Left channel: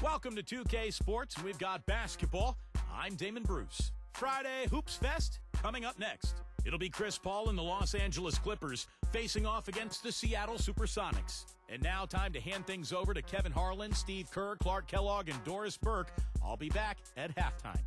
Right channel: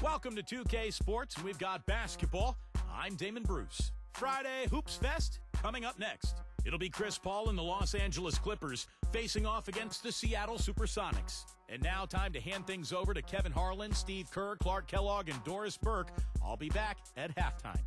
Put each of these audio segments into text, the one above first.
Welcome to 2K Sports, and we've got basketball. I'm Damon Bruce. Friday Hoops Fest coming up next. It'll be Chris Paul and the Los Angeles Clippers facing off against the Seattle Supersonics. And now time to hand things over to Kevin Harlan, Steve Kerr, Clark Kellogg, and Doris Burke. I'll be back at halftime.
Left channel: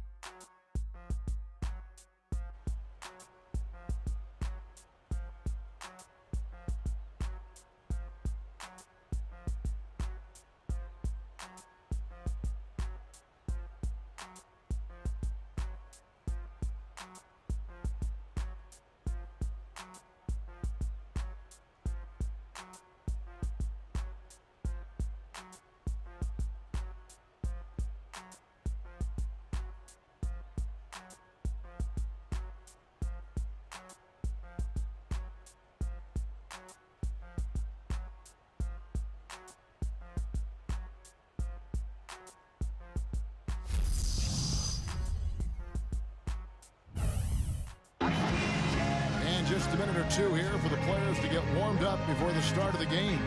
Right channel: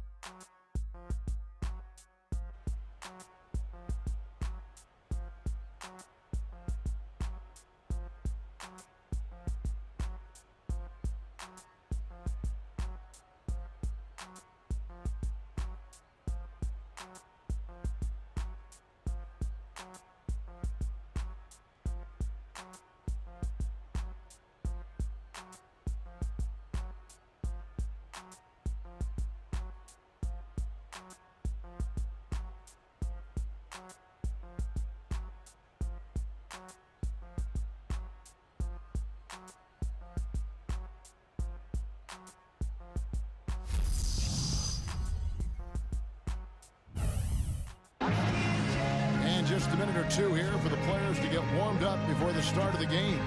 Just a minute or two here for the players to get warmed up before the start of the game.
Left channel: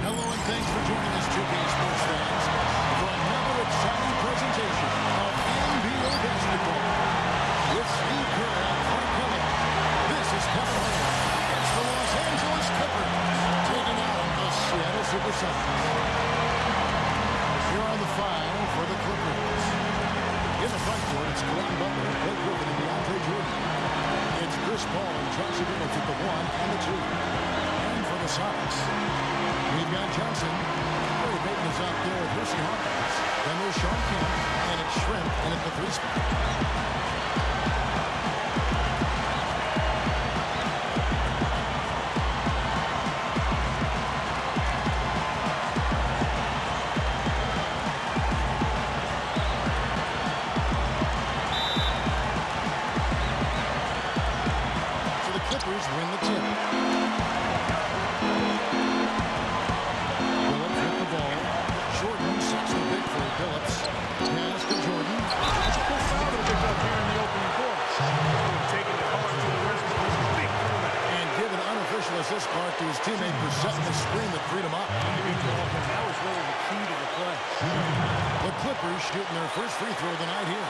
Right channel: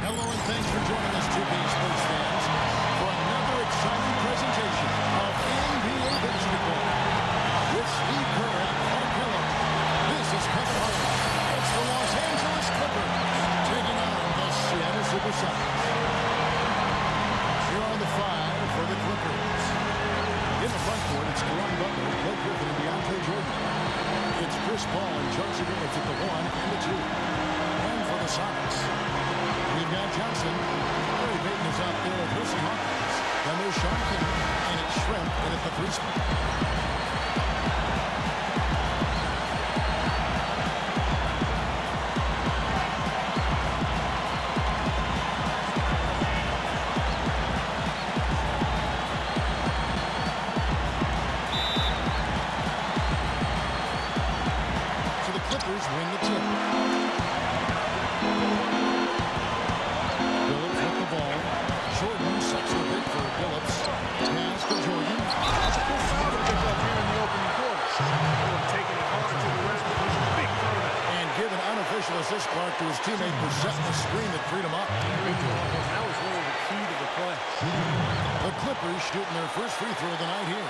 Hello and thanks for joining us, 2K Sports fans, for another exciting presentation of NBA basketball. With Steve Kerr and Clark Kellogg, this is Kevin Harlan. It's the Los Angeles Clippers taking on the Seattle Supersonics. Here are the five for the Clippers. In the front court, it's Caron Butler, Blake Griffin, and DeAndre Jordan. It's Chris Paul and Chauncey Billups at the 1 and the 2. And for the Sonics, we've got Johnson. Gary Payton is out there with Hersey Hawkins. Then there's Sean Kemp, and it's Shrimp in at the 3 spot. Clippers win the tip. Billups with the ball. Jordan sets the pick for Billups. Pass to Jordan. That's a cool foul to pick up here in the opening quarter. Oh, taking it hard to the rest of his big throwback. And give an unofficial assist, Clark, to his teammate for setting the screen that freed him up. Good ball, Kevin. That was really the key to the play. The Clippers shooting their first free throw of the night here.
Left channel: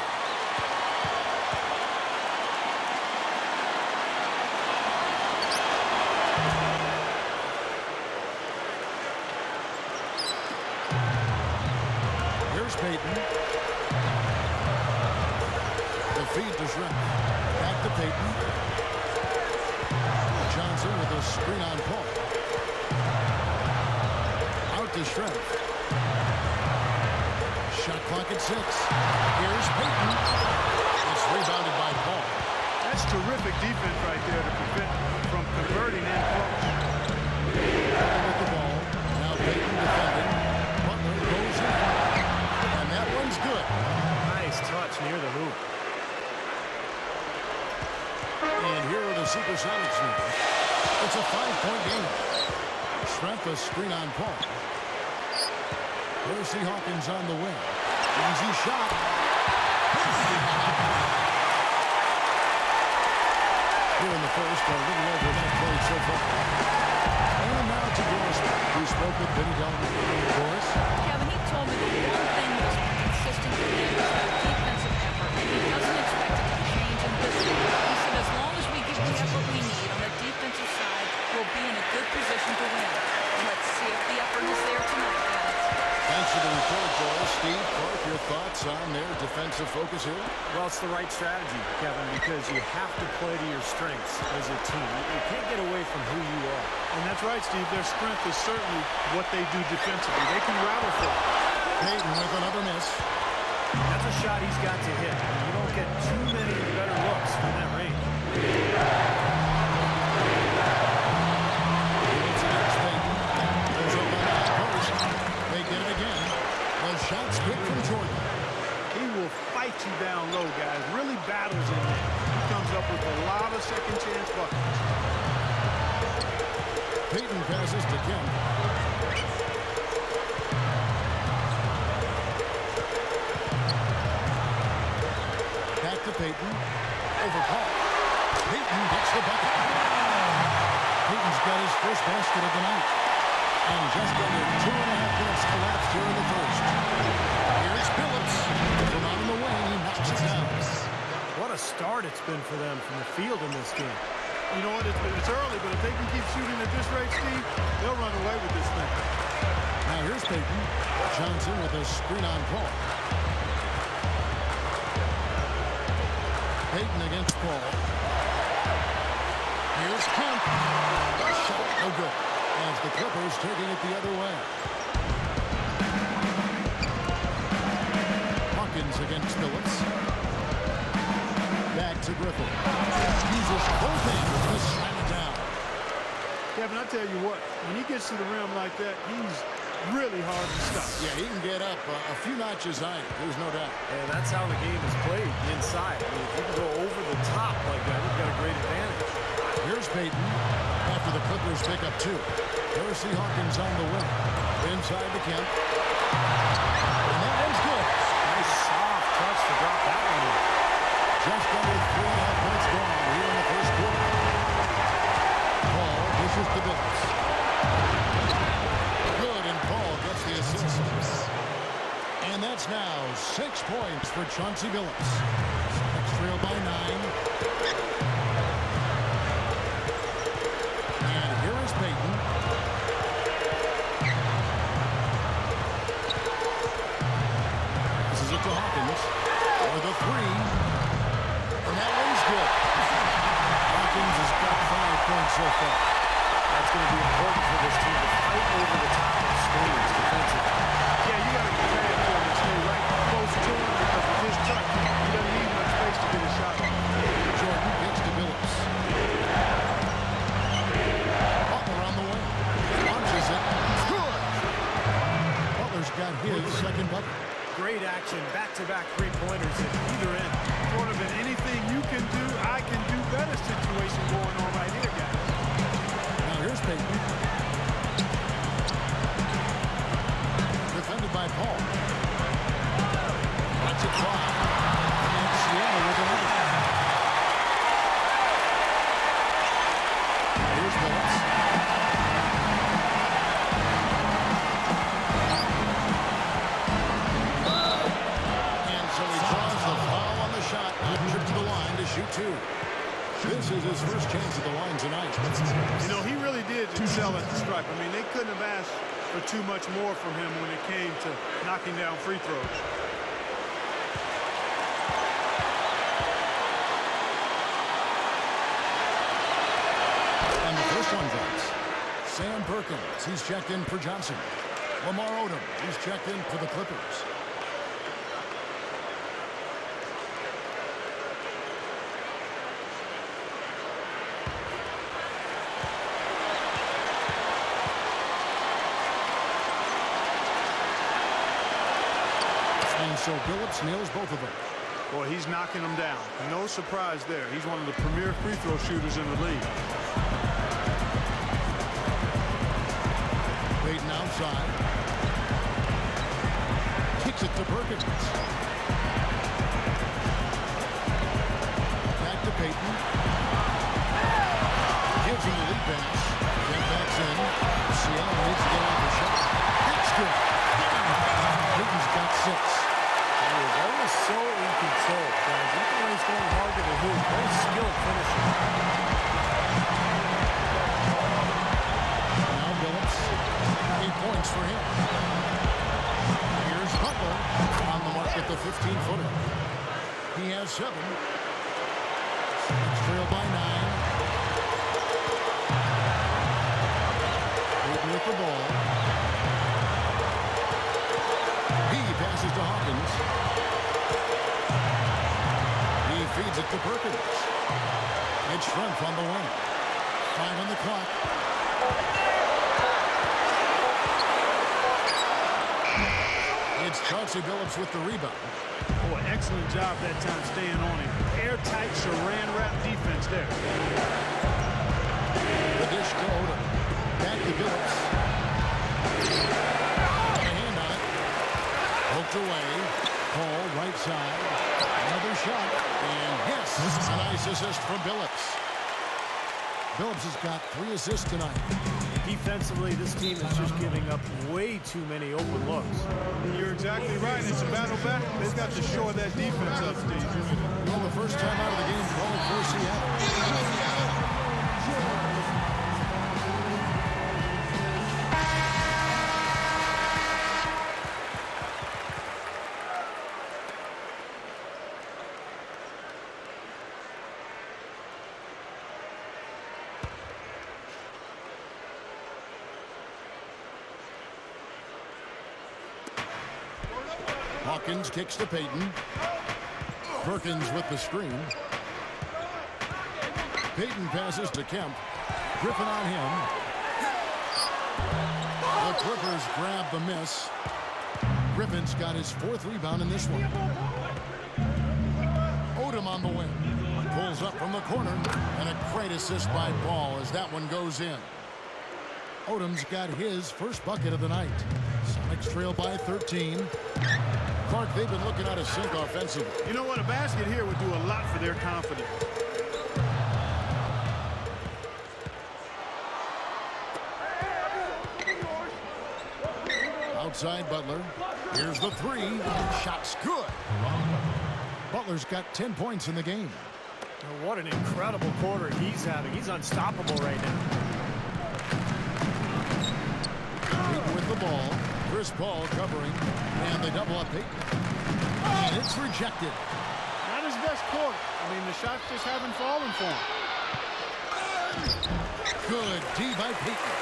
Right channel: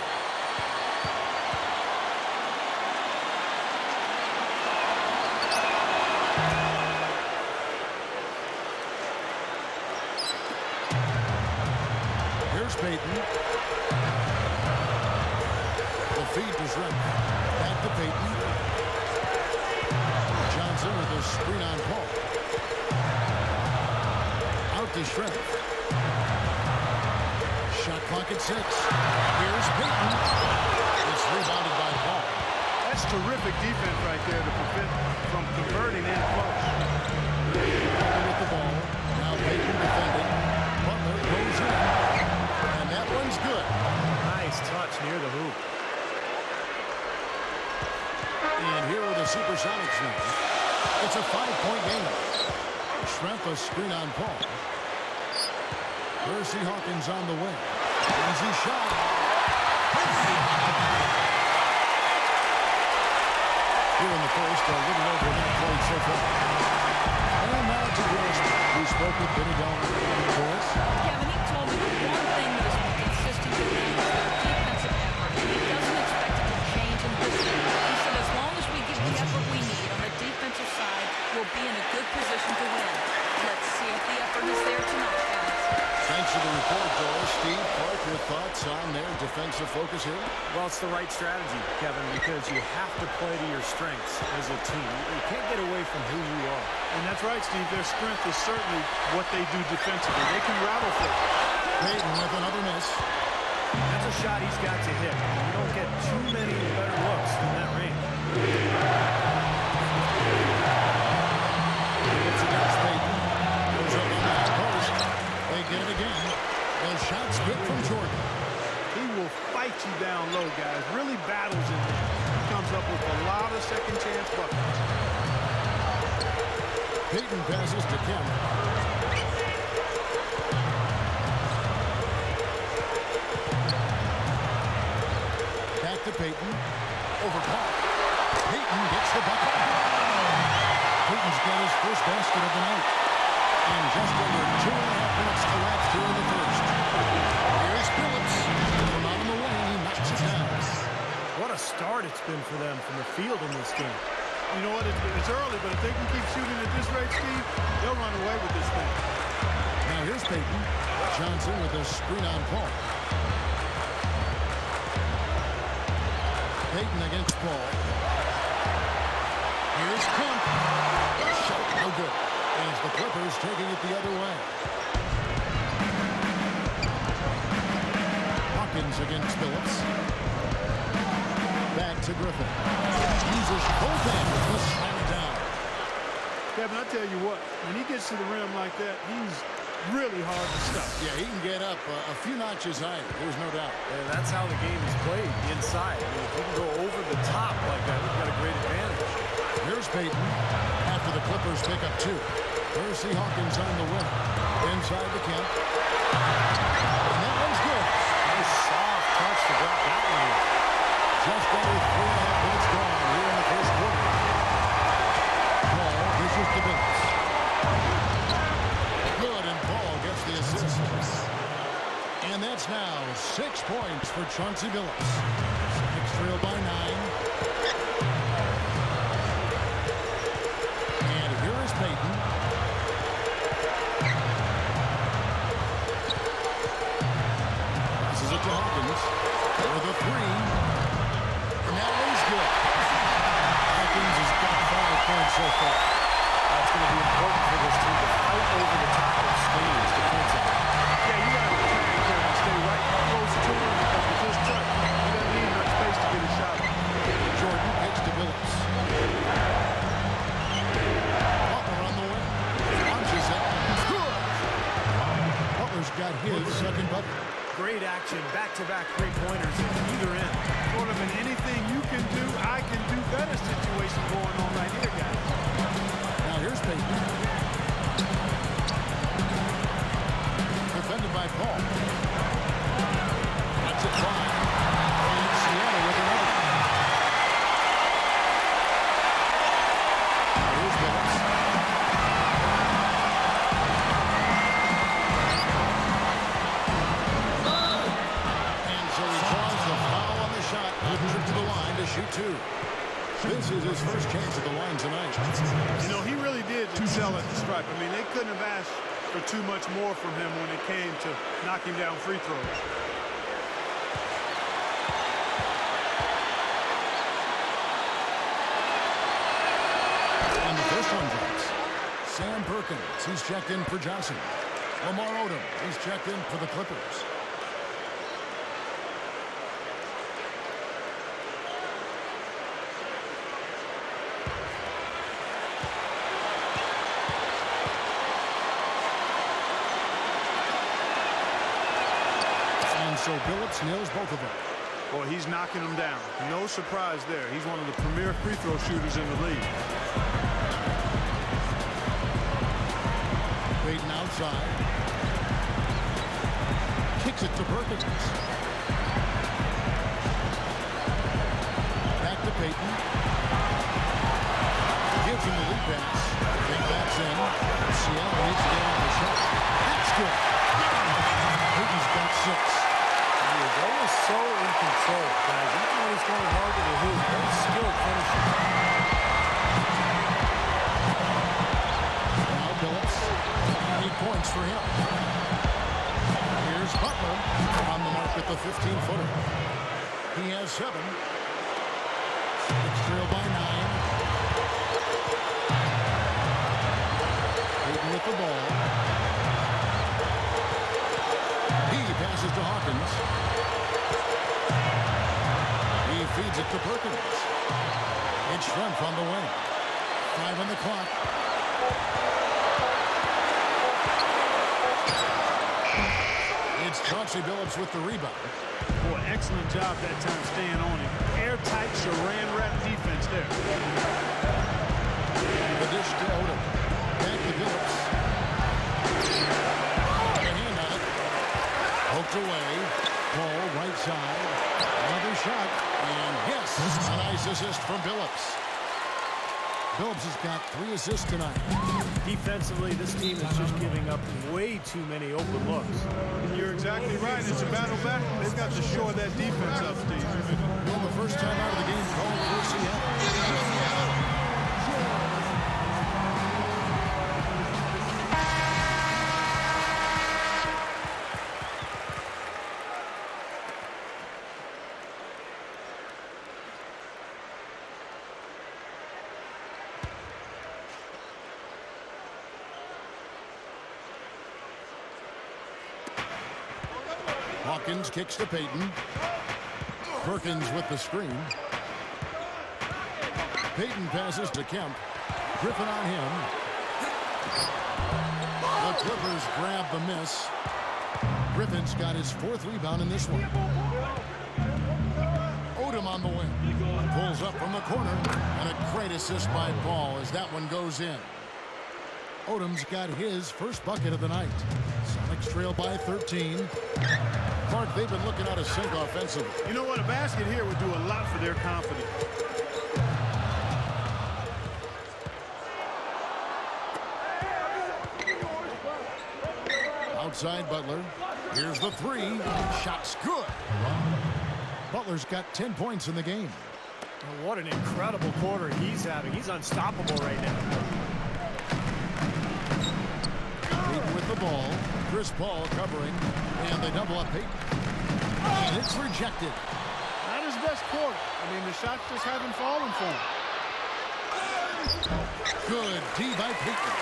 Here's Payton. The feed to Shrimp. Back to Payton. Johnson with a screen on Paul. Out to Shrimp. Shot clock at 6. Here's Payton. It's rebounded by Paul. That's terrific defense right there to prevent from converting in close. Butler with the ball. Now Payton defending. Butler goes in. And that one's good. Nice touch near the hoop. And here are the Supersonics now. It's a 5-point game. Shrimp a screen on Paul. Hersey Hawkins on the wing. Easy shot. Hersey Hawkins. Here in the first, a little over a minute played so far. And now to Doris, who spoke with Benny Delman. Doris? Kevin, he told me the one thing that has been consistent with them is their defensive effort, and he doesn't expect it to change in this one. He said as long as we give the effort we need on the defensive side, we'll be in a good position to win. Let's see if the effort is there tonight, guys. Thanks for the report, Doris. Steve, Clark, your thoughts on their defensive focus here? Well, it's the right strategy, Kevin, because you have to play to your strengths as a team. You can't get away from who you are. And that's right, Steve. Their strength is certainly what they do defensively. They can rattle for it. Payton with another miss. That's a shot he's got to hit. You don't get too many better looks from that range. It's against Payton. Goes up on the high post. They get it again. The shot's good from Jordan. He will fight you down low, guys. Really battles in there. He comes up with a lot of second chance buckets. Payton passes to Kemp. Back to Payton. Over Paul. Payton gets the bucket. Payton's got his first basket of the night. And just under 2.5 minutes elapsed here in the first. Here's Phillips. From out on the wing, he knocks it down. What a start it's been for them from the field in this game. You know what? It's early, but if they can keep shooting at this rate, Steve, they'll run away with this thing. Now here's Peyton. Johnson with a screen on Paul. Peyton against Paul. Here's Kemp. Shot, no good. And it's the Clippers taking it the other way. Hawkins against Phillips. Back to Griffin. Uses both hands to slam it down. Kevin, I tell you what, when he gets to the rim like that, he's really hard to stop. Yeah, he can get up a few notches higher. There's no doubt. And that's how the game is played, inside. I mean, if you can go over the top like that, you've got a great advantage. Here's Peyton after the Clippers pick up 2. Percy Hawkins on the wing. Inside the Kemp. And that one's good. Nice soft touch to drop that one in. Just under 3.5 minutes gone here in the first quarter. Paul dishes to Billups. Good, and Paul gets the assist. And that's now 6 points for Chauncey Billups. Sonics trail by 9. And here is Peyton. This is it to Hawkins for the 3. And that one's good. Hawkins has got 5 points so far. That's going to be important for this team to fight over the top of screens defensively. Yeah, you got to tag him and stay right close to him because with his touch, he doesn't need much space to get his shot off. Jordan kicks to Billups. Butler on the wing. Launches it. Good. Butler's got his second bucket. Great action, back-to-back three-pointers at either end. Sort of an anything you can do, I can do better situation going on right here, guys. Now here's Peyton. Defended by Paul. Lets it fly. And Seattle with another. Now here's Billups. So he draws the foul on the shot. A trip to the line to shoot 2. This is his first chance at the line tonight. You know, he really did excel at the stripe. I mean, they couldn't have asked for too much more from him when it came to knocking down free throws. And the first one drops. Sam Perkins, he's checked in for Johnson. Lamar Odom, he's checked in for the Clippers. And so Billups nails both of them. Boy, he's knocking them down. No surprise there. He's one of the premier free throw shooters in the league. Peyton outside. Kicks it to Perkins. Back to Peyton. Gives him the lead pass. Kemp backs in. Seattle needs to get off the shot. That's good. Peyton's got 6. He is always so in control, guys. Even when he's going hard to the hoop, very skilled finisher. Now Billups, 8 points for him. Here's Butler on the mark at the 15-footer. He has 7. Sonics trail by 9. Peyton with the ball. He passes to Hawkins. He feeds it to Perkins. It's Schrempf on the wing. 5 on the clock. It's Chauncey Billups with the rebound. Boy, excellent job that time staying on him. Airtight Saran wrap defense there. The dish to Odom. Back to Billups. A hand on it. Poked away. Paul right side. Another shot. And yes, a nice assist from Billups. Billups has got 3 assists tonight. Defensively, this team is just giving up way too many open looks. You're exactly right. It's a battle back. They've got to shore that defense up, Steve. Well, the first time out of the game called for Seattle. Hawkins kicks to Peyton. Perkins with the screen. Peyton passes to Kemp. Griffin on him. The Clippers grab the miss. Griffin's got his 4th rebound in this one. Odom on the wing. Pulls up from the corner. And a great assist by Ball as that one goes in. Odom's got his first bucket of the night. Sonics trail by 13. Clark, they've been looking out of sync offensively. You know what? A basket here would do a lot for their confidence. Outside Butler. Here's the 3. Shot's good. Butler's got 10 points in the game. What an incredible quarter he's having. He's unstoppable right now. Peyton with the ball. Chris Paul covering. And they double up Peyton. And it's rejected. Not his best quarter. I mean, the shots just haven't fallen for him. Good D by Peyton.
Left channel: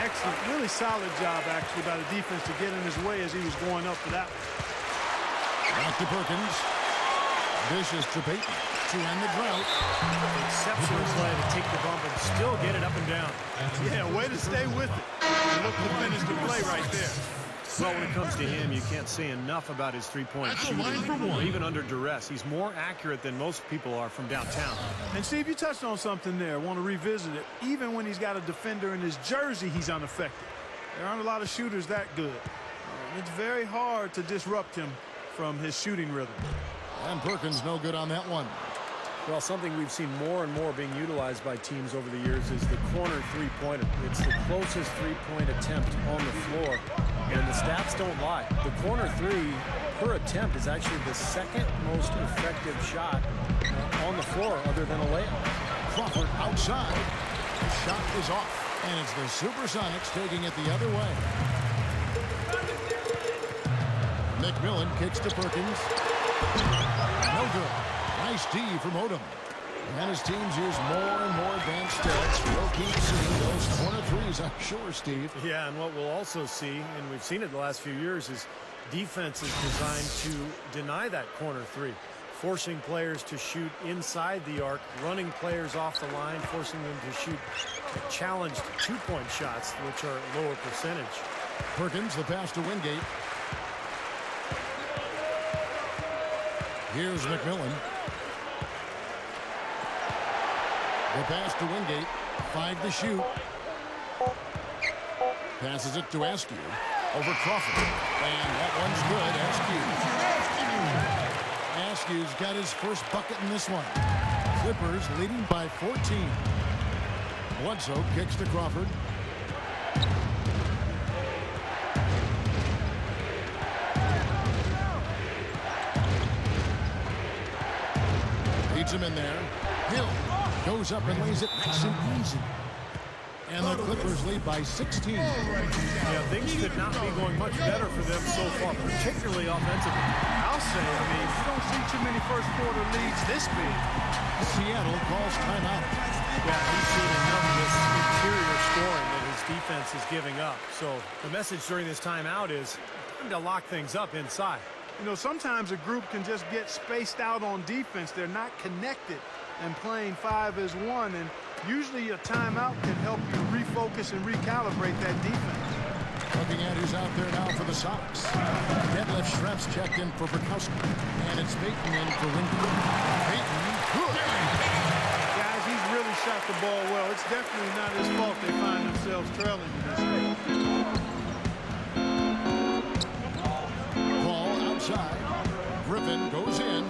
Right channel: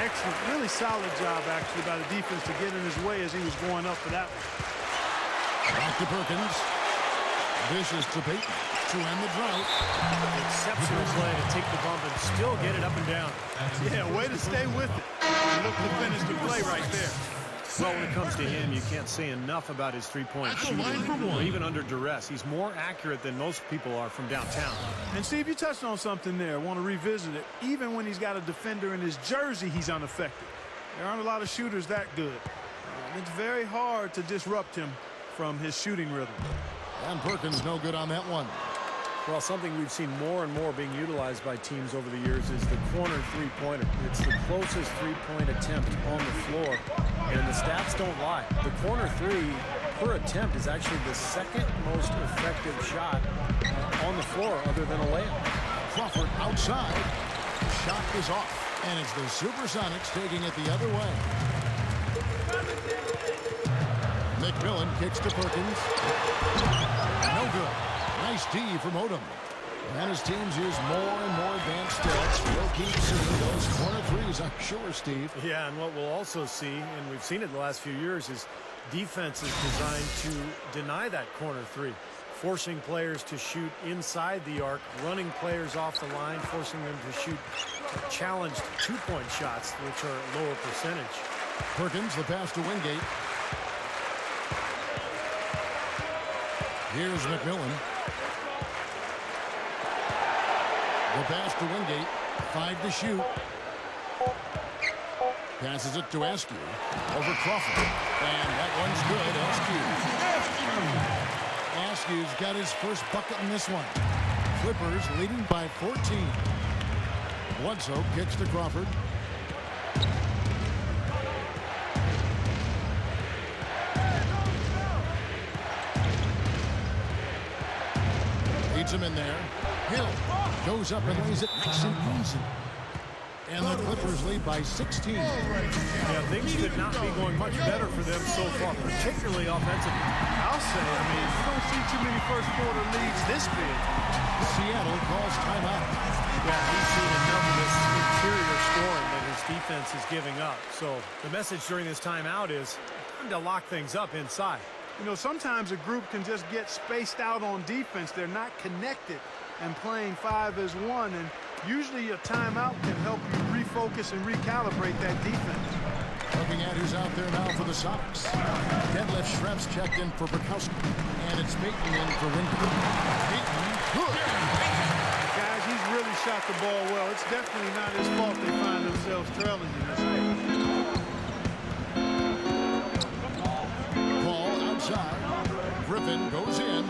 Excellent. Really solid job, actually, by the defense to get in his way as he was going up for that one. Back to Perkins. Vicious to Peyton to end the drought. Exceptional play to take the bump and still get it up and down. Yeah, way to stay with it. And look to finish the play right there. Well, when it comes to him, you can't say enough about his three-point shooting. Even under duress, he's more accurate than most people are from downtown. And Steve, you touched on something there. I want to revisit it. Even when he's got a defender in his jersey, he's unaffected. There aren't a lot of shooters that good. It's very hard to disrupt him from his shooting rhythm. And Perkins no good on that one. Well, something we've seen more and more being utilized by teams over the years is the corner three-pointer. It's the closest three-point attempt on the floor, and the stats don't lie. The corner three per attempt is actually the second most effective shot on the floor other than a layup. Crawford outside. The shot is off, and it's the Supersonics taking it the other way. McMillan kicks to Perkins. No good. Nice D from Odom. And his teams use more and more advanced stats. We'll keep seeing those corner threes, I'm sure, Steve. Yeah, and what we'll also see, and we've seen it the last few years, is defense is designed to deny that corner three, forcing players to shoot inside the arc, running players off the line, forcing them to shoot challenged two-point shots, which are lower percentage. Perkins, the pass to Wingate. Here's McMillan. The pass to Wingate. 5 to shoot. Passes it to Askew. Over Crawford. And that one's good. Askew. Askew's got his first bucket in this one. Clippers leading by 14. Bledsoe kicks to Crawford. Leads him in there. Hill goes up and lays it nice and easy. And the Clippers lead by 16. Yeah, things could not be going much better for them so far, particularly offensively. I'll say, I mean, you don't see too many first quarter leads this big. Seattle calls timeout. Yeah, he's seen enough of this interior scoring that his defense is giving up. So the message during this timeout is time to lock things up inside. You know, sometimes a group can just get spaced out on defense. They're not connected and playing 5 as 1. And usually a timeout can help you refocus and recalibrate that defense. Looking at who's out there now for the Sonics. Deadlift Schreps checked in for Bukowski. And it's Peyton in for Wingate. Peyton, good. Guys, he's really shot the ball well. It's definitely not his fault they find themselves trailing in this game. Outside. Griffin goes in.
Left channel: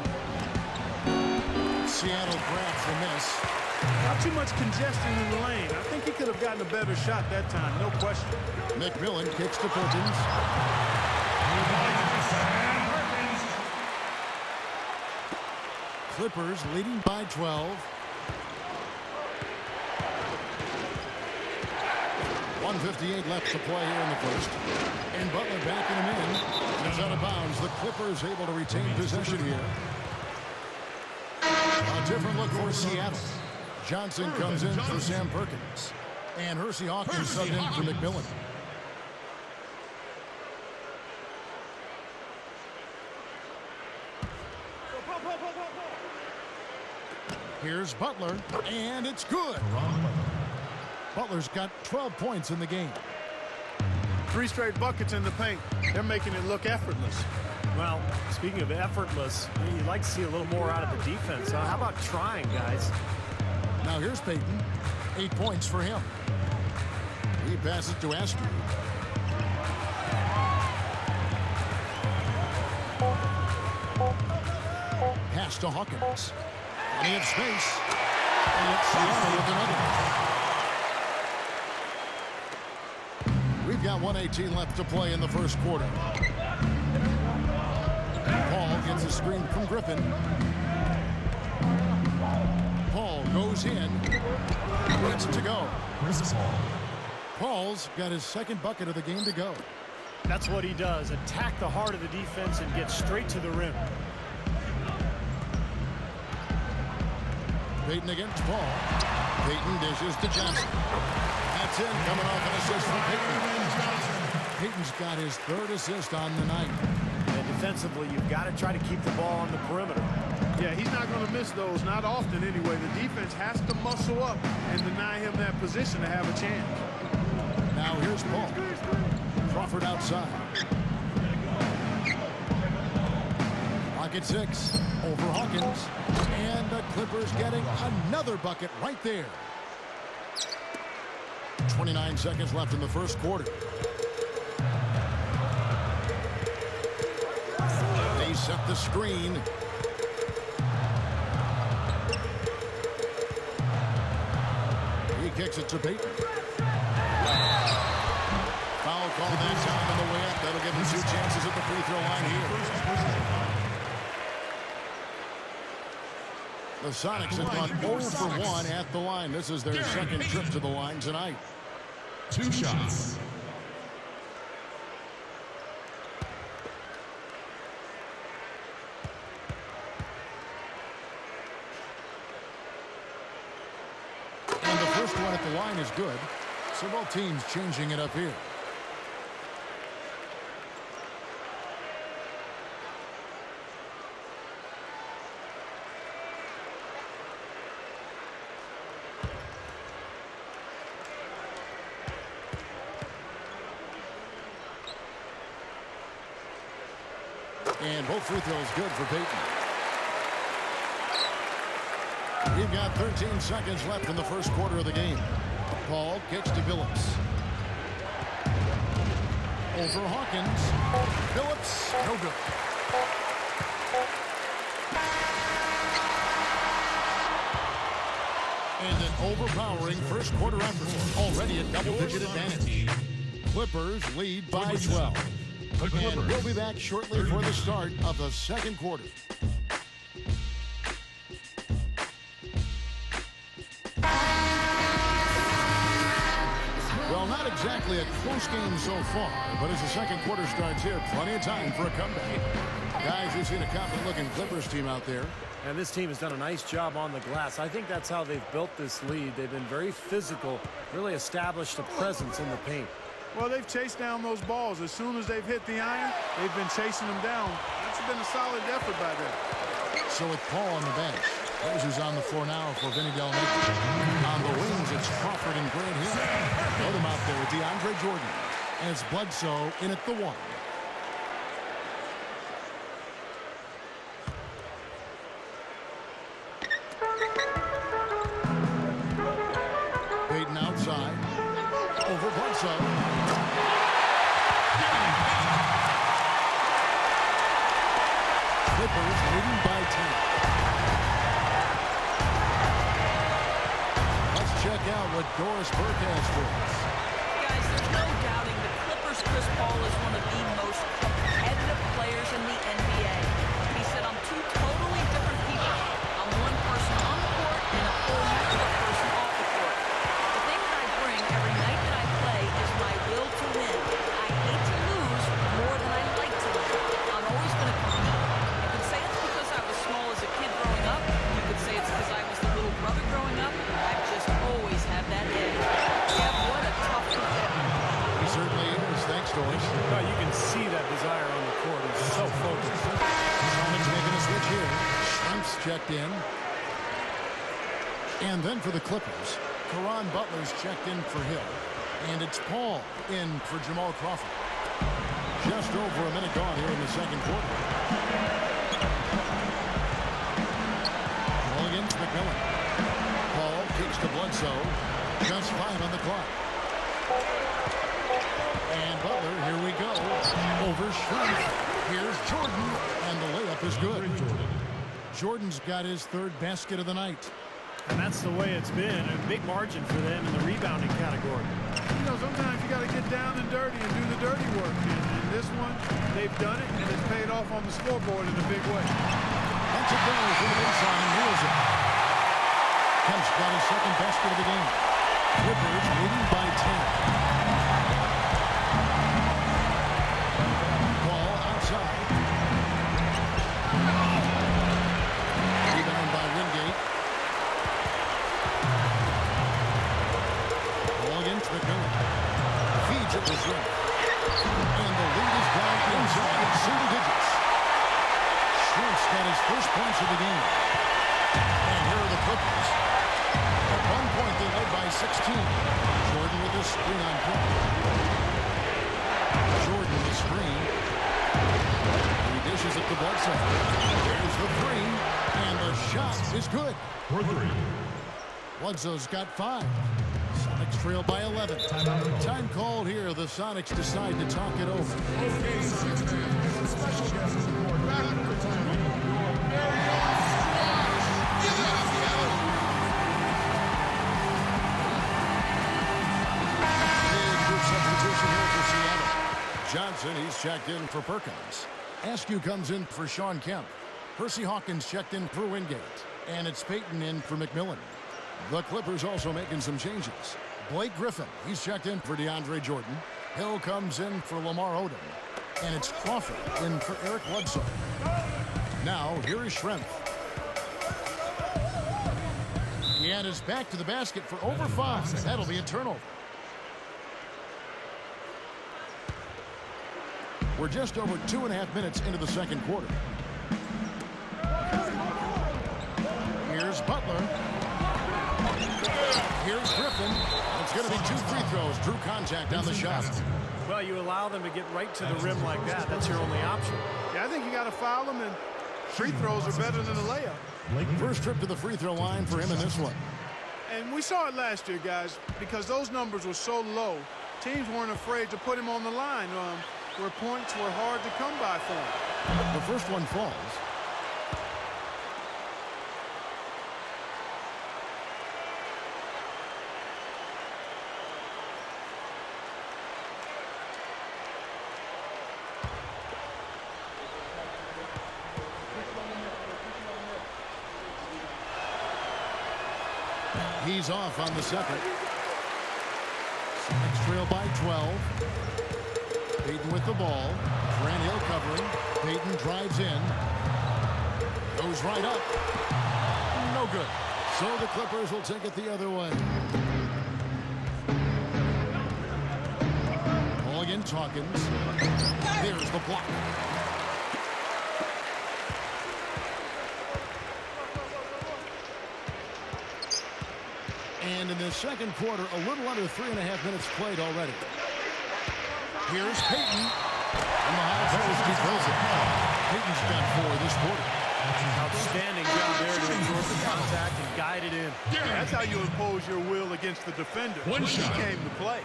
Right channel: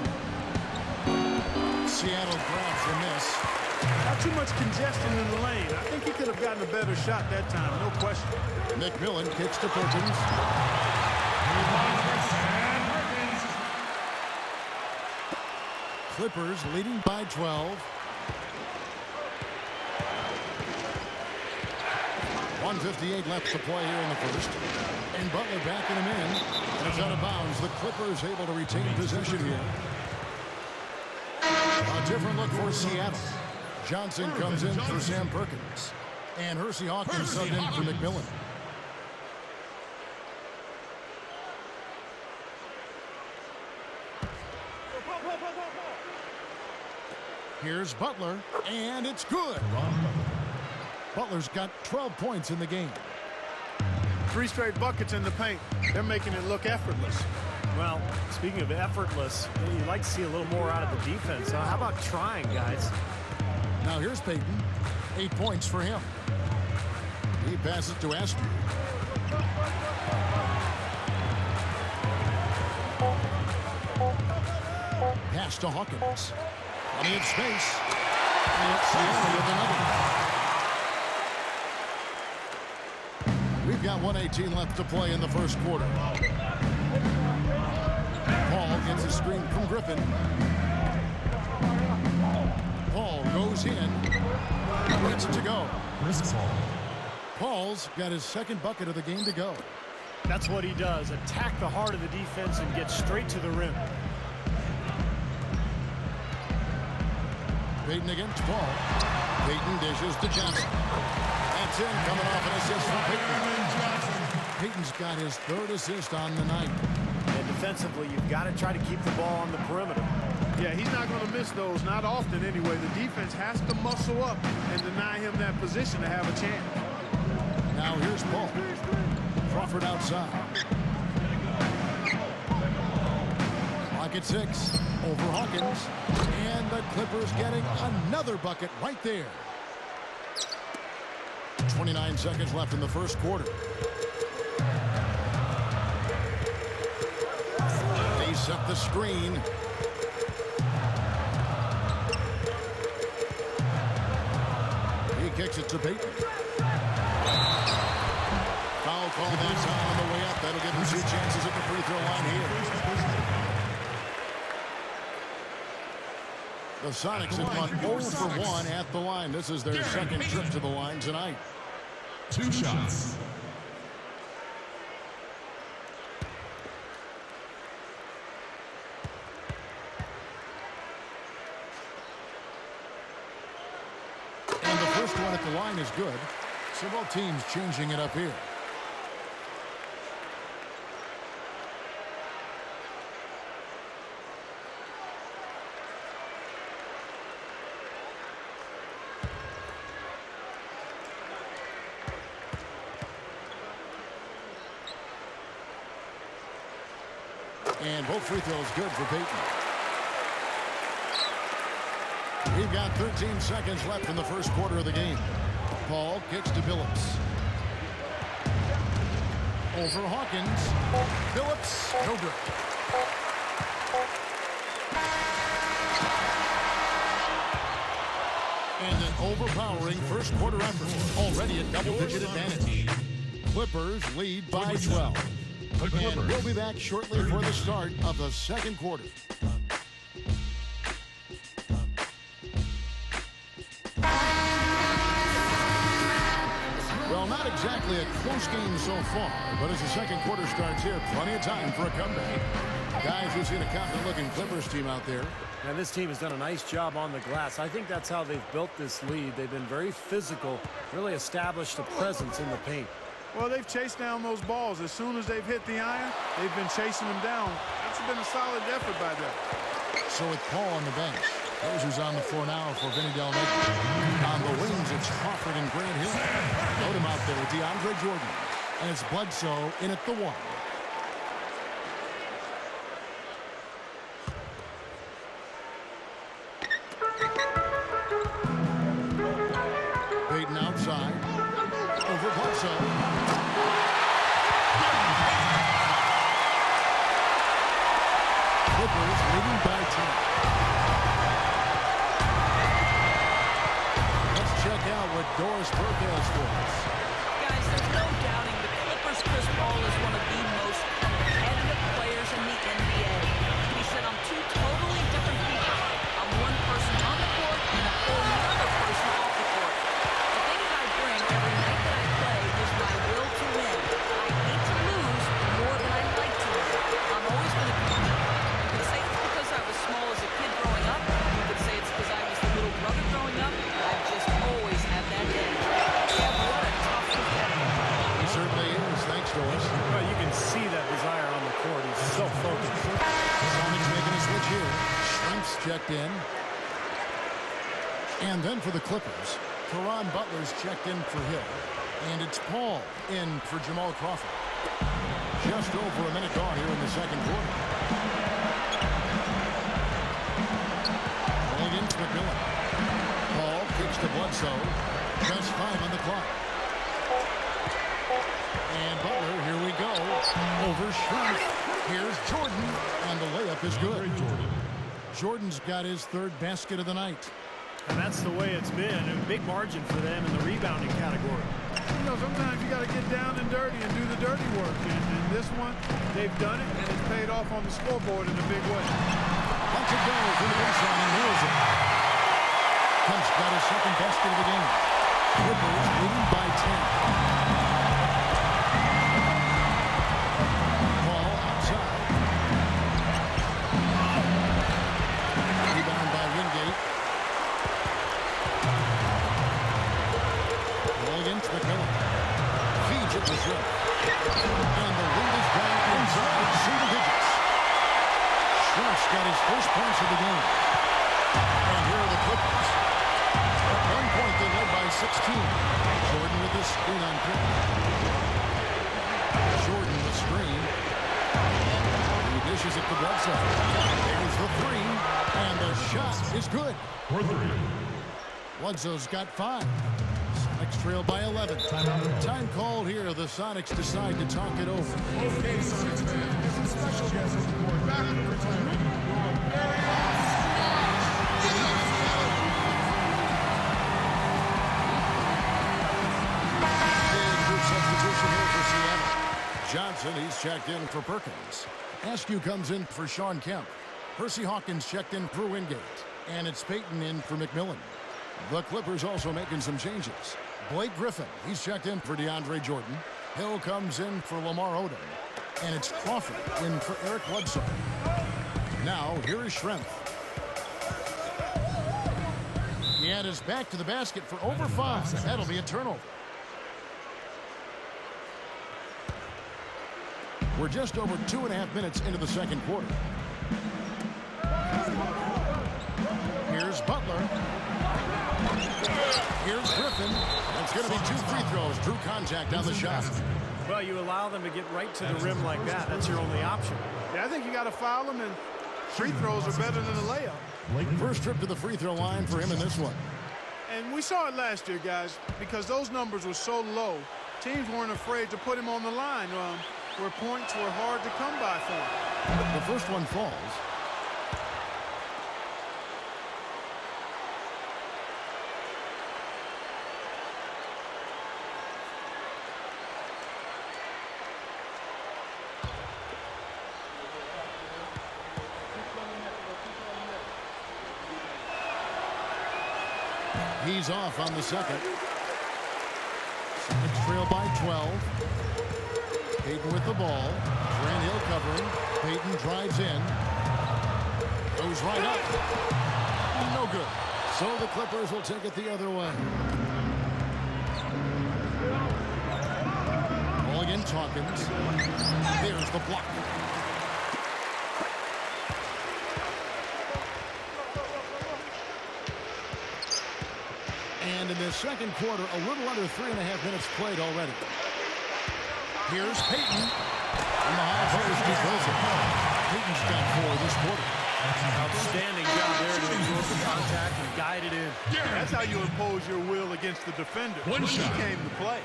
Seattle grabs the miss. Not too much congestion in the lane. I think he could have gotten a better shot that time, no question. McMillan kicks to Perkins. Clippers leading by 12. 1:58 left to play here in the first. And Butler backing him in. And it's out of bounds. The Clippers able to retain possession here. A different look for Seattle. Johnson comes in for Sam Perkins. And Hersey Hawkins subbed in for McMillan. Here's Butler, and it's good. Butler's got 12 points in the game. 3 straight buckets in the paint. They're making it look effortless. Well, speaking of effortless, you'd like to see a little more out of the defense. How about trying, guys? Now here's Payton. 8 points for him. He passes to Askew. Pass to Hawkins. Plenty of space. And it's Seattle with another. We've got 1:18 left to play in the first quarter. Paul gets a screen from Griffin. Paul goes in. Gets it to go. Paul's got his second bucket of the game to go. That's what he does. Attack the heart of the defense and get straight to the rim. Payton against Paul. Payton dishes to Johnson. That's in, coming off an assist from Payton. Payton's got his 3rd assist on the night. And defensively, you've got to try to keep the ball on the perimeter. Yeah, he's not going to miss those, not often anyway. The defense has to muscle up and deny him that position to have a chance. Now here's Paul. Crawford outside. Clock at 6. Over Hawkins. And the Clippers getting another bucket right there. 29 seconds left in the first quarter. They set the screen. He kicks it to Payton. Foul call that time on the way up. That'll give him 2 chances at the free throw line here. The Sonics have gone 0 for 1 at the line. This is their second trip to the line tonight. 2 shots. And the first one at the line is good. So both teams changing it up here. And both free throws good for Payton. We've got 13 seconds left in the first quarter of the game. Paul kicks to Billups. Over Hawkins. Billups, no good. And an overpowering first quarter effort. Already a double-digit advantage. Clippers lead by 12. And we'll be back shortly for the start of the second quarter. Well, not exactly a close game so far, but as the second quarter starts here, plenty of time for a comeback. Guys, you've seen a confident-looking Clippers team out there. And this team has done a nice job on the glass. I think that's how they've built this lead. They've been very physical, really established a presence in the paint. Well, they've chased down those balls. As soon as they've hit the iron, they've been chasing them down. That's been a solid effort by them. So with Paul on the bench, those who's on the floor now for Vinny Del Negro. On the wings, it's Crawford and Grant Hill. Load him out there with DeAndre Jordan. And it's Bledsoe in at the 1. Payton outside. Over Bledsoe. Clippers leading by 10. check out what Doris Burke has for us. Guys, there's no doubting the Clippers' Chris Paul is one of the most competitive players in the NBA. He said, I'm two totally different people. I'm one person on the court and a whole other person off the court. The thing that I bring every night that I play is my will to win. I hate to lose more than I like to win. I'm always going to compete. You could say it's because I was small as a kid growing up. You could say it's because I was the little brother growing up. I've just always had that edge. Kev, what a tough competitor. He certainly is. Thanks, Doris. Well, you can see that desire on the court. He's so focused. Sonics making a switch here. Shrimps checked in. And then for the Clippers, Caron Butler's checked in for Hill. And it's Paul in for Jamal Crawford. Just over a minute gone here in the second quarter. Ball again to McMillan. Paul kicks to Bledsoe. Just 5 on the clock. And Butler, here we go. Over Shrimp. Here's Jordan. And the layup is good. Jordan's got his third basket of the night. And that's the way it's been. A big margin for them in the rebounding category. You know, sometimes you got to get down and dirty and do the dirty work. And in this one, they've done it, and it's paid off on the scoreboard in a big way. Lets it go from the baseline and nails it. Kemp's got his second basket of the game. Clippers leading by 10. Ball outside. Rebound by Wingate. Ball again to McMillan. Feeds it to Shrimp. And the lead is down inside single digits. Shrimp's got his first points of the game. And here are the Clippers. At one point, they led by 16. Jordan with a screen on Pitt. Jordan the screen. He dishes it to Bledsoe. There's the three. And the shot is good. For 3. Bledsoe's got 5. Sonics trail by 11. Time called here. The Sonics decide to talk it over. Okay, Sonics fans, we have a special guest on the court. Back from retirement, your very own Squash. Give it up, Seattle. Big group substitution here for Seattle. Johnson, he's checked in for Perkins. Askew comes in for Sean Kemp. Percy Hawkins checked in for Wingate. And it's Payton in for McMillan. The Clippers also making some changes. Blake Griffin, he's checked in for DeAndre Jordan. Hill comes in for Lamar Odom. And it's Crawford in for Eric Bledsoe. Now, here is Shrimp. He had his back to the basket for over 5. That'll be a turnover. We're just over 2.5 minutes into the second quarter. Here's Butler. Here's Griffin. It's going to be 2 free throws. Drew contact on the shot. Well, you allow them to get right to the rim like that. That's your only option. Yeah, I think you got to foul them, and free throws are better than a layup. First trip to the free throw line for him in this one. And we saw it last year, guys, because those numbers were so low. Teams weren't afraid to put him on the line where points were hard to come by for him. The first one falls. He's off on the second. Sonics trail by 12. Payton with the ball. Grant Hill covering. Payton drives in. Goes right up. No good. So the Clippers will take it the other way. Ball again, Hawkins. There's the block. And in the second quarter, a little under 3.5 minutes played already. Here's Payton. On the high post, he throws it. Payton's got 4 this quarter. Outstanding job there to absorb the contact and guide it in. That's how you impose your will against the defender. One shot. He came to play.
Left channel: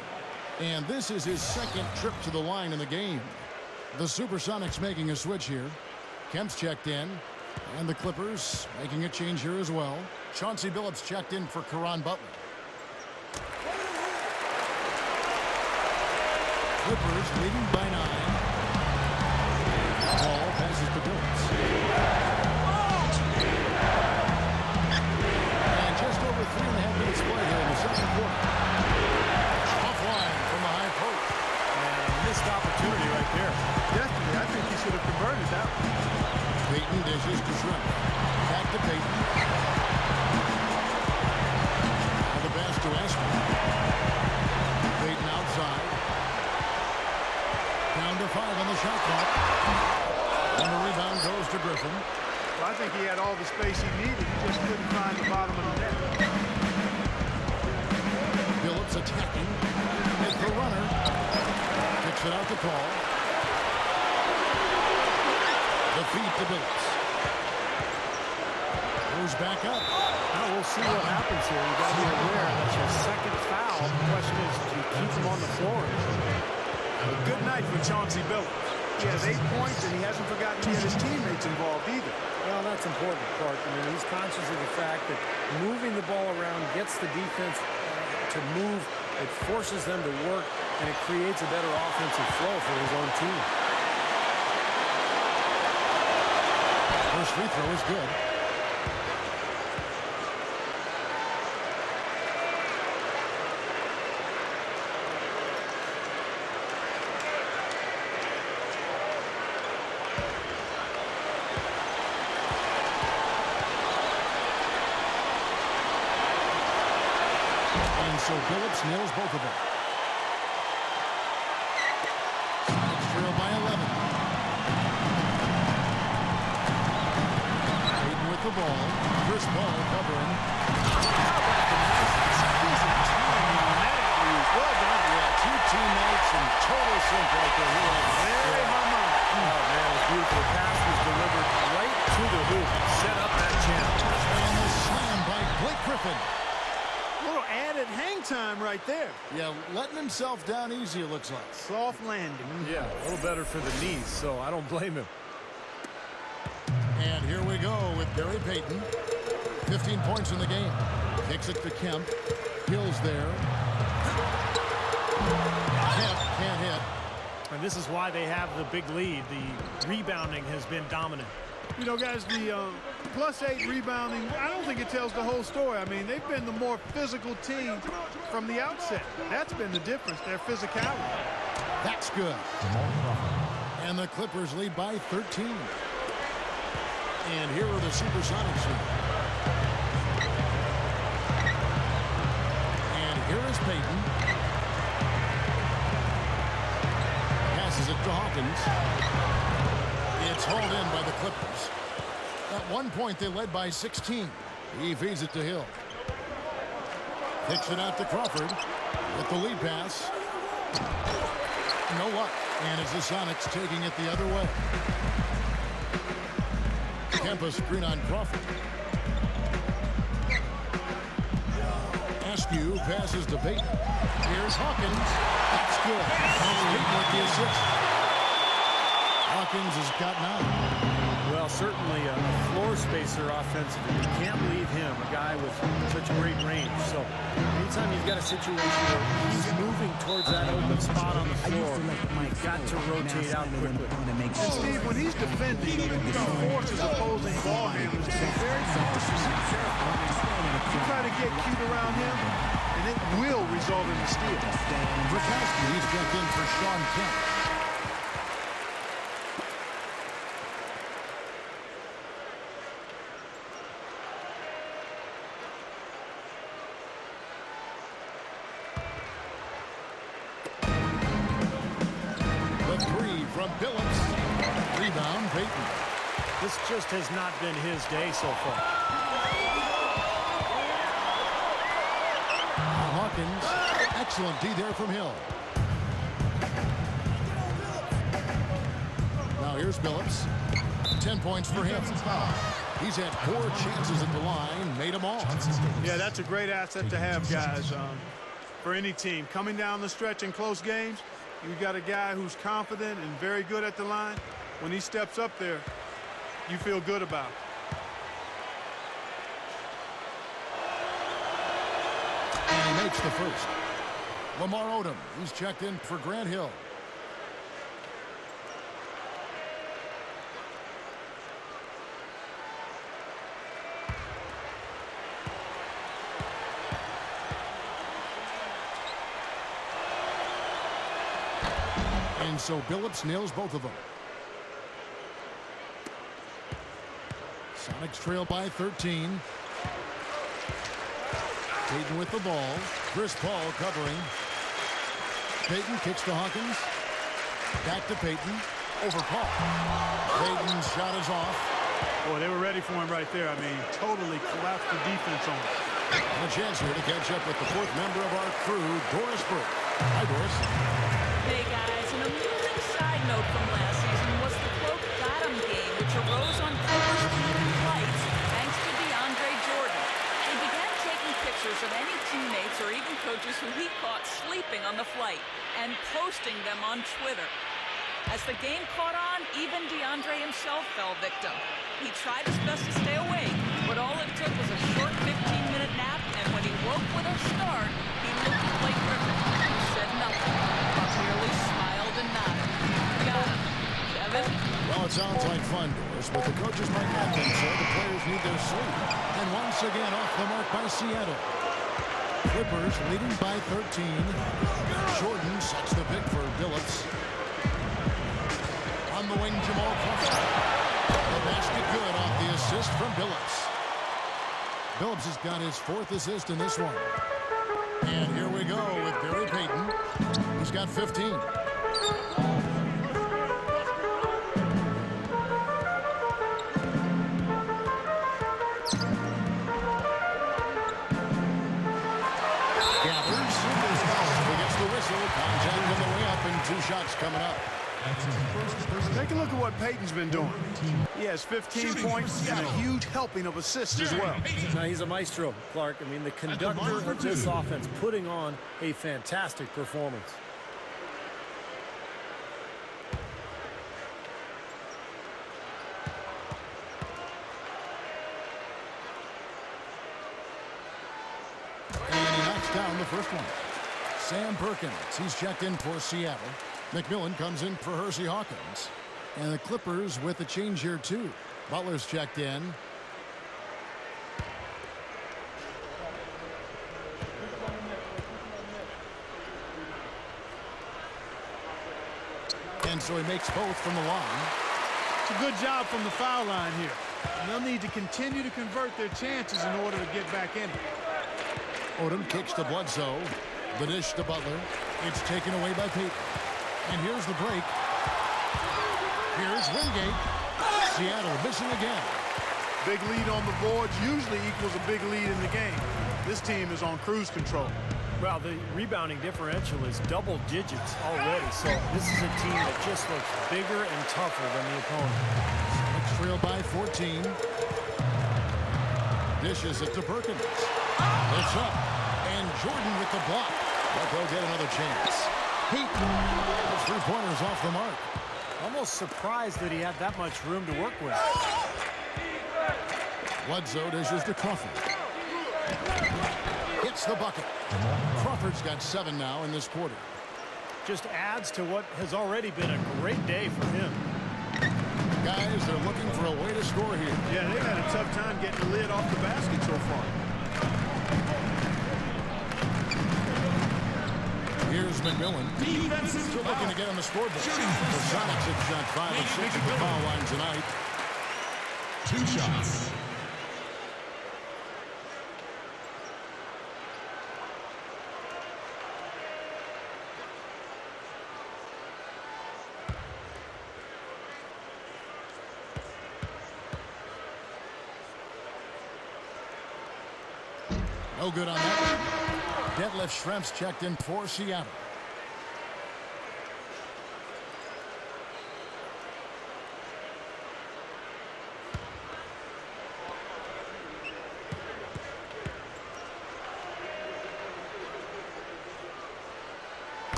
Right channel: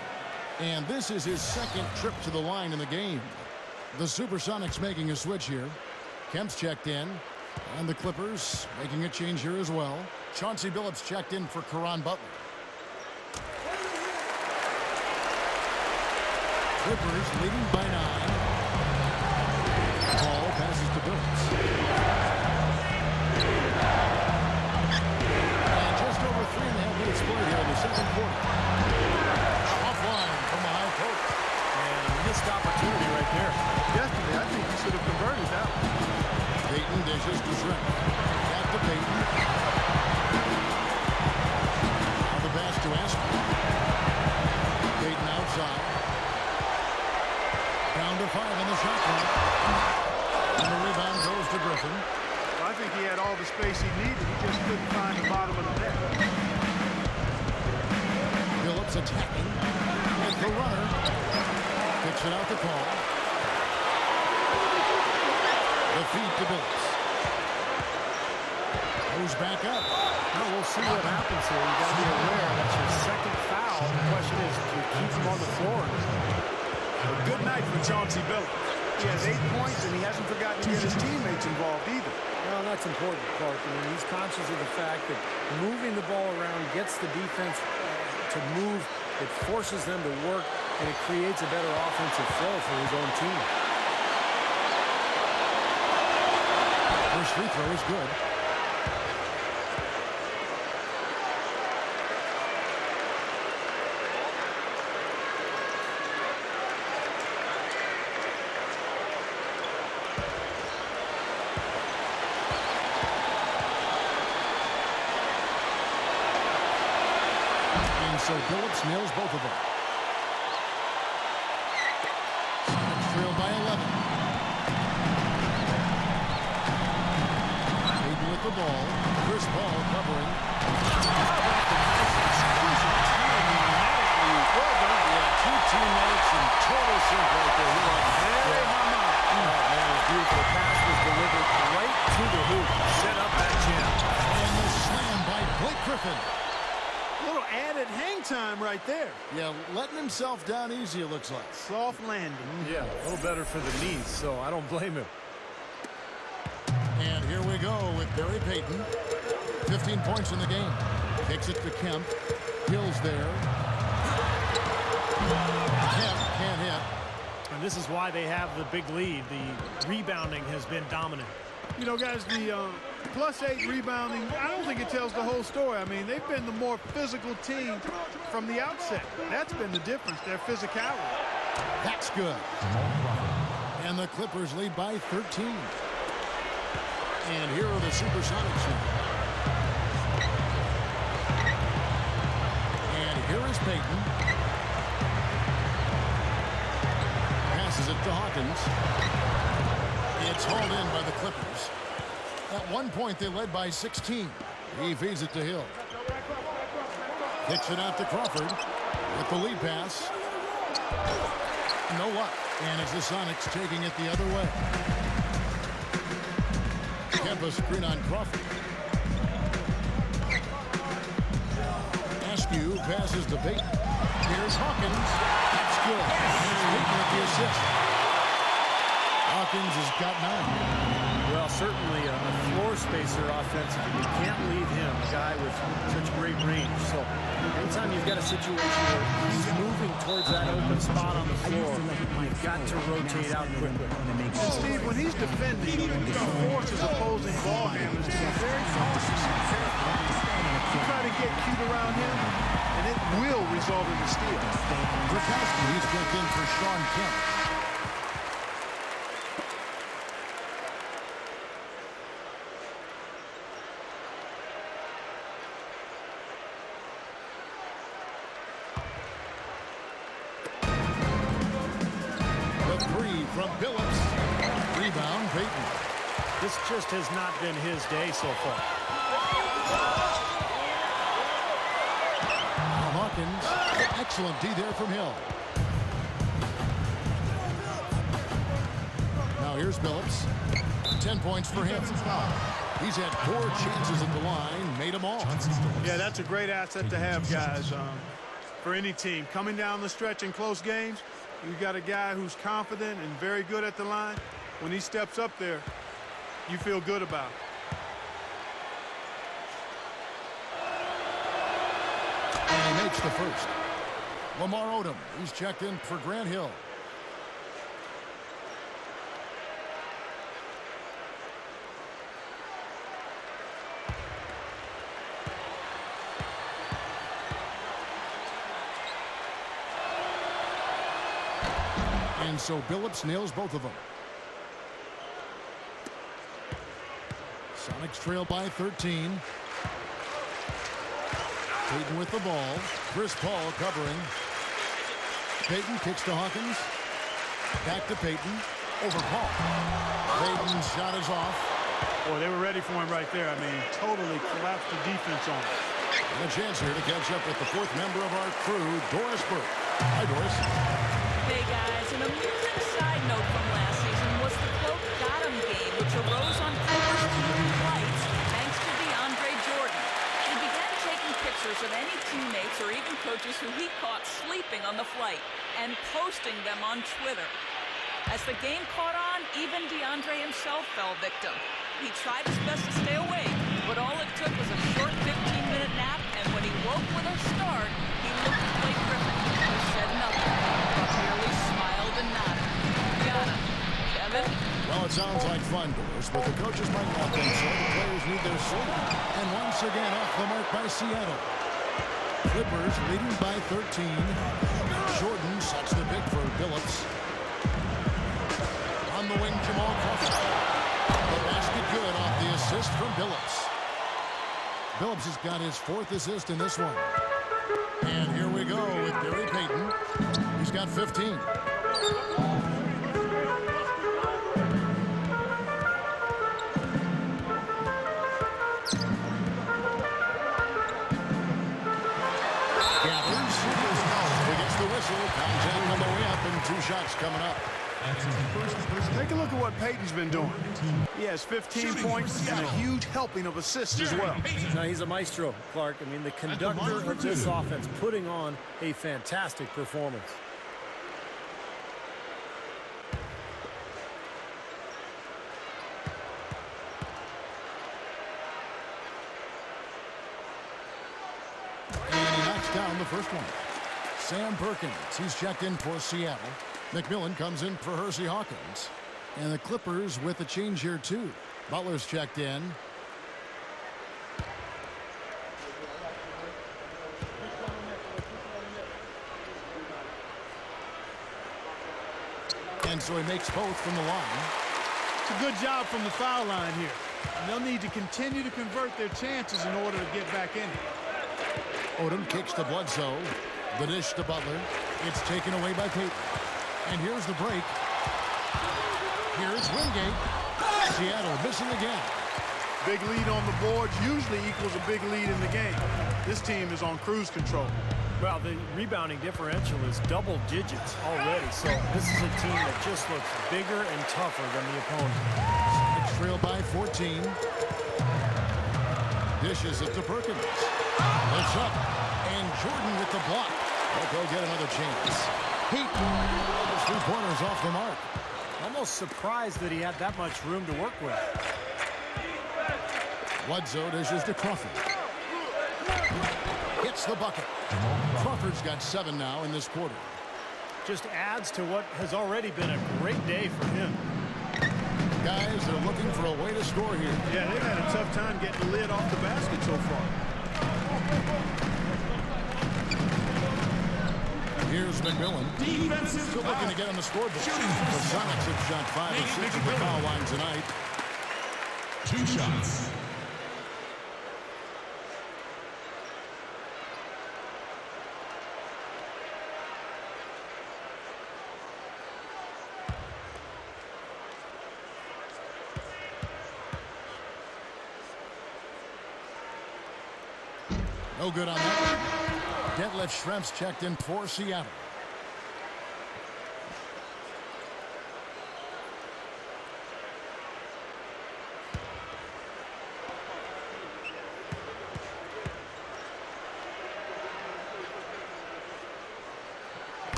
And this is his second trip to the line in the game. The Supersonics making a switch here. Kemp's checked in. And the Clippers making a change here as well. Chauncey Billups checked in for Caron Butler. Clippers leading by 9. Ball passes to Billups. And just over 3.5 minutes played here in the second quarter. Offline from the high post. And a missed opportunity right there. Definitely, I think he should have converted that one. Payton dishes to Shrimp. Back to Payton. Now the pass to Askew. Payton outside. Down to 5 on the shot clock. And the rebound goes to Griffin. Well, I think he had all the space he needed. He just couldn't find the bottom of the net. Billups attacking. With the runner. Kicks it out to Paul. The feed to Billups. Moves back up. Well, we'll see what happens here. You got to be aware that's your second foul. The question is, do you keep him on the floor? A good night for Chauncey Billups. He has 8 points, and he hasn't forgotten to get his teammates involved either. Well, that's important, Clark. I mean, he's conscious of the fact that moving the ball around gets the defense to move. It forces them to work, and it creates a better offensive flow for his own team. First free throw is good. So Billups nails both of them. Sonics trail by 11. Hayden with the ball. Chris Paul covering. How about the nice, exquisite timing on that alley-oop? Well done. Yeah, 2 teammates and total sync right there. You're right. Very harmonic. Oh, man, it was beautiful. The pass was delivered right to the hoop. Set up that jam. And the slam by Blake Griffin. A little added hang time right there. Yeah, letting himself down easy, it looks like. Soft landing. Yeah, a little better for the knees, so I don't blame him. And here we go with Barry Payton. 15 points in the game. Kicks it to Kemp. Hill's there. Kemp can't hit. And this is why they have the big lead. The rebounding has been dominant. You know, guys, the +8 rebounding, I don't think it tells the whole story. I mean, they've been the more physical team from the outset. That's been the difference, their physicality. That's good. And the Clippers lead by 13. And here are the Supersonics now. And here is Payton. Passes it to Hawkins. It's hauled in by the Clippers. At one point, they led by 16. He feeds it to Hill. Kicks it out to Crawford with the lead pass. No luck. And it's the Sonics taking it the other way. Kempa screen on Crawford. Askew passes to Payton. Here's Hawkins. That's good. And it's Payton with the assist. Hawkins has got 9. Well, certainly a floor spacer offensively. You can't leave him, a guy with such great range. So anytime you've got a situation where he's moving towards that open spot on the floor, you've got to rotate out quickly. And Steve, when he's defending, he forces opposing ball handlers to be very cautious and careful. I mean, you try to get cute around him, and it will result in a steal. Rakowski, he's checked in for Sean Kemp. From Billups. Rebound, Payton. This just has not been his day so far. Now Hawkins. Excellent D there from Hill. Now here's Billups. 10 points for him. He's had 4 chances at the line, made them all. Yeah, that's a great asset to have, guys, for any team. Coming down the stretch in close games, you got a guy who's confident and very good at the line. When he steps up there, you feel good about it. And he makes the first. Lamar Odom, he's checked in for Grant Hill. And so Billups nails both of them. Sonics trail by 13. Payton with the ball. Chris Paul covering. Payton kicks to Hawkins. Back to Payton. Over Paul. Payton's shot is off. Boy, they were ready for him right there. I mean, totally collapsed the defense on him. And a chance here to catch up with the fourth member of our crew, Doris Burke. Hi, Doris. Hey, guys, an amusing side note from last season was the quote "got 'em" game, which arose on Clippers TV flights thanks to DeAndre Jordan. He began taking pictures of any teammates or even coaches who he caught sleeping on the flight and posting them on Twitter. As the game caught on, even DeAndre himself fell victim. He tried his best to stay awake, but all it took was a short 15-minute nap, and when he woke with a start, he looked at Blake Griffin, who said nothing, but merely smiled and nodded. Got him. Kevin? Well, it sounds like fun, Doris, but the coaches might not think so. The players need their sleep. And once again, off the mark by Seattle. Clippers leading by 13. Jordan sets the pick for Billups. On the wing, Jamal Crawford. The basket good off the assist from Billups. Billups has got his fourth assist in this one. And here we go with Gary Payton. He's got 15. Gathers. He gets the whistle. Contact on the way up, and 2 shots coming up. That's his first. Take a look at what Payton's been doing. He has 15 points and a huge helping of assists as well. Now, he's a maestro, Clark. I mean, the conductor of this offense, putting on a fantastic performance. And he knocks down the first one. Sam Perkins, he's checked in for Seattle. McMillan comes in for Hersey Hawkins. And the Clippers with a change here, too. Butler's checked in. And so he makes both from the line. It's a good job from the foul line here. And they'll need to continue to convert their chances in order to get back in it. Odom kicks to Bledsoe. The dish to Butler. It's taken away by Payton. And here's the break. Here's Wingate. Seattle missing again. Big lead on the boards usually equals a big lead in the game. This team is on cruise control. Well, the rebounding differential is double digits already, so this is a team that just looks bigger and tougher than the opponent. Sonics trail by 14. Dishes it to Perkins. It's up. And Jordan with the block. But they'll get another chance. Heat. His 3-pointers off the mark. Almost surprised that he had that much room to work with. Bledsoe dishes to Crawford. Gets the bucket. Crawford's got 7 now in this quarter. Just adds to what has already been a great day for him. Guys, they're looking for a way to score here. Yeah, they've had a tough time getting the lid off the basket so far. Here's McMillan. Still looking to get on the scoreboard. The Sonics have shot 5 of 6 at the foul line tonight. 2 shots. No good on that one. Detlef Schrempf's checked in for Seattle.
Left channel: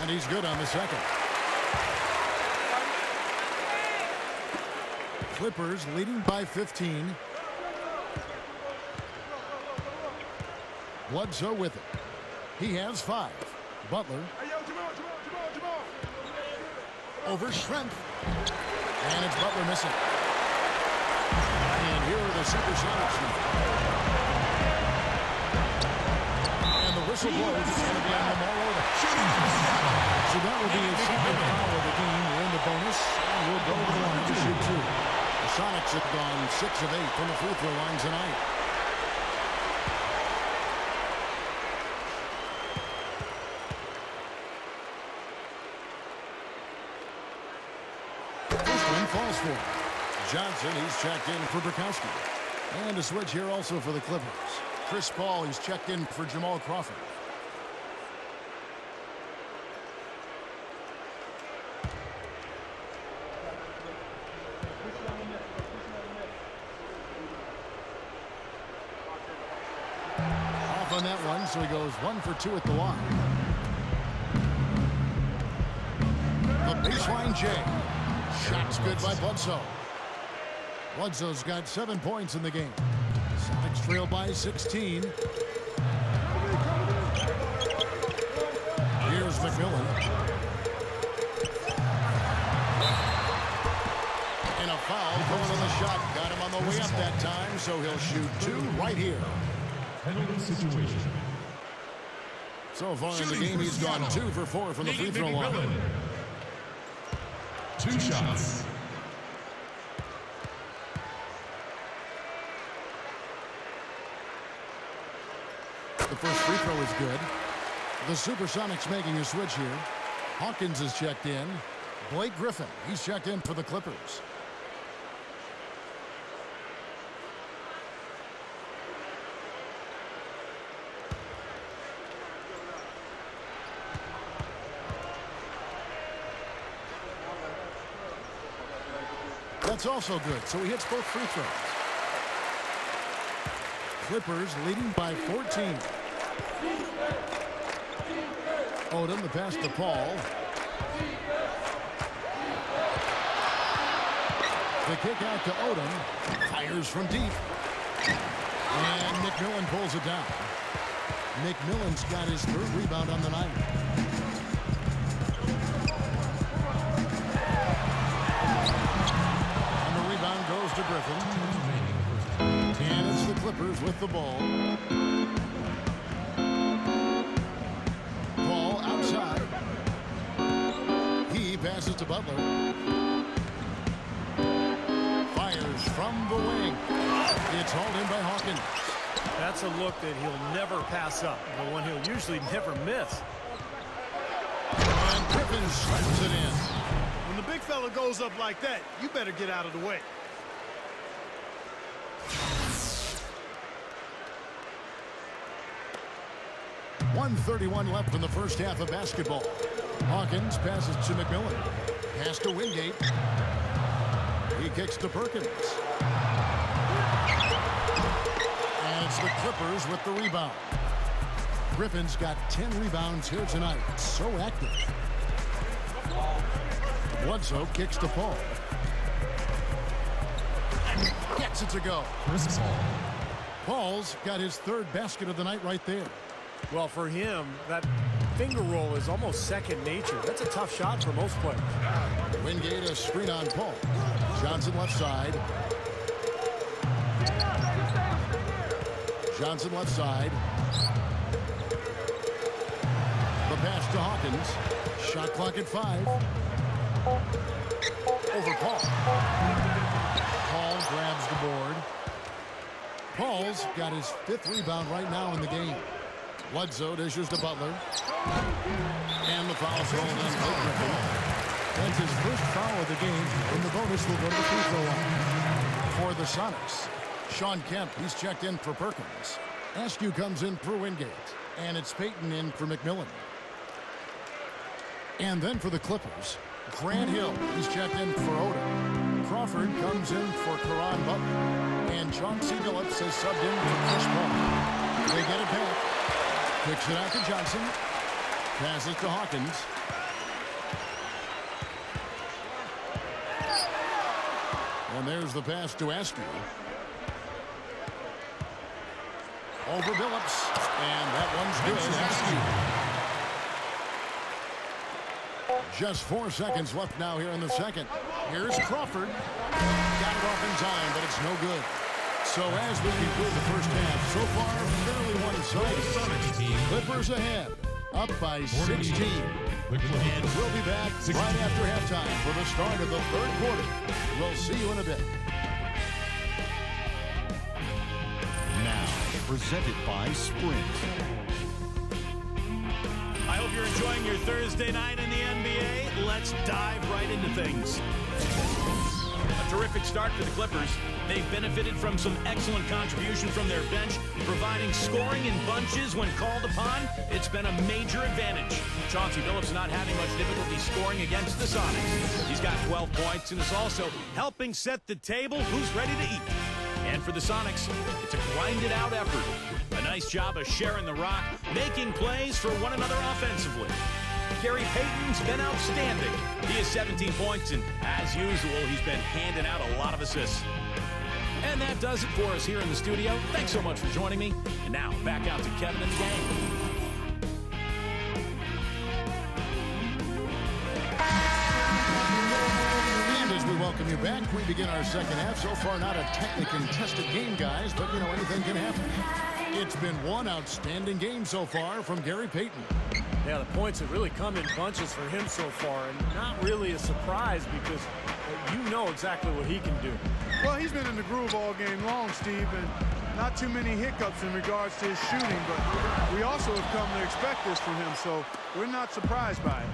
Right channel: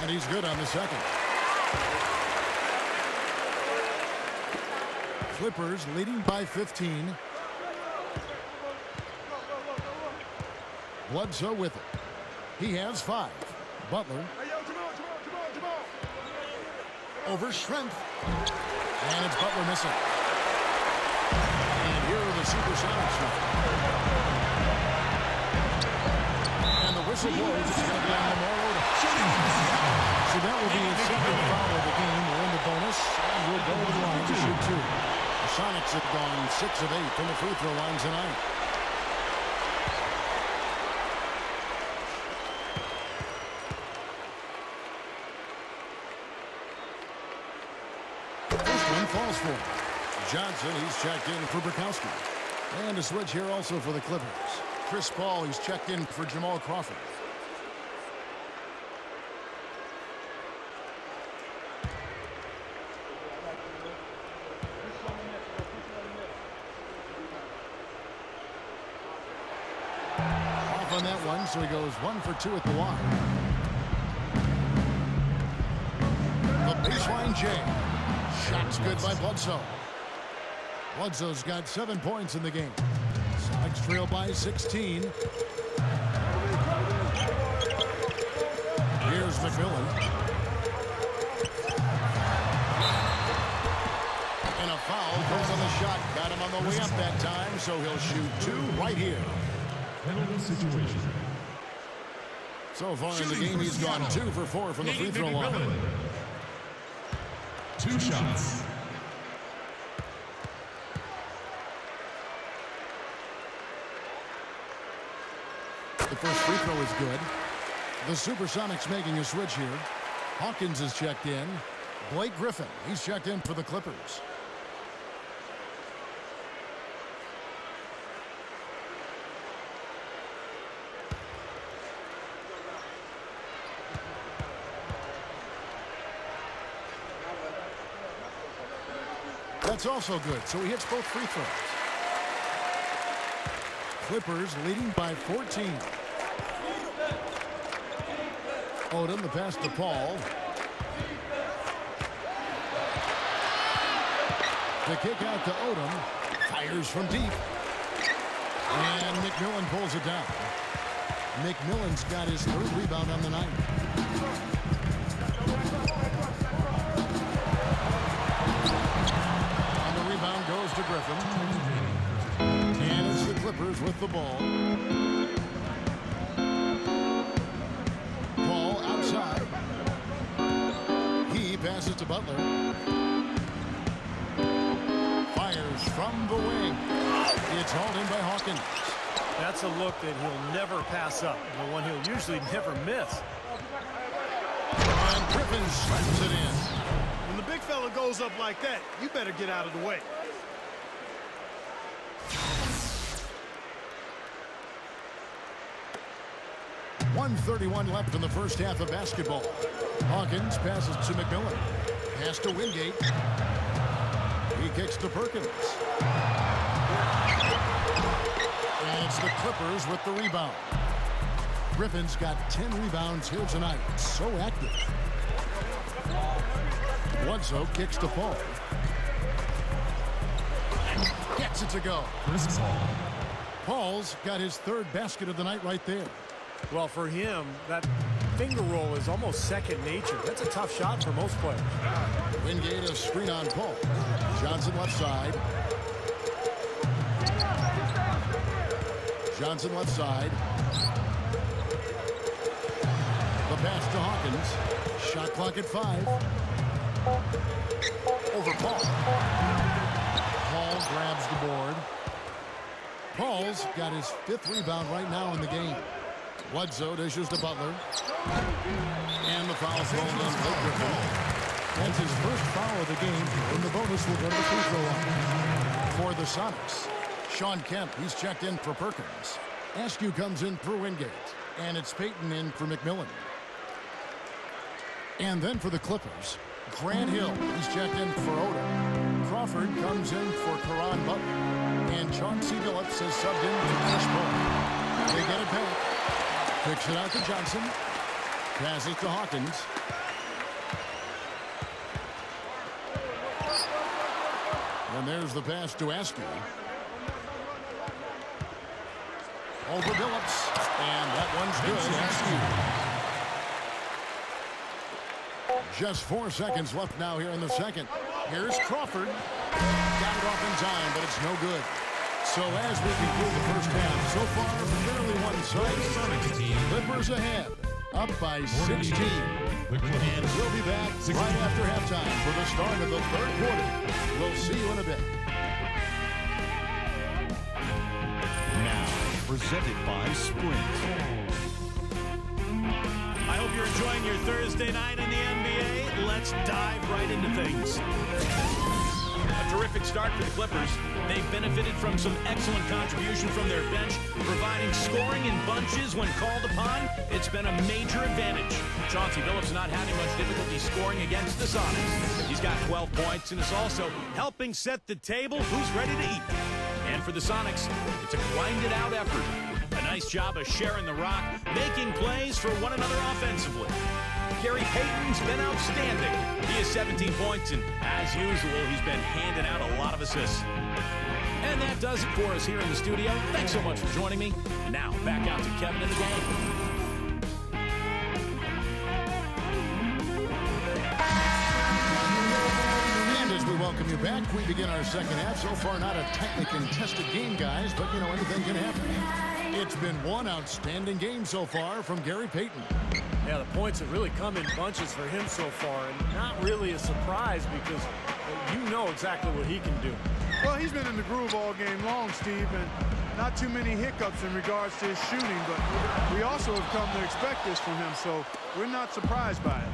And he's good on the second. Clippers leading by 15. Bledsoe with it. He has 5. Butler. Hey, yo, Jamal. Over Schrempf. And it's Butler missing. And here are the Supersonics now. And the whistle blows. It's going to be on Lamar Odom. Shooting for Seattle. So that will be his second foul of the game. We're in the bonus, and we'll go to the line to shoot 2. The Sonics have gone 6 of 8 from the free throw line tonight. First one falls for him. Johnson, he's checked in for Burkowski. And a switch here also for the Clippers. Chris Paul, he's checked in for Jamal Crawford. Off on that one, so he goes 1 for 2 at the line. The baseline J. Shot's good by Bledsoe. Bledsoe's got 7 points in the game. Sonics trail by 16. Here's McMillan. And a foul going on the shot. Got him on the way up that time, so he'll shoot 2 right here. Penalty situation. So far in the game, he's gone 2 for 4 from the free throw line. 2 shots. The first free throw is good. The Supersonics making a switch here. Hawkins is checked in. Blake Griffin, he's checked in for the Clippers. That's also good, so he hits both free throws. Clippers leading by 14. Odom, the pass to Paul. The kick out to Odom. Fires from deep. And McMillan pulls it down. McMillan's got his 3rd rebound on the night. And the rebound goes to Griffin. And it's the Clippers with the ball. Paul outside. He passes to Butler. Fires from the wing. It's hauled in by Hawkins. That's a look that he'll never pass up. The one he'll usually never miss. And Griffin slams it in. When the big fella goes up like that, you better get out of the way. .131 left in the first half of basketball. Hawkins passes to McMillan. Pass to Wingate. He kicks to Perkins. And it's the Clippers with the rebound. Griffin's got 10 rebounds here tonight. So active. Bledsoe kicks to Paul. Gets it to go. Chris Paul. Paul's got his 3rd basket of the night right there. Well, for him, that finger roll is almost second nature. That's a tough shot for most players. Wingate, a screen on Paul. Johnson left side. Johnson left side. The pass to Hawkins. Shot clock at 5. Over Paul. Paul grabs the board. Paul's got his 5th rebound right now in the game. Bledsoe dishes to Butler. And the foul called on Blake Griffin. That's his first foul of the game. In the bonus, will go to the free throw line. For the Sonics, Sean Kemp, he's checked in for Perkins. Askew comes in for Wingate. And it's Payton in for McMillan. And then for the Clippers, Grant Hill, he's checked in for Odom. Crawford comes in for Caron Butler. And Chauncey Billups has subbed in for Chris Paul. They get it back. Kicks it out to Johnson. Passes to Hawkins. And there's the pass to Askew. Over Billups. And that one's good. Askew. Just 4 seconds left now here in the second. Here's Crawford. Got it off in time, but it's no good. So as we conclude the first half, so far fairly one-sided. Supersonics team. Clippers ahead, up by 16. The Clippers. And we'll be back right after halftime for the start of the third quarter. We'll see you in a bit. Now, presented by Sprint. I hope you're enjoying your Thursday night in the NBA. Let's dive right into things. A terrific start for the Clippers. They've benefited from some excellent contribution from their bench, providing scoring in bunches when called upon. It's been a major advantage. Chauncey Billups not having much difficulty scoring against the Sonics. He's got 12 points and is also helping set the table. Who's ready to eat? And for the Sonics, it's a grinded-out effort. A nice job of sharing the rock, making plays for one another offensively. Gary Payton's been outstanding. He has 17 points, and as usual, he's been handing out a lot of assists. And that does it for us here in the studio. Thanks so much for joining me. And now, back out to Kevin and the gang. And as we welcome you back, we begin our second half. So far, not a tightly contested game, guys, but, anything can happen. It's been one outstanding game so far from Gary Payton. Yeah, the points have really come in bunches for him so far, and not really a surprise because you know exactly what he can do. Well, he's been in the groove all game long, Steve, and not too many hiccups in regards to his shooting, but we also have come to expect this from him, so we're not surprised by it.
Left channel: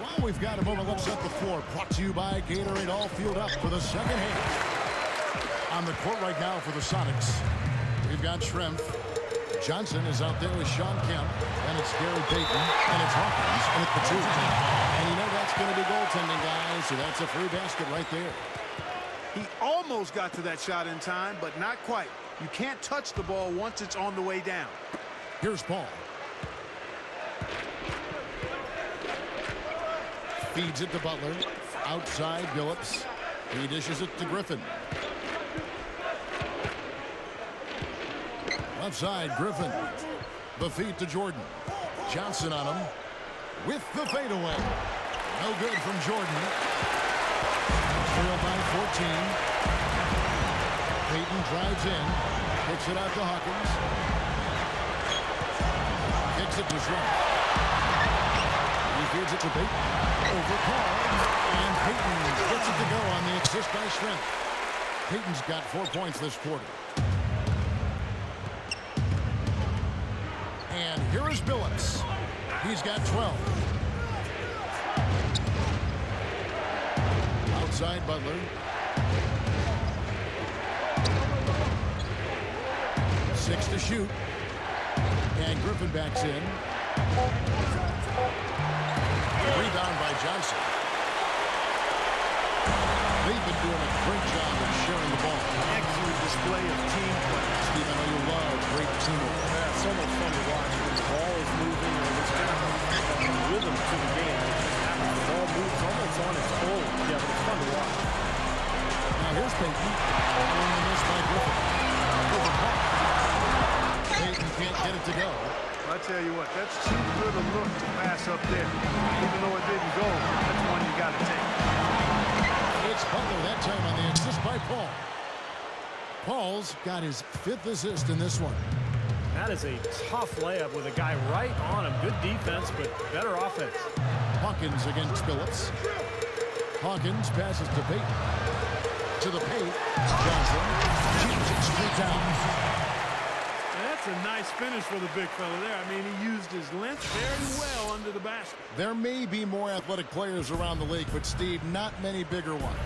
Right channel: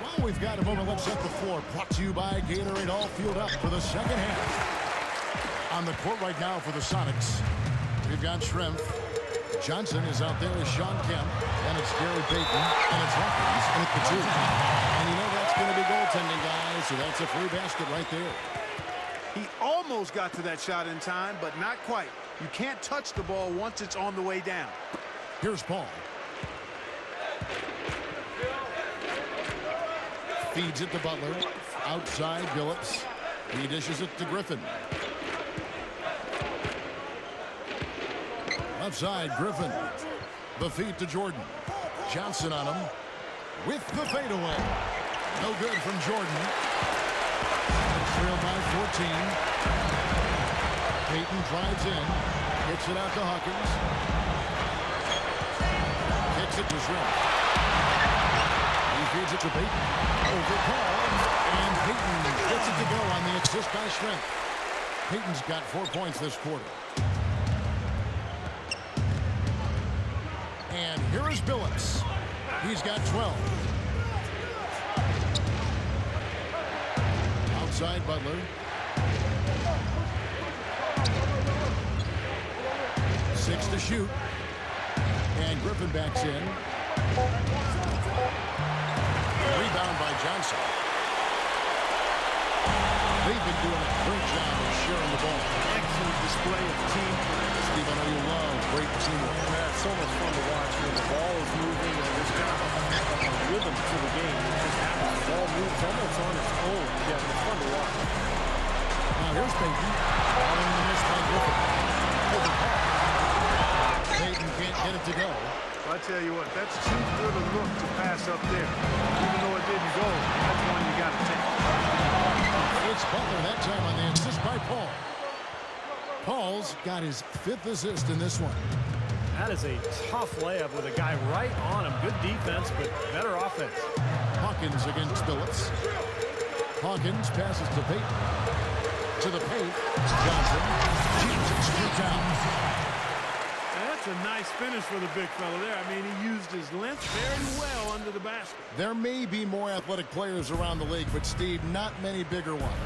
While we've got a moment, let's set the floor. Brought to you by Gatorade, all fueled up for the second half. On the court right now for the Sonics, we've got Schrempf. Johnson is out there with Sean Kemp. Then it's Gary Payton, and it's Hawkins, and it's the two. And that's going to be goaltending, guys, so that's a free basket right there. He almost got to that shot in time, but not quite. You can't touch the ball once it's on the way down. Here's Paul. Feeds it to Butler. Outside, Billups. He dishes it to Griffin. Left side, Griffin. The feed to Jordan. Johnson on him. With the fadeaway. No good from Jordan. Trailed by 14. Payton drives in. Kicks it out to Hawkins. Kicks it to Schrempf. He feeds it to Payton. Over Paul. And Payton gets it to go on the assist by Schrempf. Payton's got 4 points this quarter. And here is Billups. He's got 12. Outside Butler. 6 to shoot. And Griffin backs in. Rebound by Johnson. They've been doing a great job of sharing the ball. Excellent display of team play. Steve, I know you love great teamwork. Yeah, so much fun to watch when the ball is moving and there's kind of a rhythm to the game. It just happens. The ball moves almost on its own, Kevin. It's fun to watch. Now here's Payton. Following the miss by Griffin. Over Paul. Payton can't get it to go. Well, I tell you what, that's too good a look to pass up there. Even though it didn't go, that's one you got to take. It's Butler that time on the assist by Paul. Paul's got his 5th assist in this one. That is a tough layup with a guy right on him. Good defense, but better offense. Hawkins against Billups. Hawkins passes to Payton. To the paint. Johnson shoots it straight down. And that's a nice finish for the big fella there. I mean, he used his length very well under the basket. There may be more athletic players around the league, but Steve, not many bigger ones.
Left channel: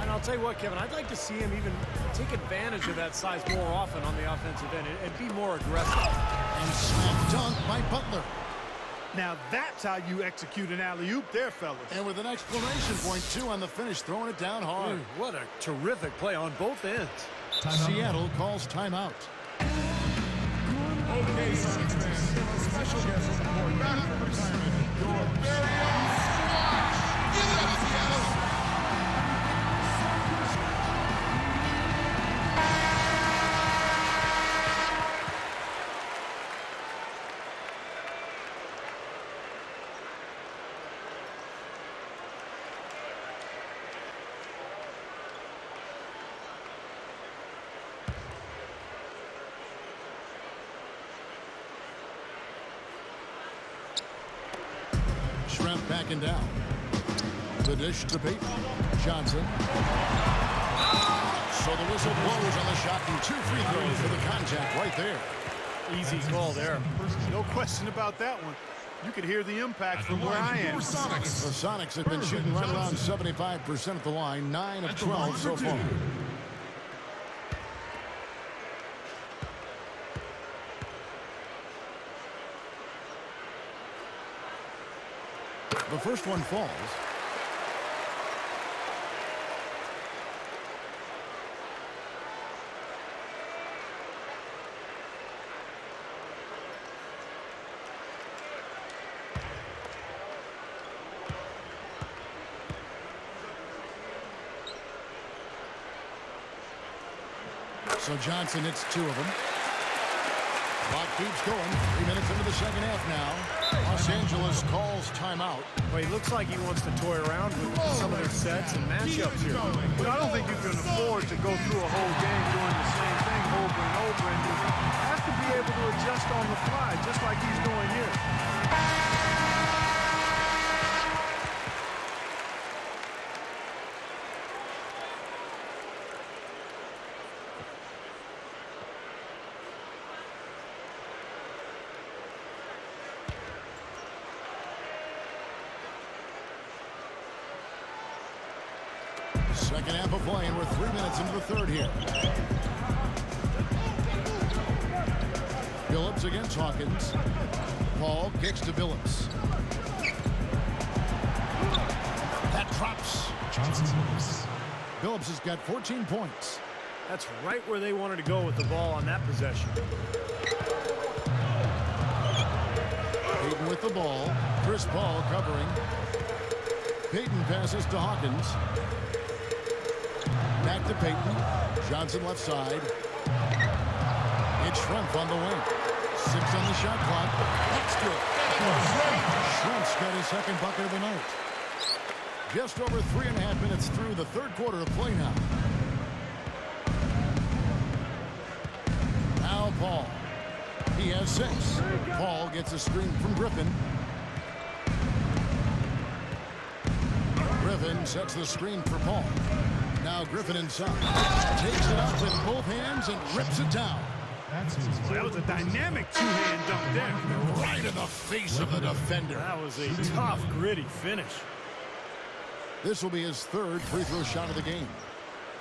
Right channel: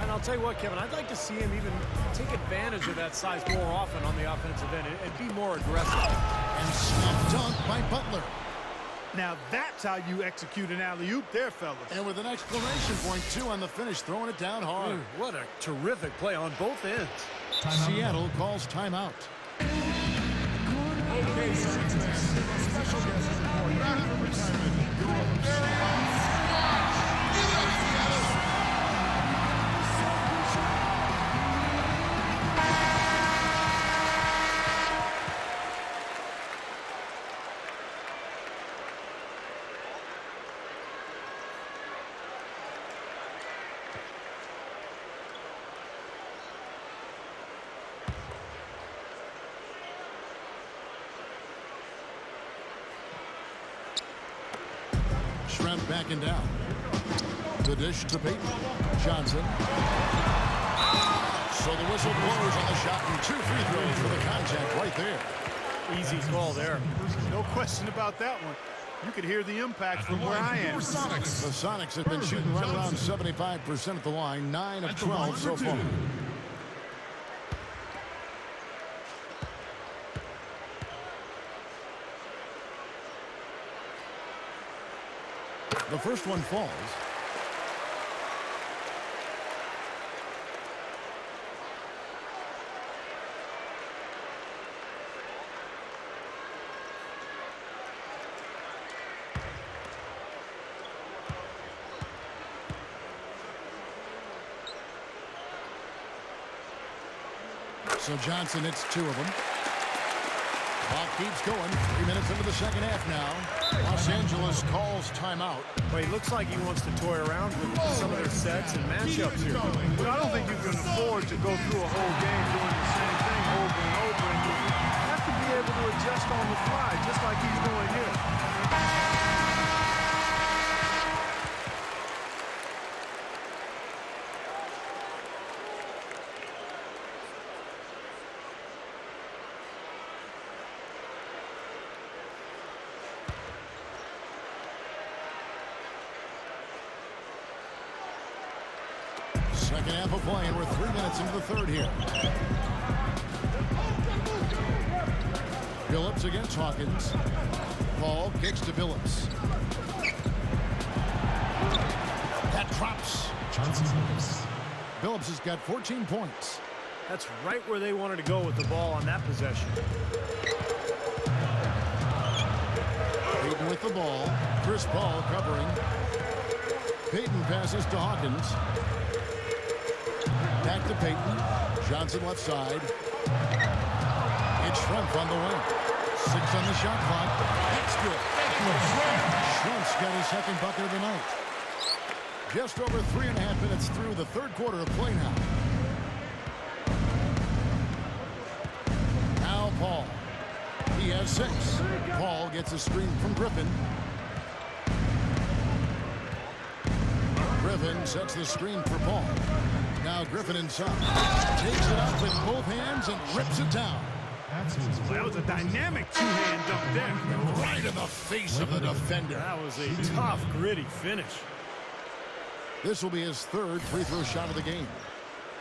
And I'll tell you what, Kevin, I'd like to see him even take advantage of that size more often on the offensive end and be more aggressive. And slam dunk by Butler. Now that's how you execute an alley-oop there, fellas. And with an exclamation point, too, on the finish, throwing it down hard. What a terrific play on both ends. Seattle calls timeout. Okay, Sonics fans, special guest is report back from retirement. Your very own Swatch. Give it up, Seattle. Schrempf backing down. The dish to Peyton. Johnson. So the whistle blows on the shot and 2 free throws for the contact right there. Easy call there. No question about that one. You could hear the impact from where I am. The Sonics have been shooting right around 75% at the line, 9 of 12 so far. The first one falls. So Johnson hits 2 of them. Clock keeps going. 3 minutes into the second half now. Los Angeles calls timeout. But he looks like he wants to toy around with some of their sets and matchups here. But I don't think you can afford to go through a whole game doing the same thing over and over. And you have to be able to adjust on the fly, just like he's doing here. Second half of play, and we're 3 minutes into the third here. Billups against Hawkins. Paul kicks to Billups. That drops. Johnson Billups. Billups has got 14 points. That's right where they wanted to go with the ball on that possession. Peyton with the ball. Chris Paul covering. Peyton passes to Hawkins. Back to Peyton. Johnson left side. It's Schrempf on the wing. 6 on the shot clock. That's good. Schrempf's got his second bucket of the night. Just over 3.5 minutes through the third quarter of play now. Now Paul. He has 6. Paul gets a screen from Griffin. Griffin sets the screen for Paul. Now Griffin inside. Takes it up with both hands and rips it down. Well, that was a dynamic two-hand dunk there. Right in the face of the defender. That was a tough, gritty finish. This will be his 3rd free throw shot of the game.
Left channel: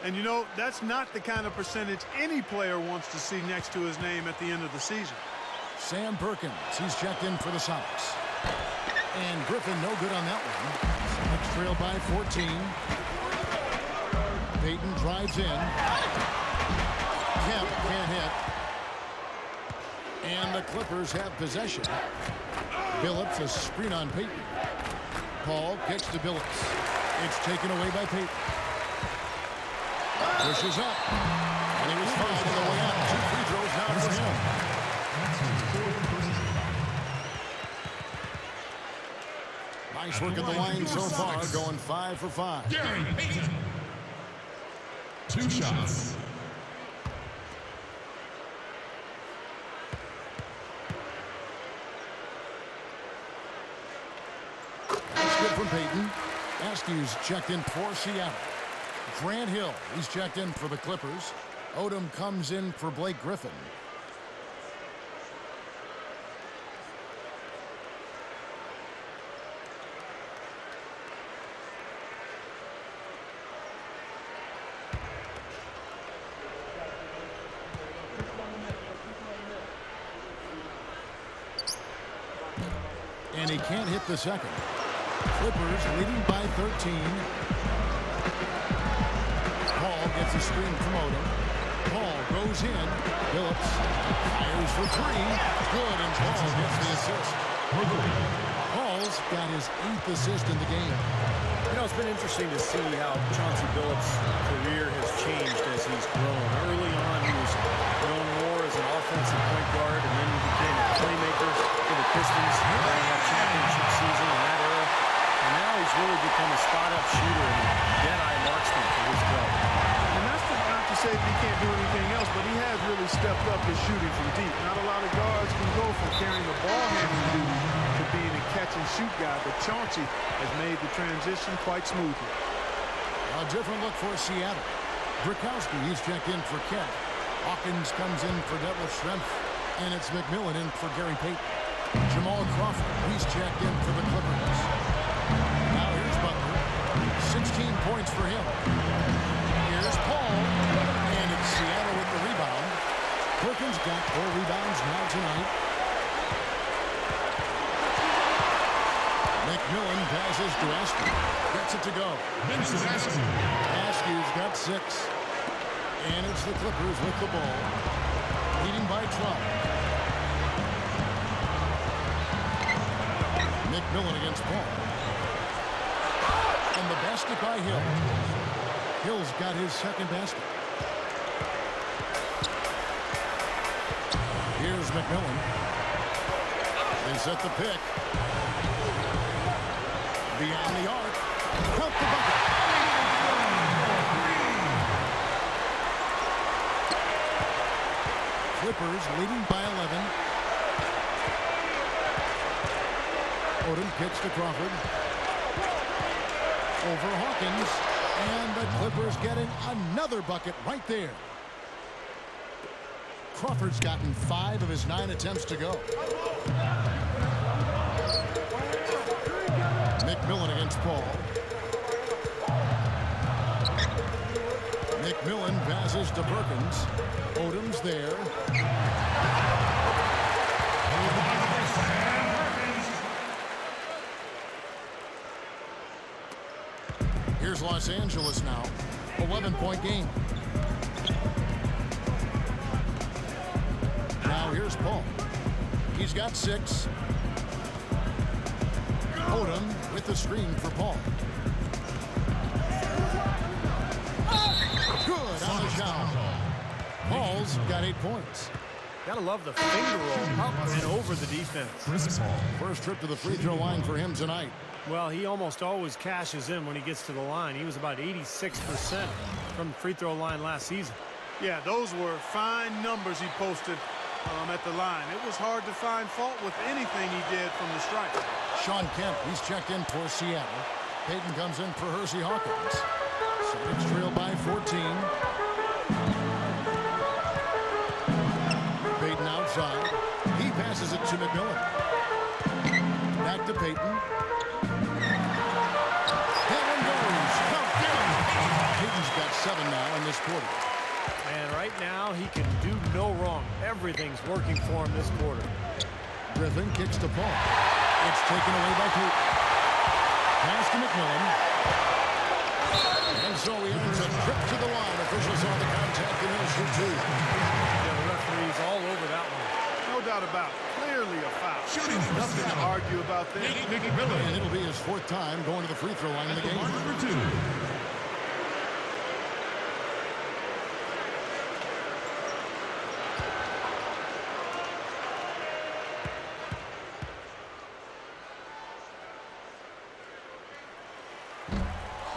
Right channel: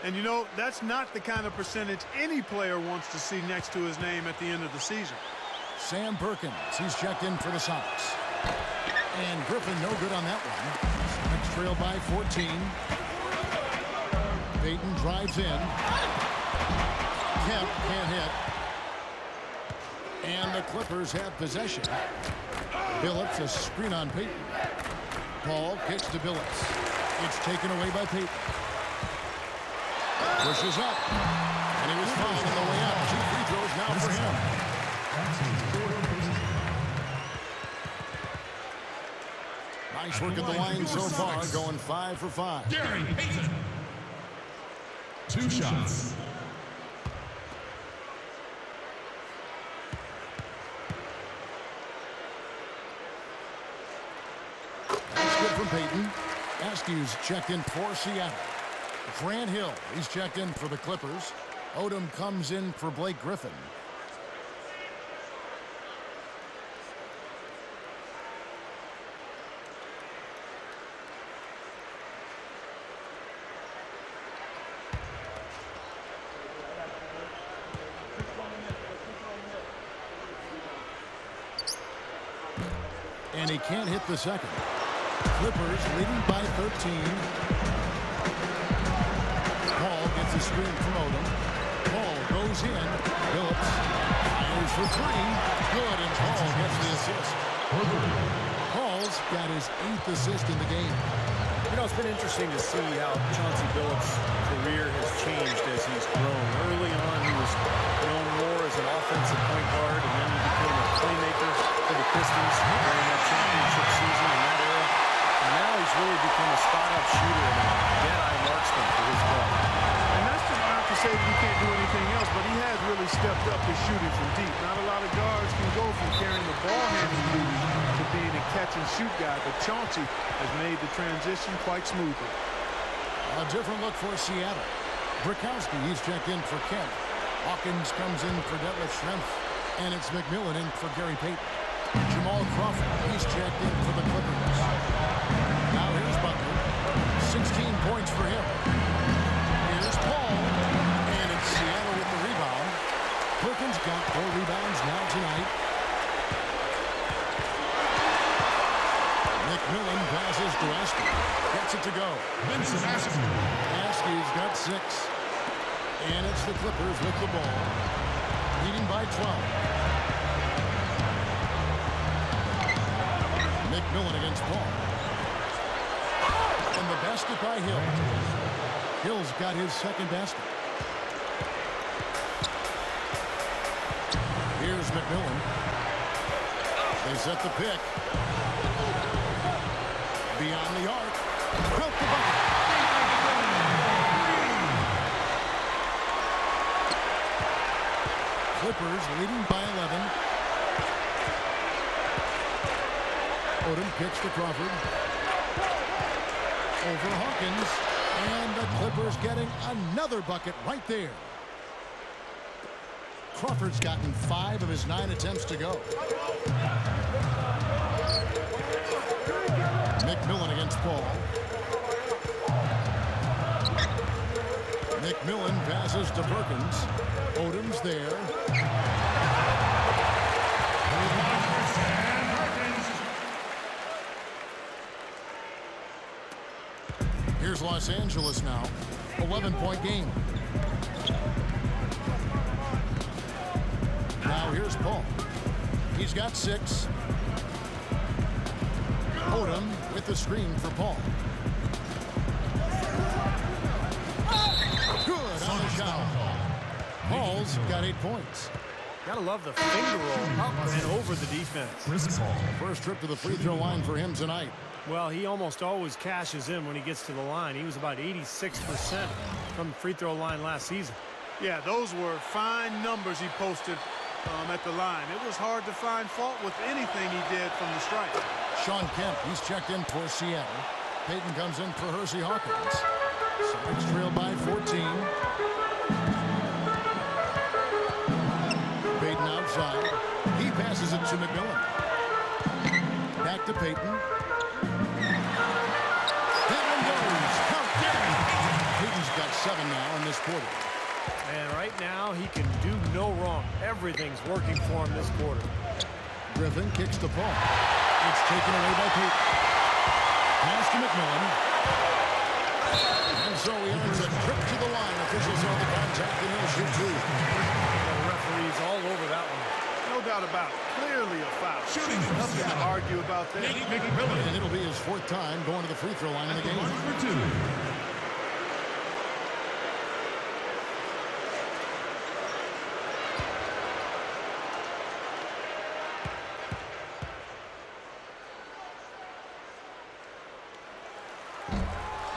And you know, that's not the kind of percentage any player wants to see next to his name at the end of the season. Sam Perkins, he's checked in for the Sonics. And Griffin no good on that one. Sonics trail by 14. Peyton drives in. Kemp can't hit. And the Clippers have possession. Billups a screen on Peyton. Paul kicks to Billups. It's taken away by Peyton. Pushes up. And he was fouled on the way out. 2 free throws now for him. That's his 4th personal foul. Nice work at the line so far, going 5 for 5. Gary Payton. 2 shots. That's good from Peyton. Askew's checked in for Seattle. Grant Hill, he's checked in for the Clippers. Odom comes in for Blake Griffin. And he can't hit the second. Clippers leading by 13. Paul gets a screen from Odom. Paul goes in. Billups fires for 3. Good, and Paul gets the assist. For 3. Paul's got his 8th assist in the game. You know, it's been interesting to see how Chauncey Billups' career has changed as he's grown. Early on, he was known more as an offensive point guard, and then he became a playmaker for the Pistons during that championship season in that era. And now he's really become a spot-up shooter and a dead-eye marksman for his club. And that's not to to say that he can't do anything else, but he has really stepped up his shooting from deep. Not a lot of guards can go from carrying the ball handling duty to being a catch-and-shoot guy, but Chauncey has made the transition quite smoothly. A different look for Seattle. Brikowski, he's checked in for Kemp. Hawkins comes in for Detlef Schrempf. And it's McMillan in for Gary Payton. Jamal Crawford, he's checked in for the Clippers. Now here's Butler. 16 points for him. Here's Paul. And it's Seattle with the rebound. Perkins got 4 rebounds now tonight. McMillan passes to Askew. Gets it to go. Vincent Askew. Askew's got 6. And it's the Clippers with the ball. Leading by 12. McMillan against Paul. And the basket by Hill. Hill's got his second basket. Here's McMillan. They set the pick. Beyond the arc. Count the bucket. Clippers leading by 11. Odom kicks to Crawford. Over Hawkins. And the Clippers getting another bucket right there. Crawford's gotten 5 of his 9 attempts to go. McMillan against Paul. McMillan passes to Perkins. Odom's there. Here's Los Angeles now. 11-point game. Now here's Paul. He's got 6. Odom with the screen for Paul. Good on the shot. Paul's got 8 points. Gotta love the finger roll up and over the defense. Chris Paul. First trip to the free throw line for him tonight. Well, he almost always cashes in when he gets to the line. He was about 86% from the free throw line last season. Yeah, those were fine numbers he posted at the line. It was hard to find fault with anything he did from the stripe. Sean Kemp, he's checked in for Seattle. Payton comes in for Hersey Hawkins. Sonics trail by 14. Payton outside. He passes it to McMillan. Back to Payton. That one goes. Count Gary. Payton's got 7 now in this quarter. And right now, he can do no wrong. Everything's working for him this quarter. Griffin kicks to Paul. It's taken away by Payton. Pass to McMillan. And so he earns a trip to the line. Officials saw the contact, and he'll shoot 2. Yeah, the referee's all over that one. No doubt about it. Clearly a foul. Shooting for Nothing to Seattle. argue about there. McMillan. And it'll be his 4th time going to the free throw line in the game. Mark for 2.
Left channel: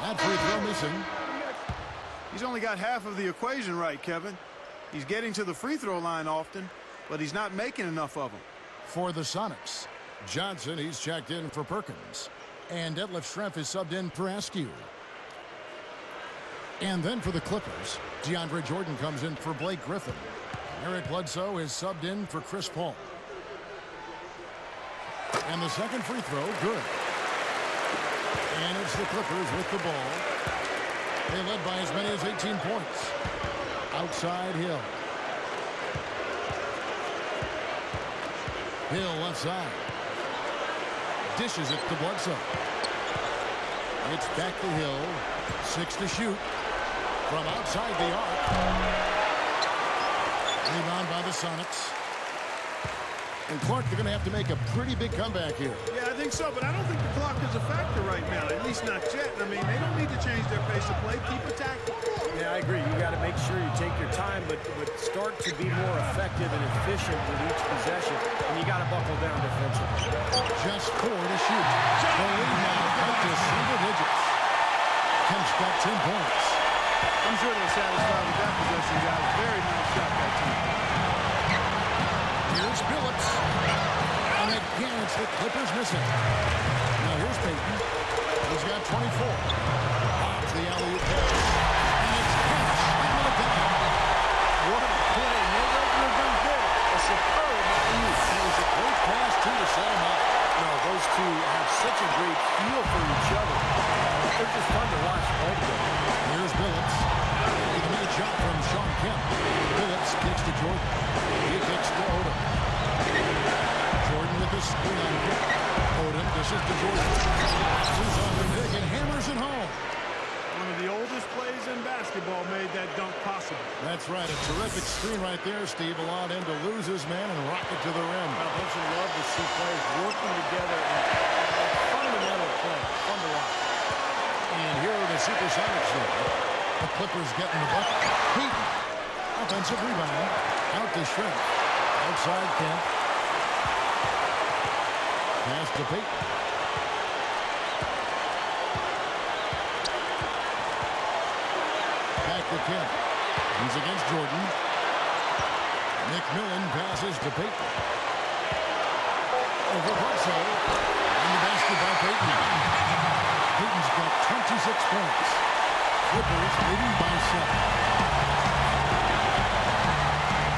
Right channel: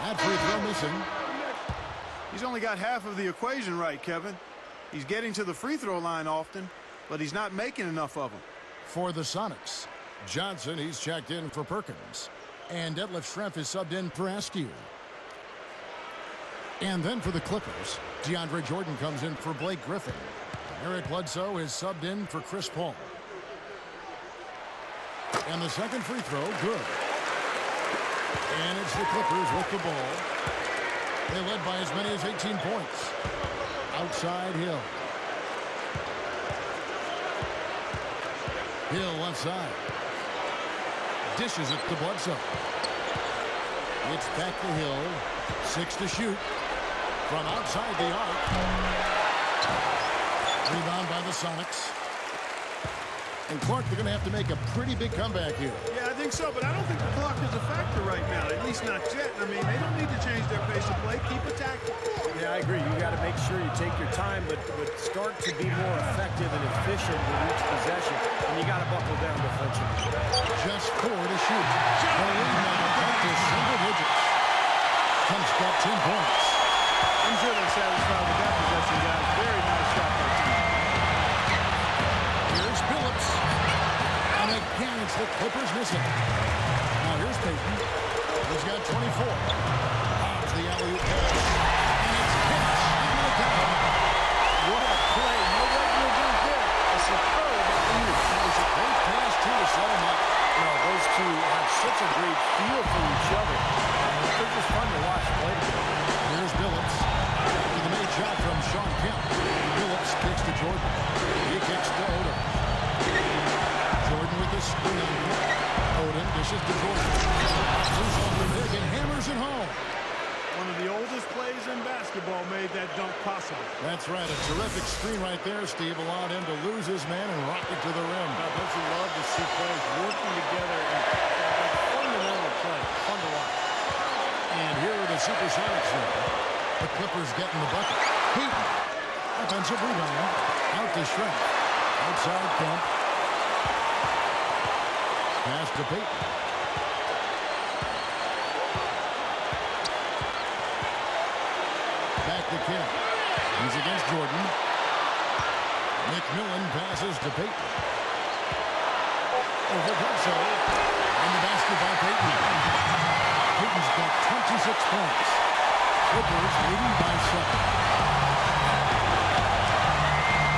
That free throw missing. He's only got half of the equation right, Kevin. He's getting to the free throw line often, but he's not making enough of them. For the Sonics, Johnson, he's checked in for Perkins. And Detlef Schrempf is subbed in for Askew. And then for the Clippers, DeAndre Jordan comes in for Blake Griffin. And Eric Bledsoe is subbed in for Chris Paul. And the second free throw, good. And it's the Clippers with the ball. They led by as many as 18 points. Outside Hill. Hill left side. Dishes it to Bledsoe. It's back to Hill. 6 to shoot. From outside the arc. Rebound by the Sonics. And Clark, they're going to have to make a pretty big comeback here. Yeah, I think so, but I don't think the clock is a factor right now, at least not yet. I mean, they don't need to change their pace of play. Keep attacking. Yeah, I agree. You got to make sure you take your time, but start to be more effective and efficient with each possession. And you got to buckle down defensively. Just 4 to shoot. The lead now cut to single digits. Kemp's got 10 points. I'm sure they're satisfied with that possession, guys. Very nice shot that time. Here's Billups. And again, it's the Clippers missing. Now here's Payton. He's got 24. Bobs the alley-oop pass. And it's Kemp slamming it down. What a play. No regular dunk there. A superb alley-oop. And it was a great pass, too, to set him up. No, those two have such a great feel for each other. They're just fun to watch play together. Here's Billups. After the made shot from Sean Kemp. Billups kicks to Jordan. He kicks to Odom. Jordan with the screen on Kemp. Odom dishes to Jordan. Moves on the pick and hammers it home. One of the oldest plays in basketball made that dunk possible. That's right. A terrific screen right there, Steve. Allowed him to lose his man and rock it to the rim. Well, don't you love to see players working together in fundamental play? Fun to watch. And here are the Supersonics now. The Clippers getting the bucket. Payton. Offensive rebound. Out to Schrempf. Outside Kemp. Pass to Payton. Back to Kemp. He's against Jordan. McMillan passes to Payton. Over Bledsoe. And the basket by Payton. Payton's got 26 points. Clippers leading by 7.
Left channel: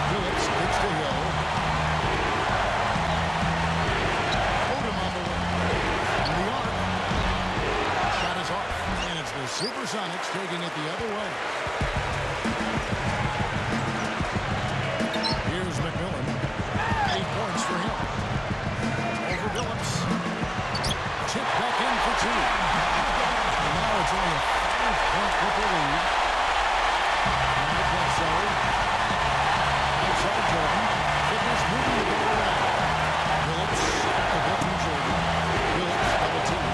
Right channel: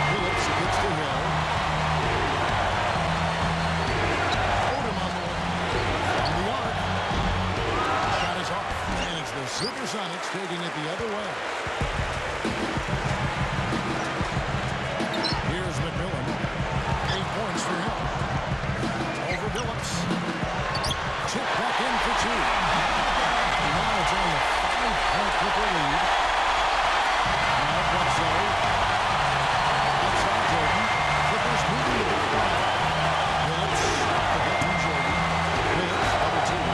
Billups kicks to Hill. Odom on the wing. From the arc. Shot is off. And it's the Supersonics taking it the other way. Here's McMillan. 8 points for him. Over Billups. Tip back in for 2. And now it's only a 5-point Clipper lead. Now Bledsoe. Outside Jordan. Clippers moving the ball around. Billups off the pick from Jordan. Billups double team.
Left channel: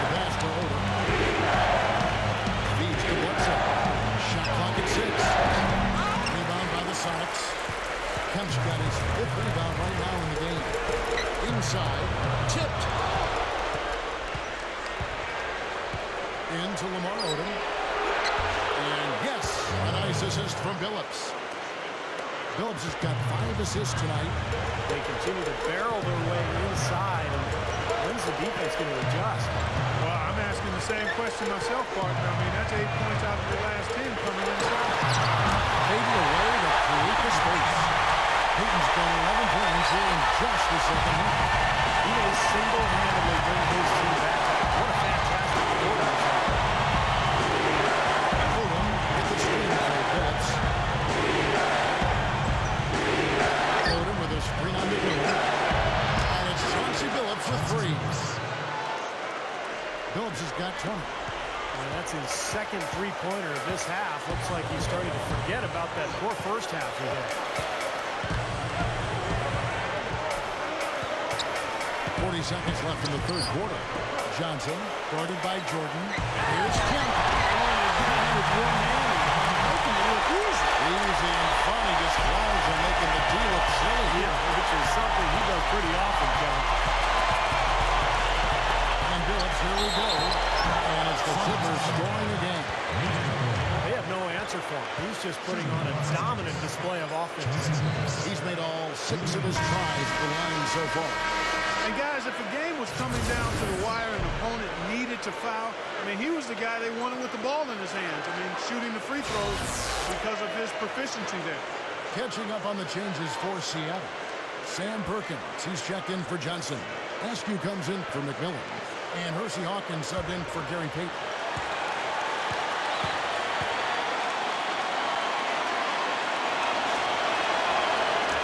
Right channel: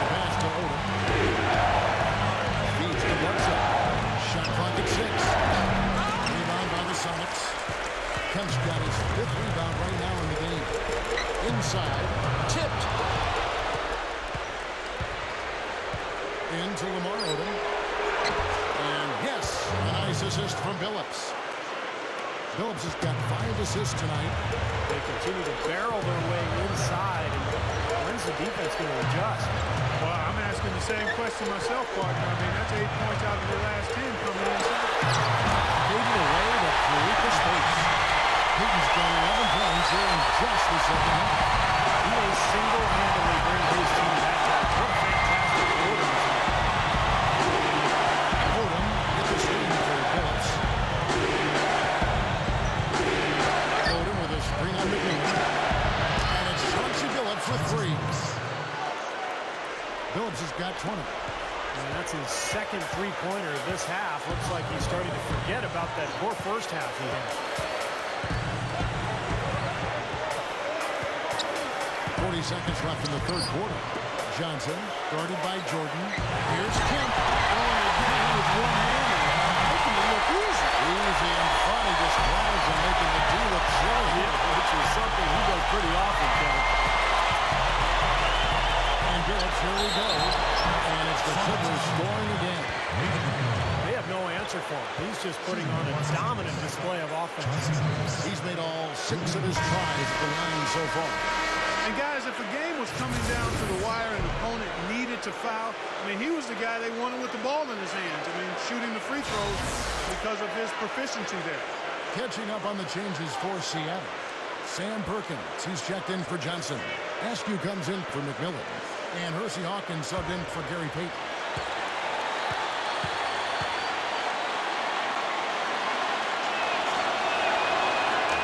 The pass to Odom. Feeds to Bledsoe. Shot clock at 6. Rebound by the Sonics. Kemp's got his 5th rebound right now in the game. Inside. Tipped. Into Lamar Odom. And yes, a nice assist from Billups. Billups has got 5 assists tonight. They continue to barrel their way inside. And when's the defense going to adjust? Well, I'm asking the same question myself, partner. I mean, that's 8 points out of their last 10 coming inside. Fading away to create the space. Payton's got 11 points here in just the second half. He may single-handedly bring his team back. What a fantastic Odom is that. Odom get the screen for Billups. Odom with a screen on McMillan. And it's Chauncey Billups with 3. Billups has got 20. And that's his second three-pointer of this half. Looks like he's starting to forget about that poor first half he had. 40 seconds left in the third quarter. Johnson, guarded by Jordan. Here's Kemp. Throwing it down with one hand and making it look easy. Easy and fun. He just glides on making the D look silly. Yeah, which is something he does pretty often, Kevin. And Billups, here we go. And it's the Clippers scoring again. They have no answer for him. He's just putting on a dominant display of offense. He's made all 6 of his tries at the line so far. And guys, if a game was coming down to the wire and an opponent needed to foul, I mean, he was the guy they wanted with the ball in his hands. I mean, shooting the free throws because of his proficiency there. Catching up on the changes for Seattle. Sam Perkins, he's checked in for Johnson. Askew comes in for McMillan. And Hersey Hawkins subbed in for Gary Payton.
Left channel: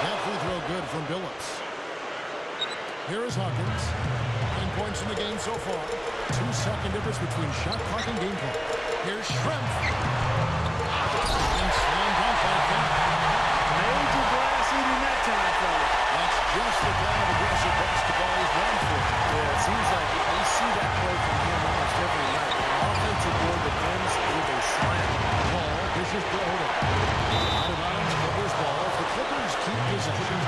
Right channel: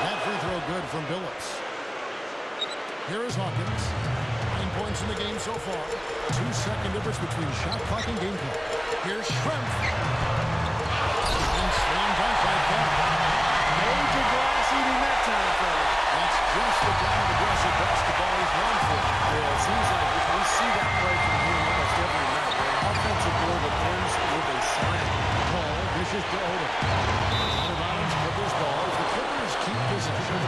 That free throw good from Billups. Here is Hawkins. 9 points in the game so far. 2-second difference between shot clock and game clock. Here's Schrempf. And slam dunk by Kemp. Major glass eating that time, fellas. That's just the kind of aggressive basketball he's known for. Yeah, it seems like we see that play from him almost every night. An offensive board that ends with a slam. Paul dishes to Odom. Out of bounds, Clippers ball as the Clippers keep possession.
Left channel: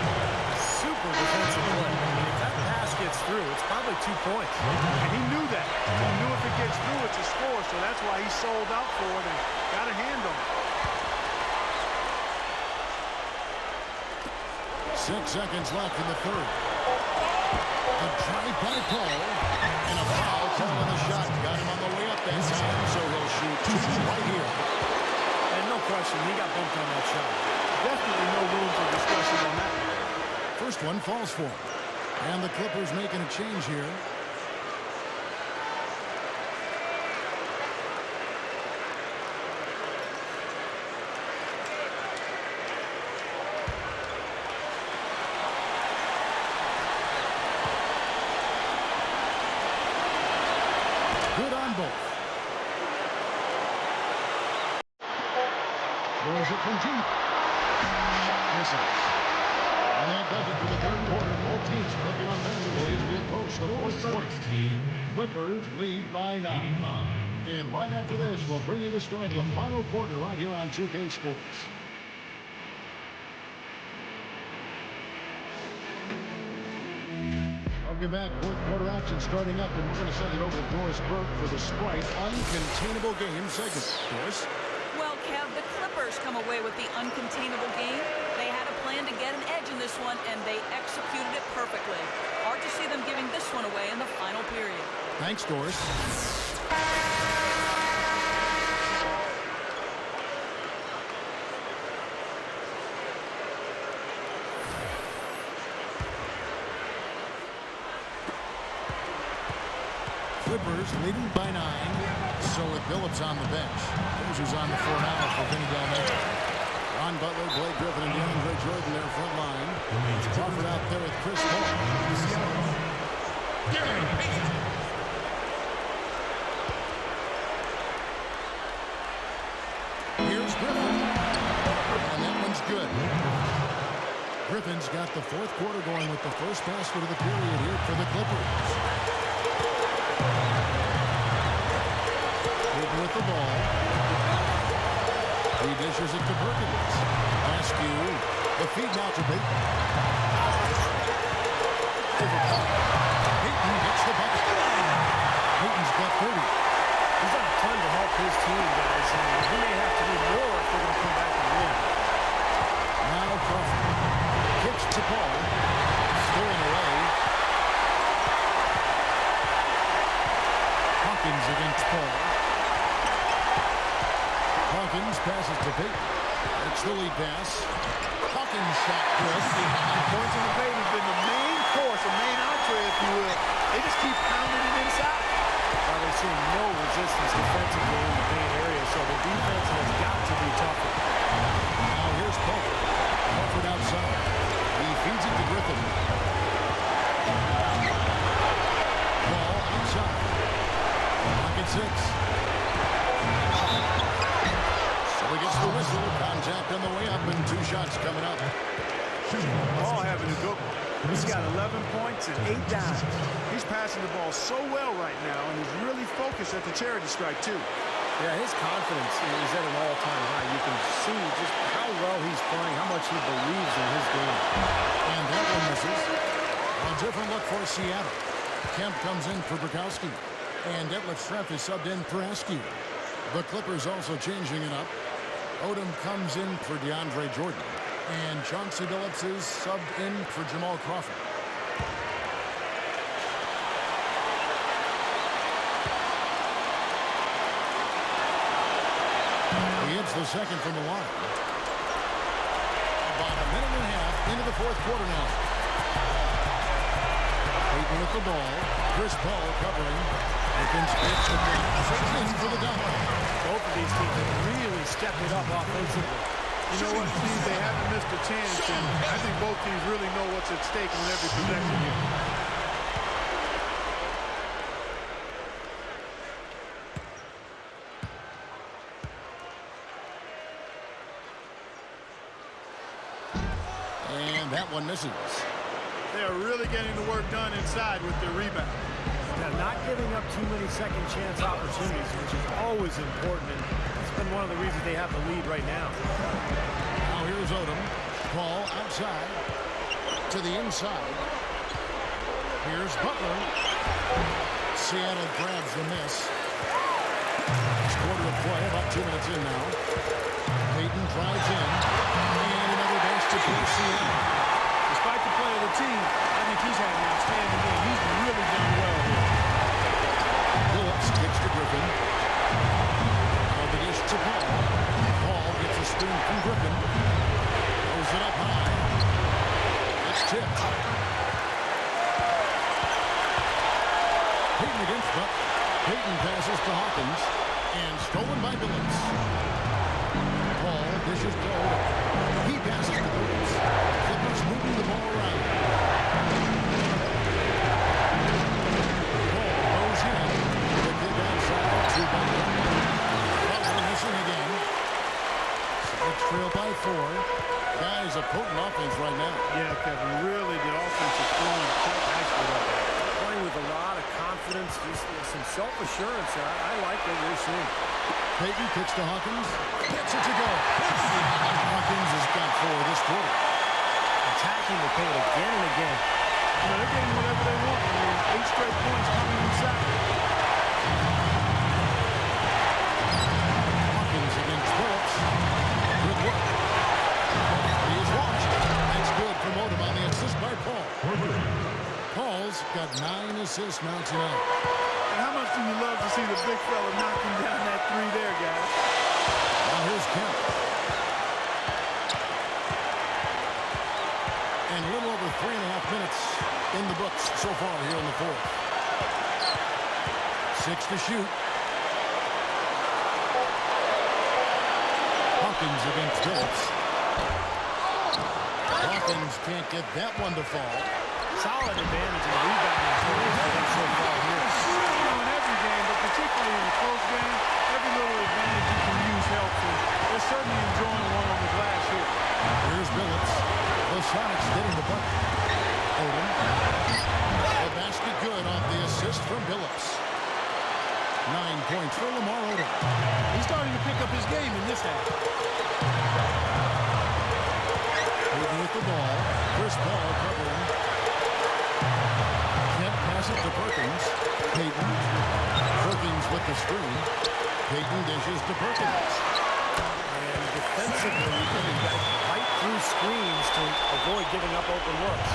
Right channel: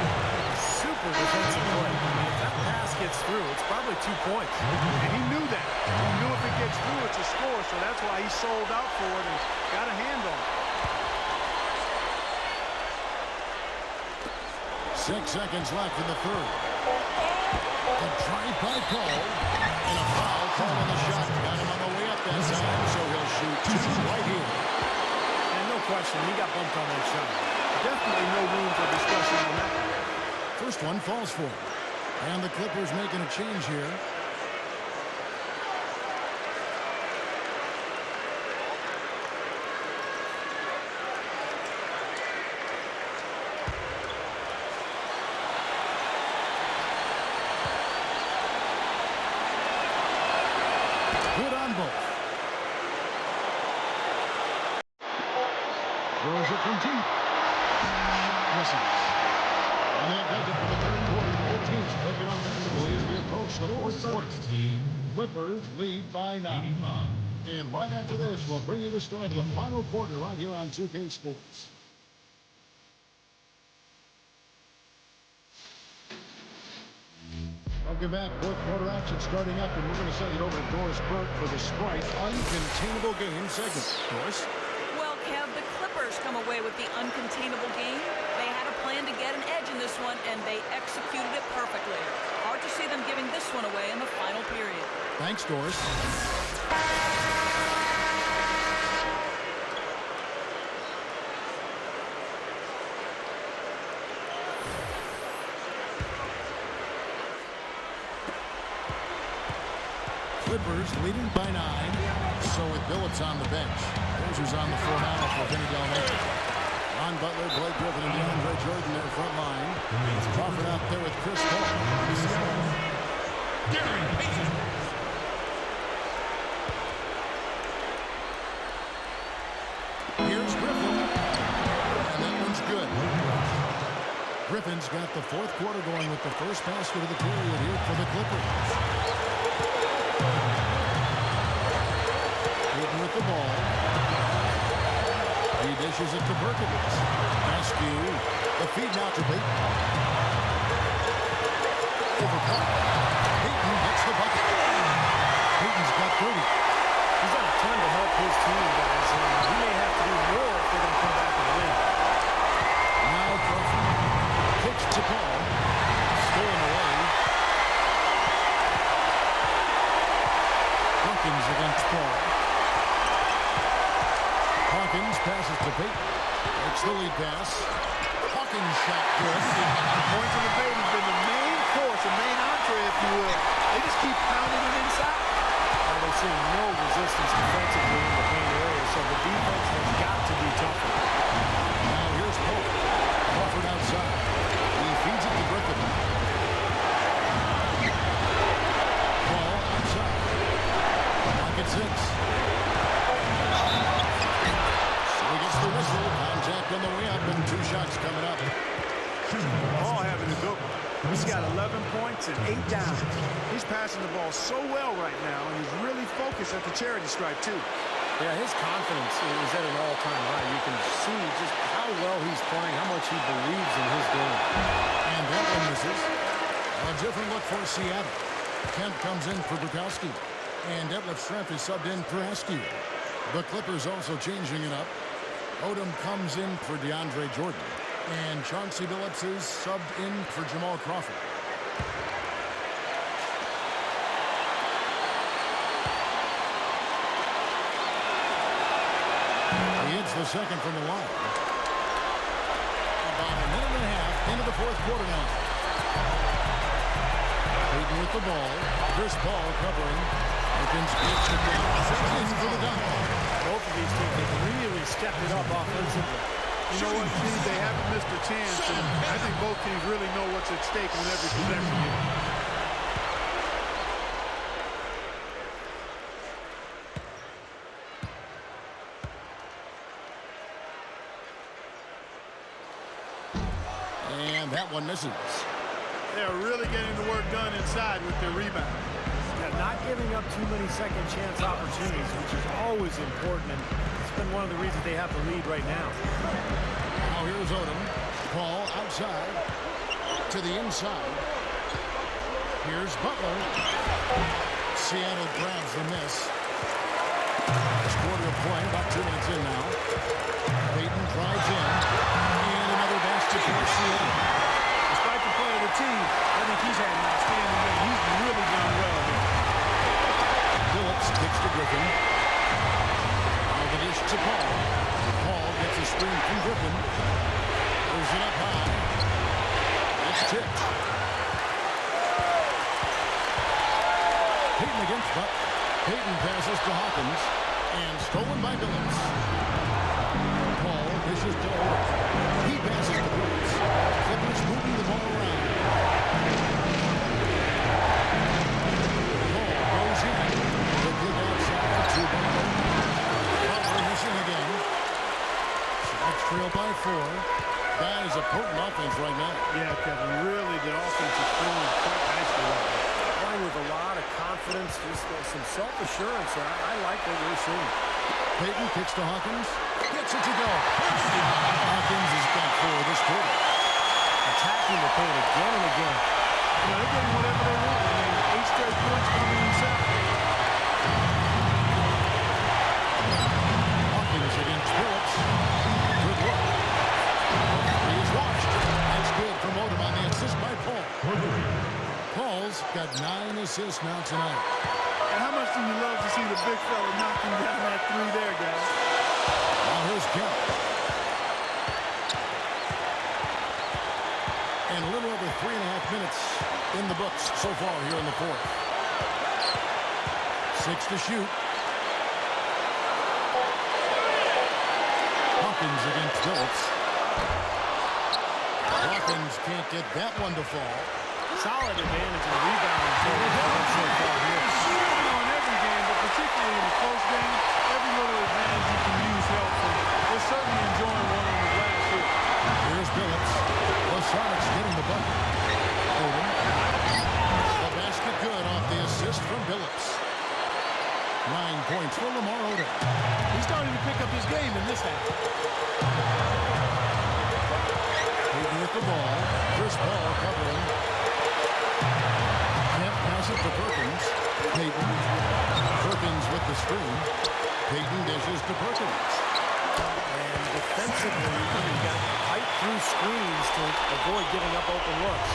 super defensive play. I mean, if that pass gets through, it's probably 2 points. And he knew that. He knew if it gets through, it's a score, so that's why he sold out for it and got a hand on it. 6 seconds left in the third. The drive by Paul. And a foul called on the shot. Got him on the way up that time, so he'll shoot 2 right here. And no question, he got bumped on that shot. Definitely no room for discussion on that. First one falls for him. And the Clippers making a change here. Good on both. Throws it from deep. Misses. And that does it for the third quarter. Both teams working offensively as we approach the fourth quarter. Clippers lead by 9. And right after this, we'll bring you the start of the final quarter right here on 2K Sports. Welcome back. Fourth quarter action starting up, and we're going to send it over to Doris Burke for the Sprite Uncontainable Game segment. Doris? Well, Kev, the Clippers come away with the uncontainable game. They had a plan to get an edge in this one, and they executed it perfectly. Hard to see them giving this one away in the final period. Thanks, Doris. Clippers leading by 9. So with Billups on the bench. Dozer's on the floor now for Vinny Del Negro. Ron Butler, Blake Griffin, and DeAndre Jordan there front line. Crawford out there with Chris Paul. Gary Payton. Here's Griffin. And that one's good. Griffin's got the fourth quarter going with the first basket of the period here for the Clippers. Payton with the ball. He dishes it to Perkins. Askew. The feed now to Payton. Over Paul. Payton gets the bucket. Payton's got 30. He's done a ton to help his team, guys, and he may have to do more if they're going to come back and win. Now Crawford. Kicks to Paul. Stolen away. Hawkins against Paul. Hawkins passes to Payton. It's the lead pass. Hawkins shot good. Points in the paint has been the main course, a main entree, if you will. They just keep pounding it inside. Now they're seeing no resistance defensively in the paint area, so the defense has got to be tougher. Now here's Paul. Crawford outside. He feeds it to Griffin. Paul outside. Clock at 6. So he gets the whistle. Contact on the way up and 2 shots coming up. Paul having a good one. He's got 11 points and 8 dimes. He's passing the ball so well right now, and he's really focused at the charity stripe, too. Yeah, his confidence is at an all-time high. You can see just how well he's playing, how much he believes in his game. And that one misses. A different look for Seattle. Kemp comes in for Bukowski. And Detlef Schrempf is subbed in for Askew. The Clippers also changing it up. Odom comes in for DeAndre Jordan. And Chauncey Billups is subbed in for Jamal Crawford. He hits the second from the line. About a minute and a half into the fourth quarter now. Payton with the ball. Chris Paul covering. Perkins gets the dunk. In for the dunk. Both of these teams have really stepped it up offensively. You know what, Steve? They haven't missed a chance, and I think both teams really know what's at stake on every possession here. And that one misses. They are really getting the work done inside with their rebound. Now, not giving up too many second chance opportunities, which is always important, and it's been one of the reasons they have the lead right now. Now here's Odom. Paul outside. to the inside. Here's Butler. Seattle grabs the miss. Last quarter of play, about 2 minutes in now. Payton drives in. And another basket for Seattle. Despite the play of the team, I think he's had an outstanding game. He's really done well here. Phillips kicks to Griffin. Now the dish to Paul. Paul gets a screen from Griffin. Throws it up high. It's tipped. Payton against Butler. Payton passes to Hawkins. And stolen by Phillips. Paul dishes to Odom. He passes to Phillips. Clippers moving the ball around. Paul goes in. The kick outside to Butler. Butler missing again. Celtics trail by 4. Guys, a potent offense right now. Yeah, Kevin, really the offense is flowing quite nicely right now. Playing with a lot of confidence, just some self-assurance. I like what we're seeing. Payton kicks to Hawkins. Gets it to go. Hawkins has got 4 this quarter. Attacking the paint again and again. You know, they're getting whatever they want. I mean, 8 straight points coming inside. Hawkins against Phillips. Good look. He is washed. That's good from Odom on the assist by Paul. For 3. Paul's got 9 assists now tonight. And how much do you love to see the big fella knocking down that 3 there, guys? Now here's Kemp. And a little over 3.5 minutes in the books so far here in the 4th. 6 to shoot. Hawkins against Phillips. Hawkins can't get that one to fall. Solid advantage in rebounding for them so far here. You know, in every game, but particularly in a close game, every little advantage you can use helps, and they're certainly enjoying one on the glass here. Here's Phillips. The Sonics getting the bucket. Odom. The basket good off the assist from Phillips. 9 points for Lamar Odom. He's starting to pick up his game in this half. Payton with the ball. Chris Paul covering. Kemp passes to Perkins. Payton. Perkins with the screen. Payton dishes to Perkins. And defensively, you've got to fight through screens to avoid giving up open looks.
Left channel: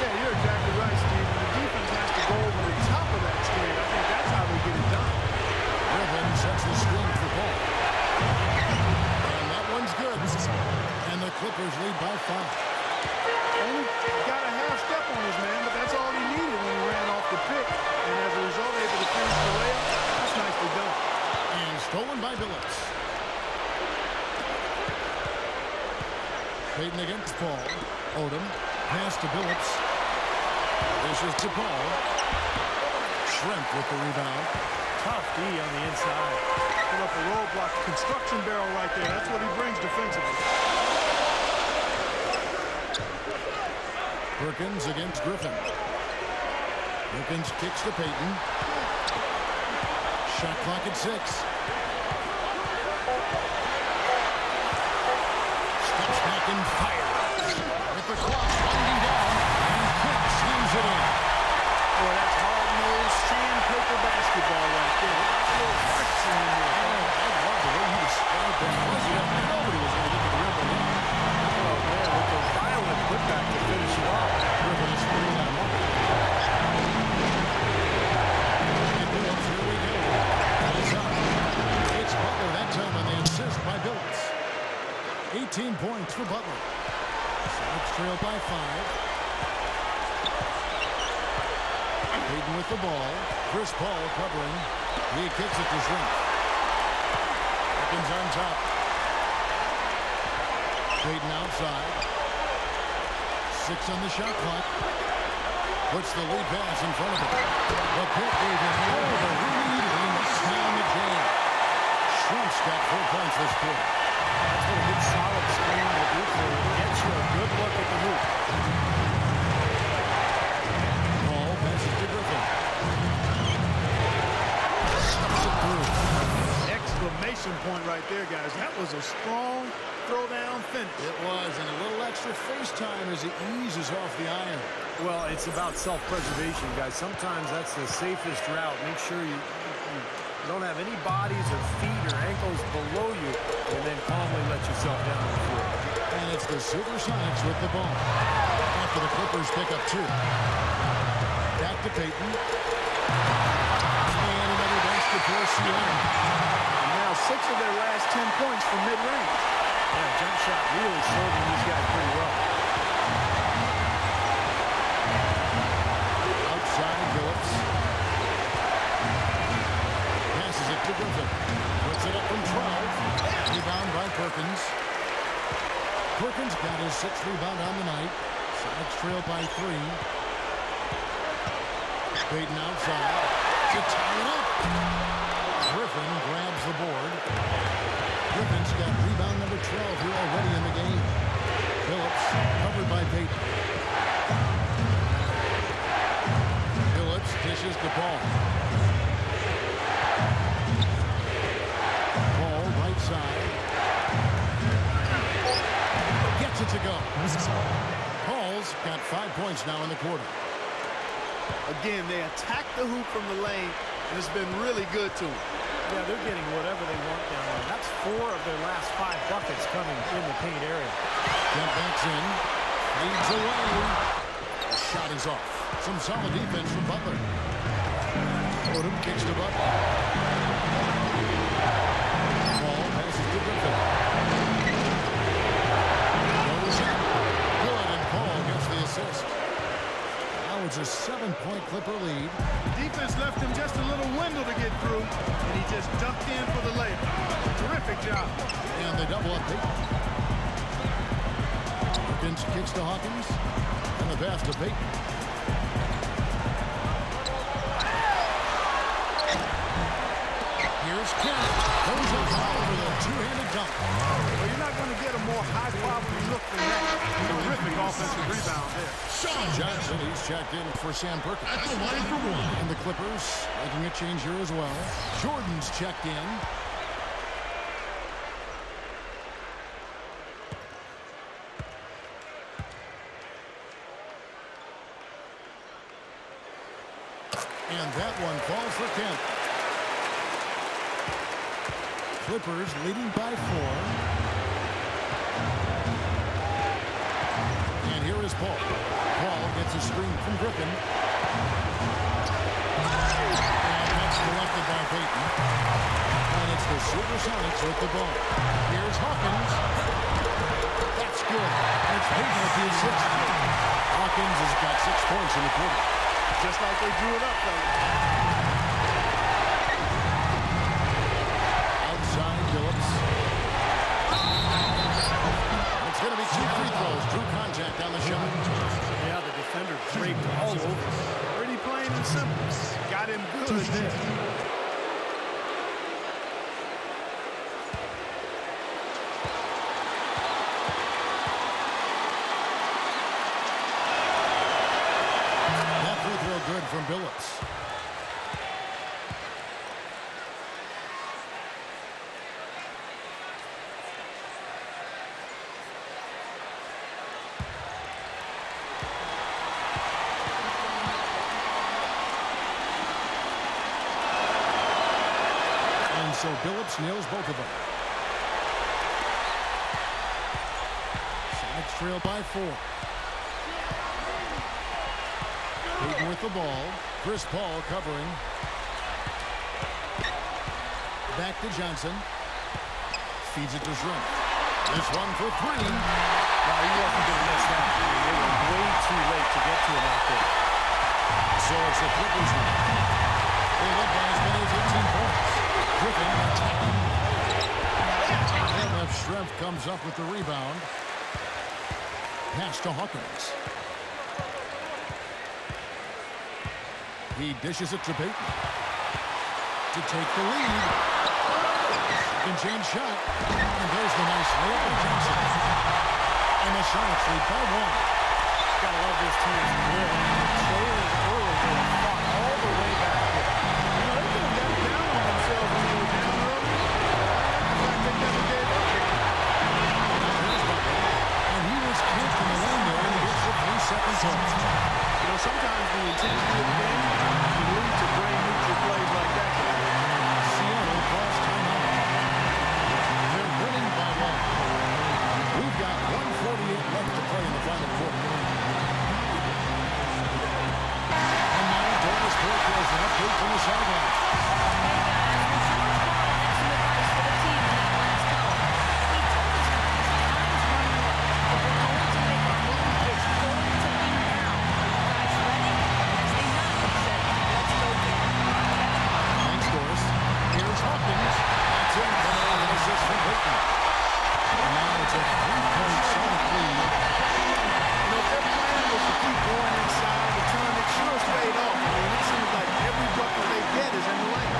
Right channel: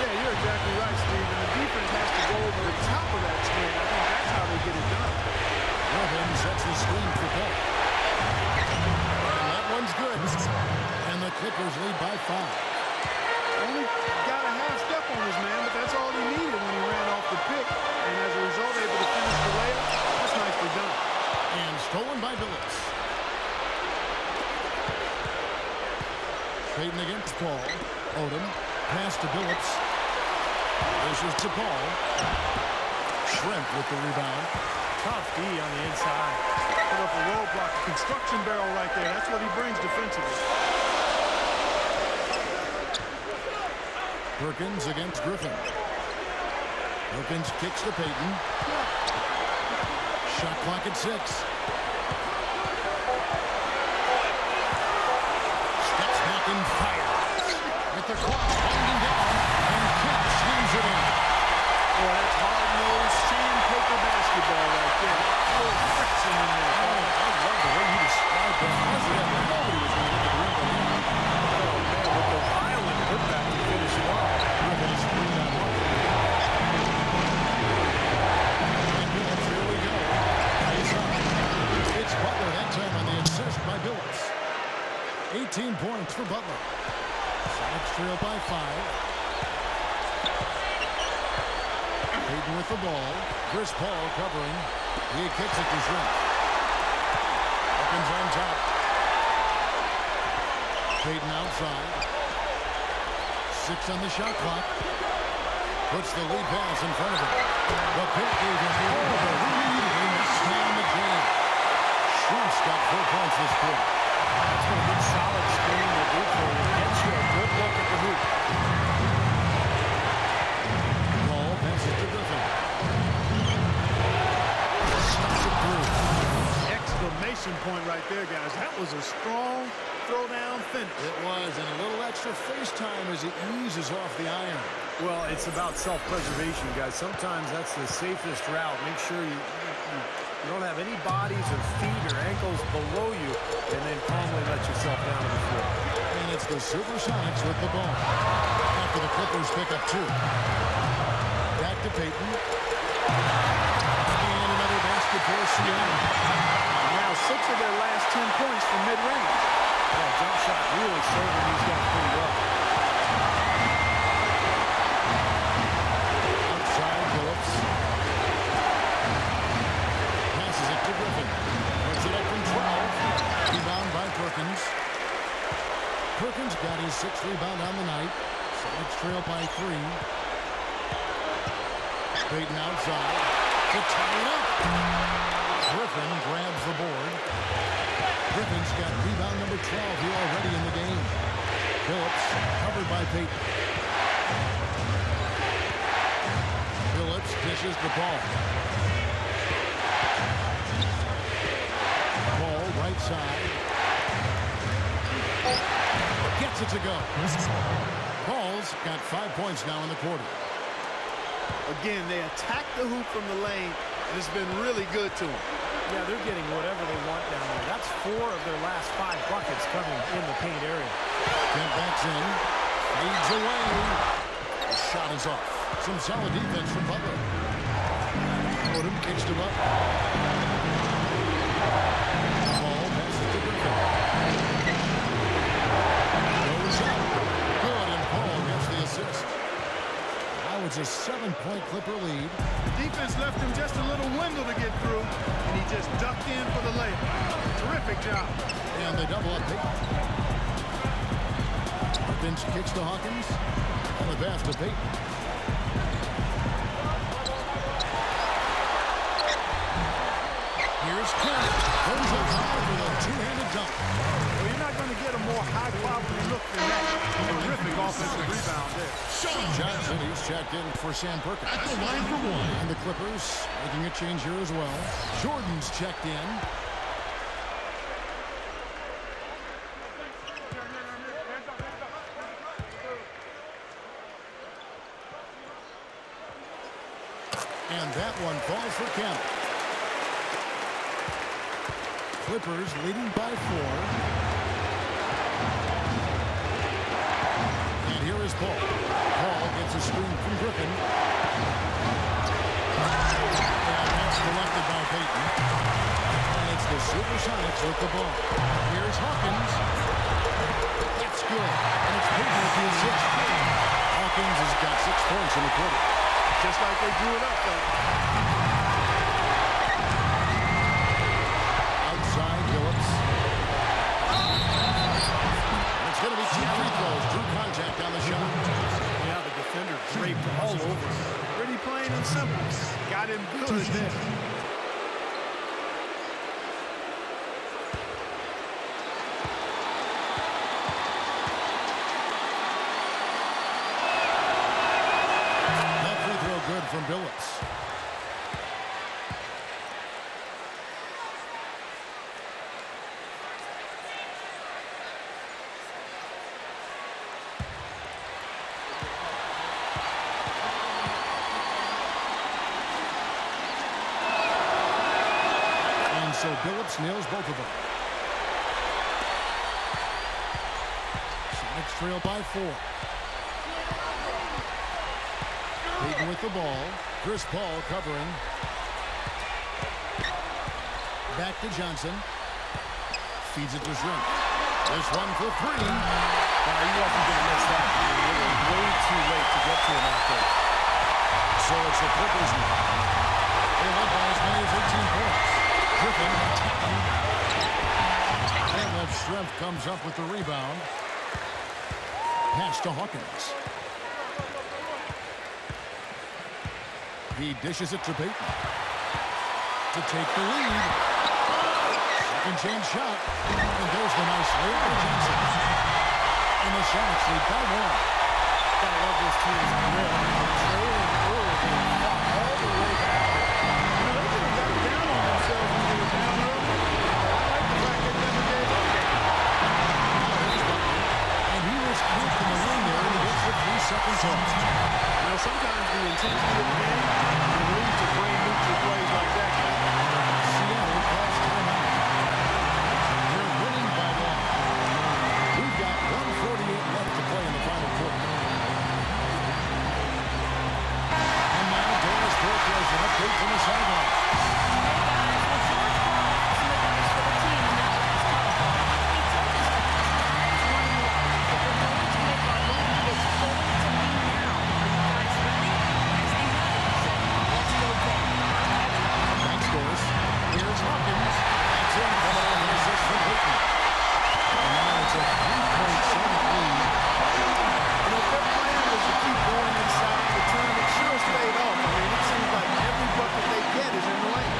Yeah, you're exactly right, Steve. And the defense has to go over the top of that screen. I think that's how they get it done. Griffin sets the screen for Paul. And that one's good. And the Clippers lead by 5. Only got a half step on his man, but that's all he needed when he ran off the pick. And as a result, able to finish the layup. That's nicely done. And stolen by Phillips. Payton against Paul. Odom. Pass to Phillips. Dishes to Paul. Shrimp with the rebound. Tough D on the inside. Put up a roadblock, a construction barrel right there. That's what he brings defensively. Perkins against Griffin. Perkins kicks to Payton. Shot clock at 6. Steps back and fires. With the clock winding down, and Kemp slams it in. Boy, that's hard-nosed sandpaper basketball right there. A little friction in there. Oh, I love the way you described that. Nobody was going to get to the rim but him. Oh, man, with the violent putback to finish it off. Griffin is 3 on 1. And Phillips, here we go. He's up. It's Butler that time on the assist by Phillips. 18 points for Butler. Celtics trail by 5. Payton with the ball. Chris Paul covering. He kicks it to Shrimp. Perkins on top. Payton outside. 6 on the shot clock. Puts the lead pass in front of him. The pick gave him all the room he needed. He knocks down the jam. Shrimp's got 4 points this quarter. That's what a good solid screen will do for you. Gets you a good look at the hoop. Paul passes to Griffin. Stuffs it through. Exclamation point right there, guys. That was a strong throwdown finish. It was, and a little extra face time as he eases off the iron. Well, it's about self-preservation, guys. Sometimes that's the safest route. Make sure you don't have any bodies or feet or ankles below you, and then calmly let yourself down to the floor. And it's the Supersonics with the ball. After the Clippers pick up 2. Back to Payton. And another basket for Seattle. Now 6 of their last 10 points from mid-range. Yeah, jump shot really serving these guys pretty well. Outside, Phillips. Passes it to Griffin. Puts it up from 12. Rebound by Perkins. Perkins got his 6th rebound on the night. Sonics trail by 3. Payton outside to tie it up. Griffin grabs the board. Griffin's got rebound number 12 here already in the game. Phillips covered by Payton. Phillips dishes the ball. Ball right side. Gets it to go. Paul's got 5 points now in the quarter. Again, they attack the hoop from the lane, and it's been really good to them. Yeah, they're getting whatever they want down there. That's 4 of their last 5 buckets coming in the paint area. Kemp backs in. Fades away. The shot is off. Some solid defense from Butler. Odom kicks to Butler. Ball passes to Griffin. Goes up. Good, and Paul gets the assist. Now it's a 7-point Clipper lead. Defense left him just a little window to get through, and he just ducked in for the layup. Terrific job. And they double up Payton. Perkins kicks to Hawkins. And the pass to Payton. Here's Kemp. Goes up high for the two-handed dunk. Well, you're not going to get a more high-quality look than that. Terrific offensive rebound there. Sean Johnson, he's checked in for Sam Perkins. At the line for 1. And the Clippers making a change here as well. Jordan's checked in. And that one falls for Kemp. Clippers leading by 4. And here is Paul. Paul gets a screen from Griffin. And that's collected by Payton. And it's the Supersonics with the ball. Here's Hawkins. That's good. And it's Payton with the assist. Hawkins has got 6 points in the quarter. Just like they drew it up, though. Outside, Phillips. It's going to be 2 free throws. Drew contact on the shot. Yeah, the defender draped all over him. Pretty plain and simple. Got him good there. That free throw good from Phillips. So Billups nails both of them. Sonics trail by 4. Payton with the ball. Chris Paul covering. Back to Johnson. Feeds it to Shrimp. This one for 3. Wow, he wasn't going to miss that. I mean, they were way too late to get to him out there. So it's the Clippers now. They led by as many as 18 points. Griffin attacking. And that Shrimp comes up with the rebound. Pass to Hawkins. He dishes it to Payton. To take the lead. Second chance shot. And there's the nice layup by Johnson. And the Sonics lead by 1. Gotta love this team's grit. After trailing early, they fought all the way back there. You know, they could have gotten down on themselves when they were down earlier. But I like the fact they never gave up. second toss. You know, sometimes the intensity of the game can lead to brain-neutral plays like that, guy. Seattle calls timeout. They're winning by 1. We've got 1:48 left to play in the final quarter. And now Doris Torres an update from the sideline. Hey, guys. Well, George Paul had some advice for the team in that last huddle. He told his guys, time's running low. If we're going to make our move, it's going to be now. Are you guys ready? And as they nodded, he said, let's go get it. Kevin? Thanks, Doris. Here's Hawkins. That's in, coming off an assist from Payton. And now it's a 3-point Summit lead. You know, if their plan was to keep going inside the turn, it sure has paid off. I mean, it seems like every bucket they get is in the lane.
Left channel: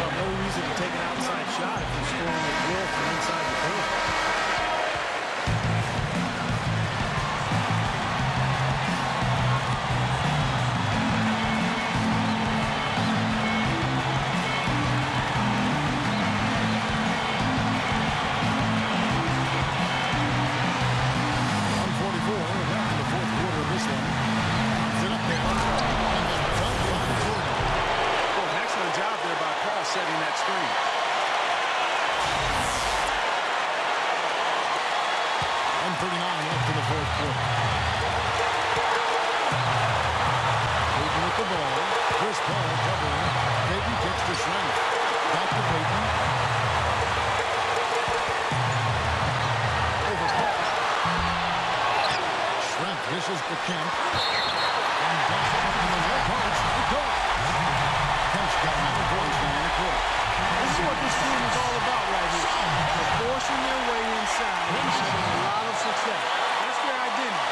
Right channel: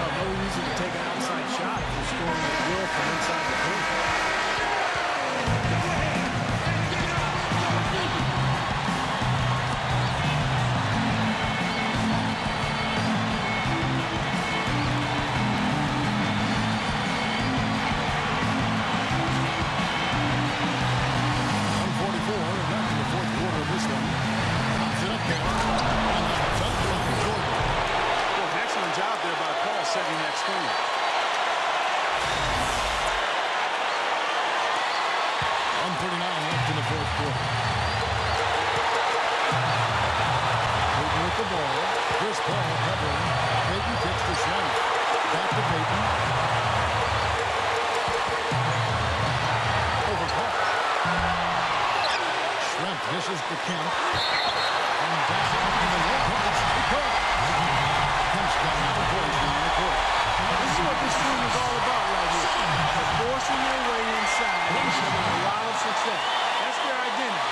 Well, no reason to take an outside shot if you're scoring at will from inside the paint. 1:44 left in the fourth quarter of this one. Pops it up there. And the dunk by Jordan. Well, an excellent job there by Paul setting that screen. 1:39 left in the fourth quarter. Payton with the ball. Chris Paul covering. Payton kicks to Schrempf. Back to Payton. Over Paul. Schrempf dishes to Kemp. And down in the low post it goes. Kemp's got 9 points now in the quarter. This is what this team is all about right here. They're forcing their way inside and having a lot of success. That's their identity.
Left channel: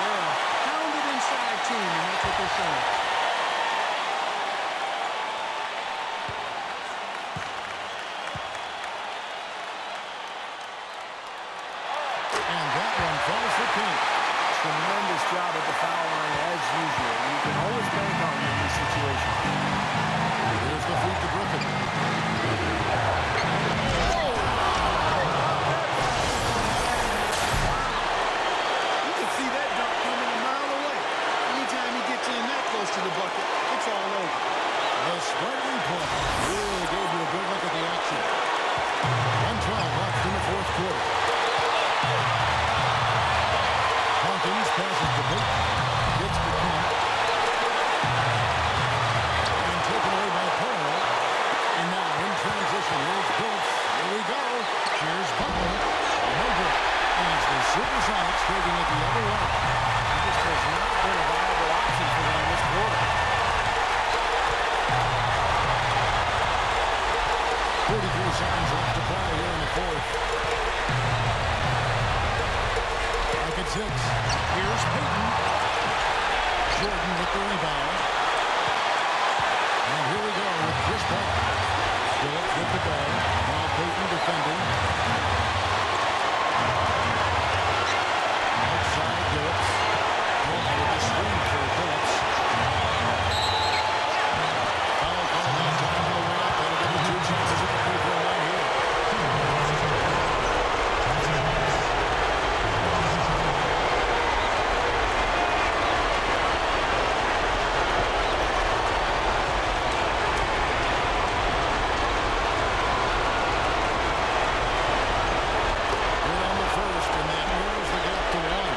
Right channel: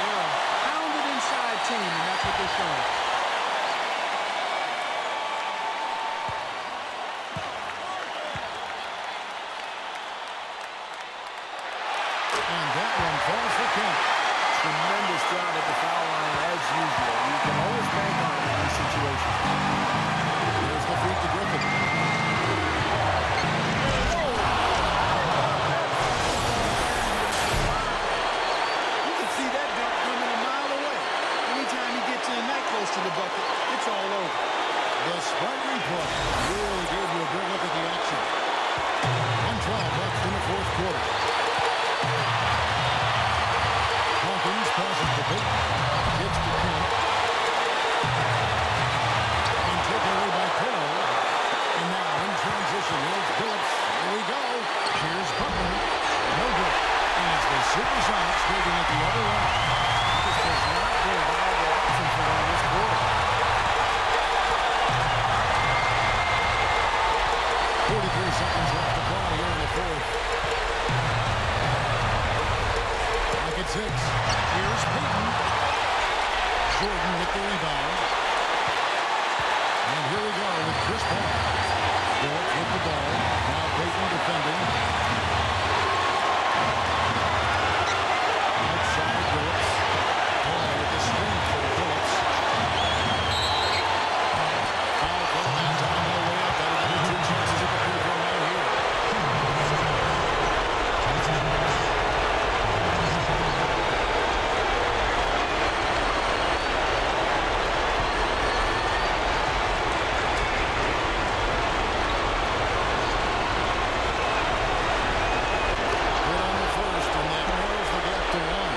They're a pounded inside team, and that's what they're showing. And that one falls for Kemp. Tremendous job at the foul line as usual. You can always bank on him in these situations. Here's the feed to Griffin. You can see that dunk coming a mile away. Anytime he gets in that close to the bucket, it's all over. The sprite replay really gave you a good look at the action. 1:12 left in the fourth quarter. Hawkins passes to Payton. Gets to Kemp. And taken away by Paul. And now in transition, here's Phillips. Here we go. Here's Butler. No good. As the Supersonics taking it the other way. This has not been a viable option for them this quarter. 43 seconds left to play here in the fourth. Back at 6. Here's Payton. Jordan with the rebound. And here we go with Chris Paul. Phillips with the ball. Now Payton defending. Outside Phillips. Paul with the screen for Phillips. Foul call that time on the way up. That'll give him 2 chances at the free throw line here. Good on the first, and that narrows the gap to 1.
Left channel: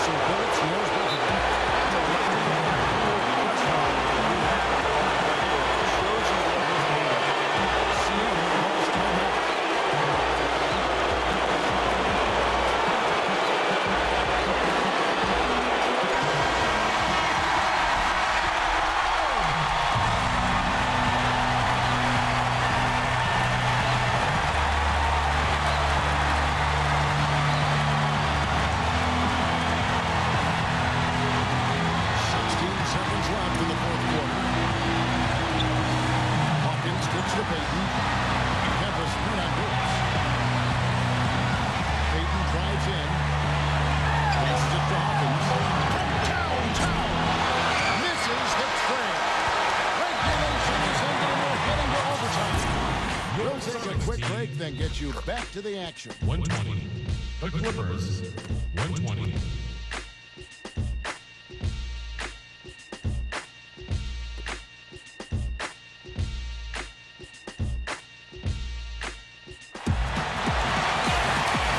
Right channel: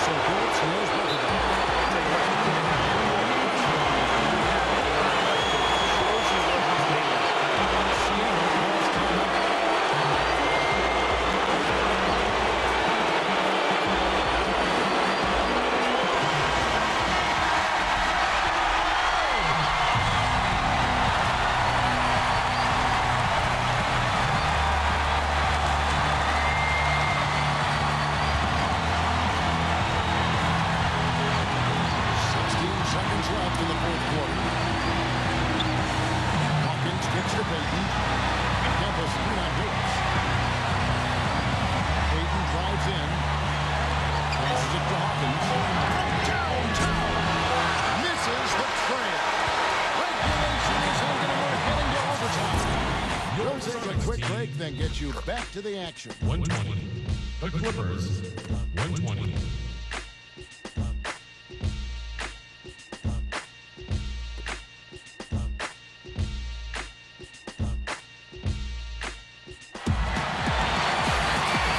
So Phillips nails both of them. Tell you what, you can't have any more pressure on him than you have at the line right there. It shows you what he's made of. Seattle calls timeout. Seconds left in the fourth quarter. Hawkins kicks to Payton. Campus 3-9 Phillips. Payton drives in. Passes it to Hawkins. From downtown. Misses the trail. Regulation is ended and we're heading to overtime. We'll take a quick break, then get you back to the action. 120. The Clippers. 120.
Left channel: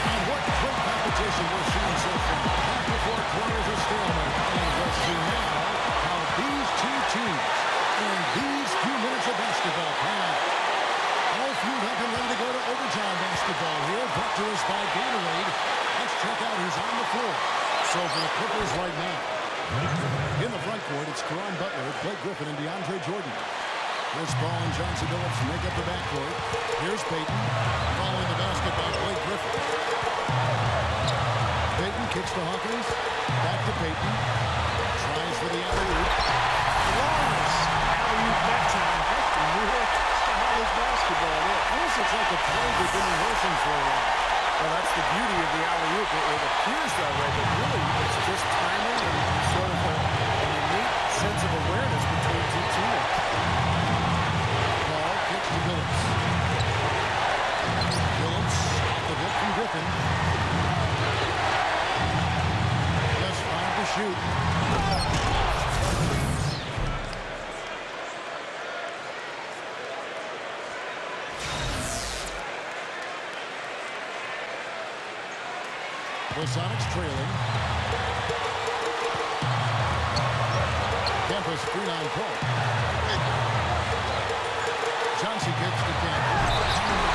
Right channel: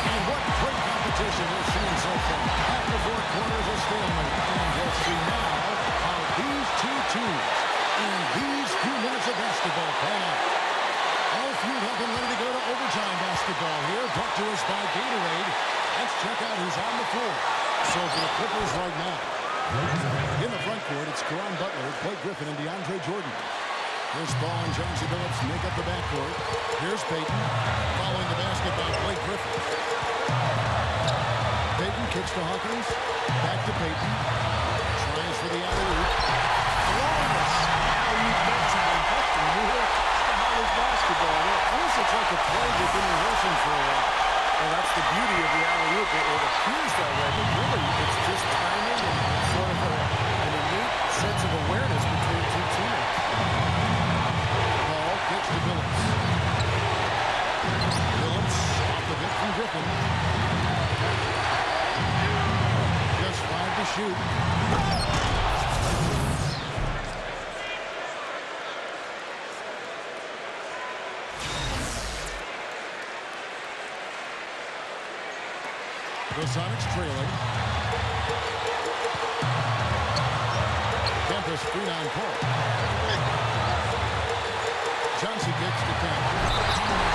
And what great competition we're seeing so far. After 4 quarters, a stalemate. And we'll see now how these two teams in these few minutes of basketball pan out. All fueled up and ready to go to overtime basketball here, brought to us by Gatorade. Let's check out who's on the floor. So for the Clippers right now, in the front court, it's Caron Butler, Blake Griffin, and DeAndre Jordan. Chris Paul and Chauncey Billups make up the backcourt. Here's Payton, following the basket by Blake Griffin. Payton kicks to Hawkins, back to Payton, tries for the alley-oop. Flawless alley-oop that time. That's the real stylish basketball there. Almost looks like a play they've been rehearsing for a while. Well, that's the beauty of the alley-oop. It appears that way, but really it's just timing and sort of an innate sense of awareness between two teammates. Paul kicks to Billups. Billups off the bit from Griffin. Just 5 to shoot. The Sonics trailing. Kemp screen on Paul. Johnson kicks to Kemp.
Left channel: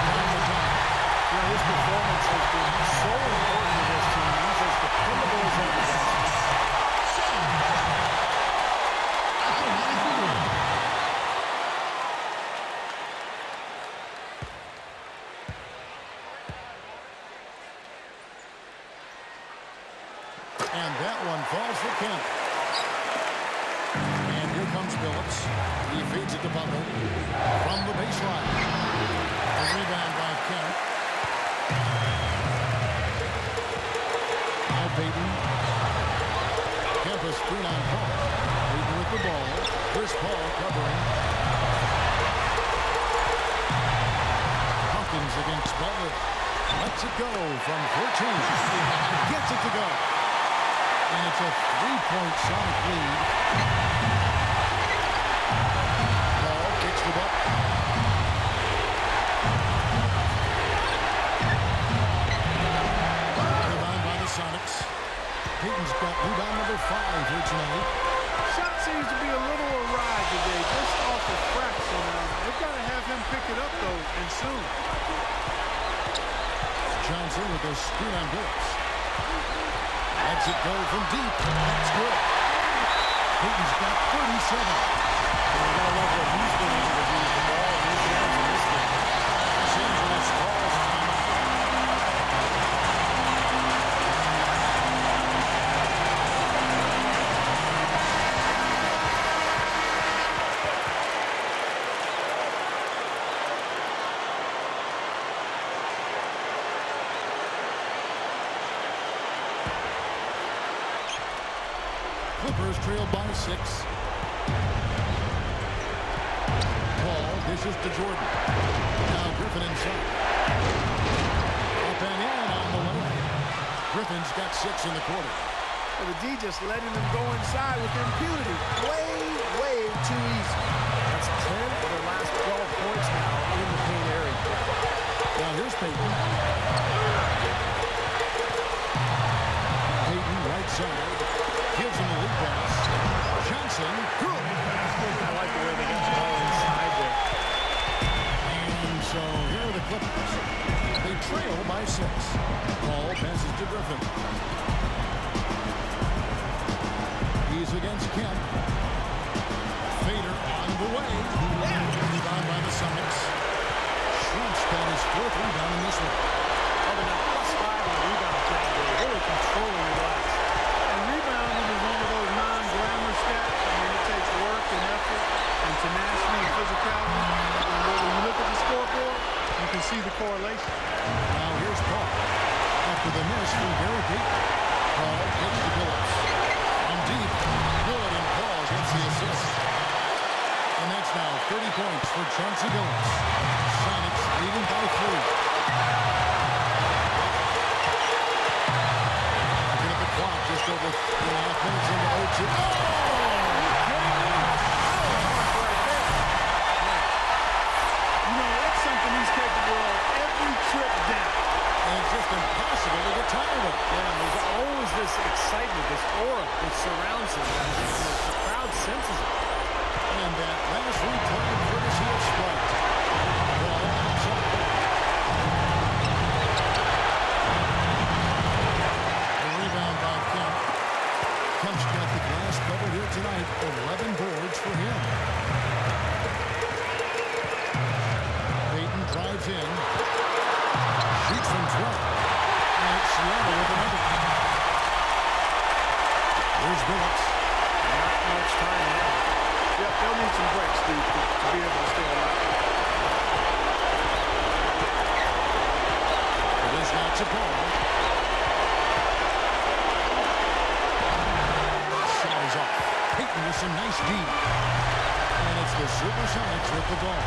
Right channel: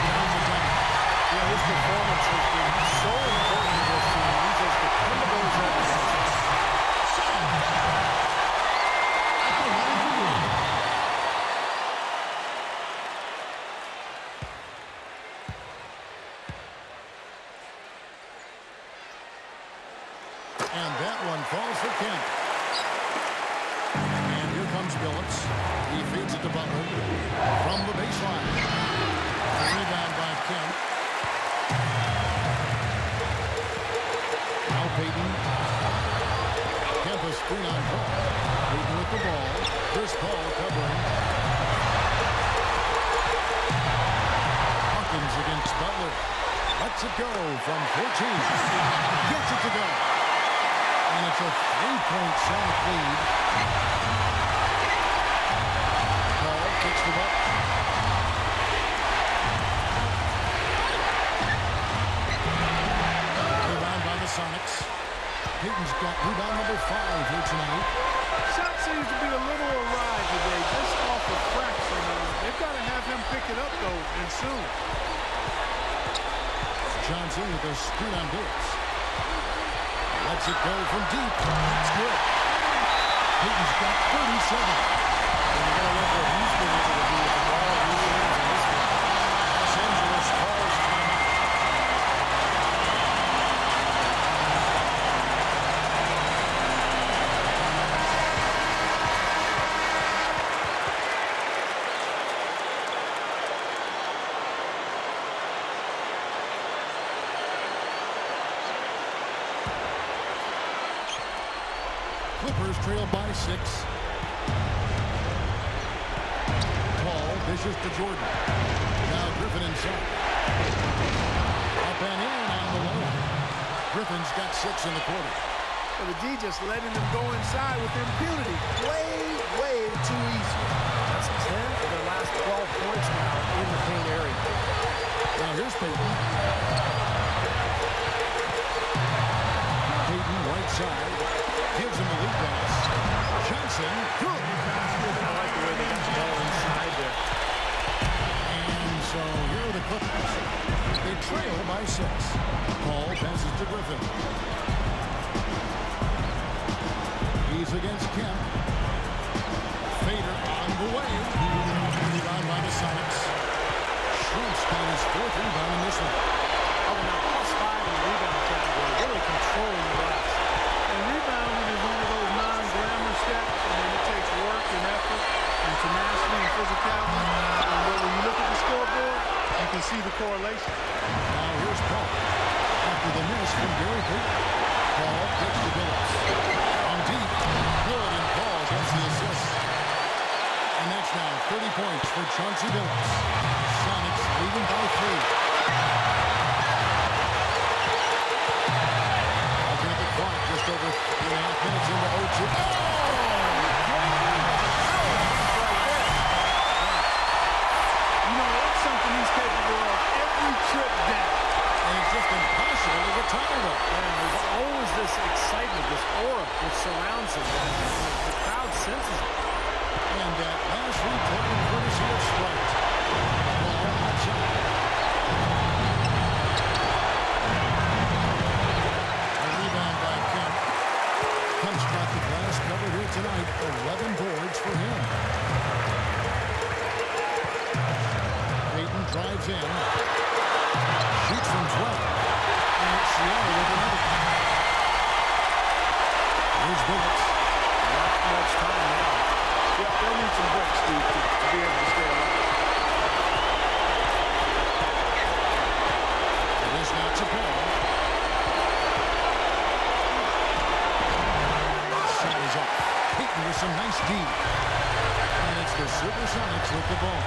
Down the time. You know, his performance has been so important to this team. He's as dependable as ever, guys. At the line for one. And that one falls for Kemp. And here comes Billups. He feeds it to Butler from the baseline. A rebound by Kemp. Now Payton. Kemp a screen on Paul. Payton with the ball. Chris Paul covering. Hawkins against Butler. Lets it go from 14. Gets it to go. And it's a 3-point Sonic lead. Paul kicks the butt. Rebound by the Sonics. Payton's got rebound number 5 here tonight. Shot seems to be a little awry today, just off a fraction. They've got to have him pick it up, though, and soon. Johnson with a screen on Billups. Lets it go from deep. That's good. Payton's got 37. And you got to love what he's been able to do with the ball in his hands in this game. Los Angeles calls timeout. Clippers trail by 6. Paul dishes to Jordan. Now Griffin inside. Up and in on the layup. Griffin's got 6 in the quarter. Well, the D just letting them go inside with impunity. Way too easy. That's 10 of their last 12 points now in the paint area. Now here's Payton. Payton right side. Gives him the lead pass. Johnson. Good. I like the way they got the ball inside there. And so here are the Clippers. They trail by 6. Paul passes to Griffin. He's against Kemp. Fader on the way. Rebound by the Sonics. Schrump's got his 4th rebound in this one. Oh, they're now +5 in the rebound category, really controlling the glass. And rebounding is one of those non-glamour stats. I mean, it takes work and effort and tenacity and physicality. And when you look at the scoreboard, you can see the correlation. Now here's Paul after the miss from Gary Payton. called. Pitch to Billups. From deep. Good, and Paul gets the assist. And that's now 30 points for Chauncey Billups. Sonics leading by 3. Looking at the clock, just over 3.5 minutes into OT. Oh! Power punch right there. You know, it's something he's capable of every trip down. And it's just impossible to get tired of. Yeah, there's always this excitement, this aura that surrounds him, guys. And the crowd senses it. And that last replay, courtesy of Sprite. Ball outside. A rebound by Kemp. Kemp's got the glass covered here tonight. 11 boards for him. Payton drives in. Shoots from 12. And it's Seattle with another. Here's Billups. Not much time now. Yep, they'll need some breaks, Steve, to be able to stay alive. It is now to Paul. Shot is off. Payton with some nice D. And it's the Supersonics with the ball.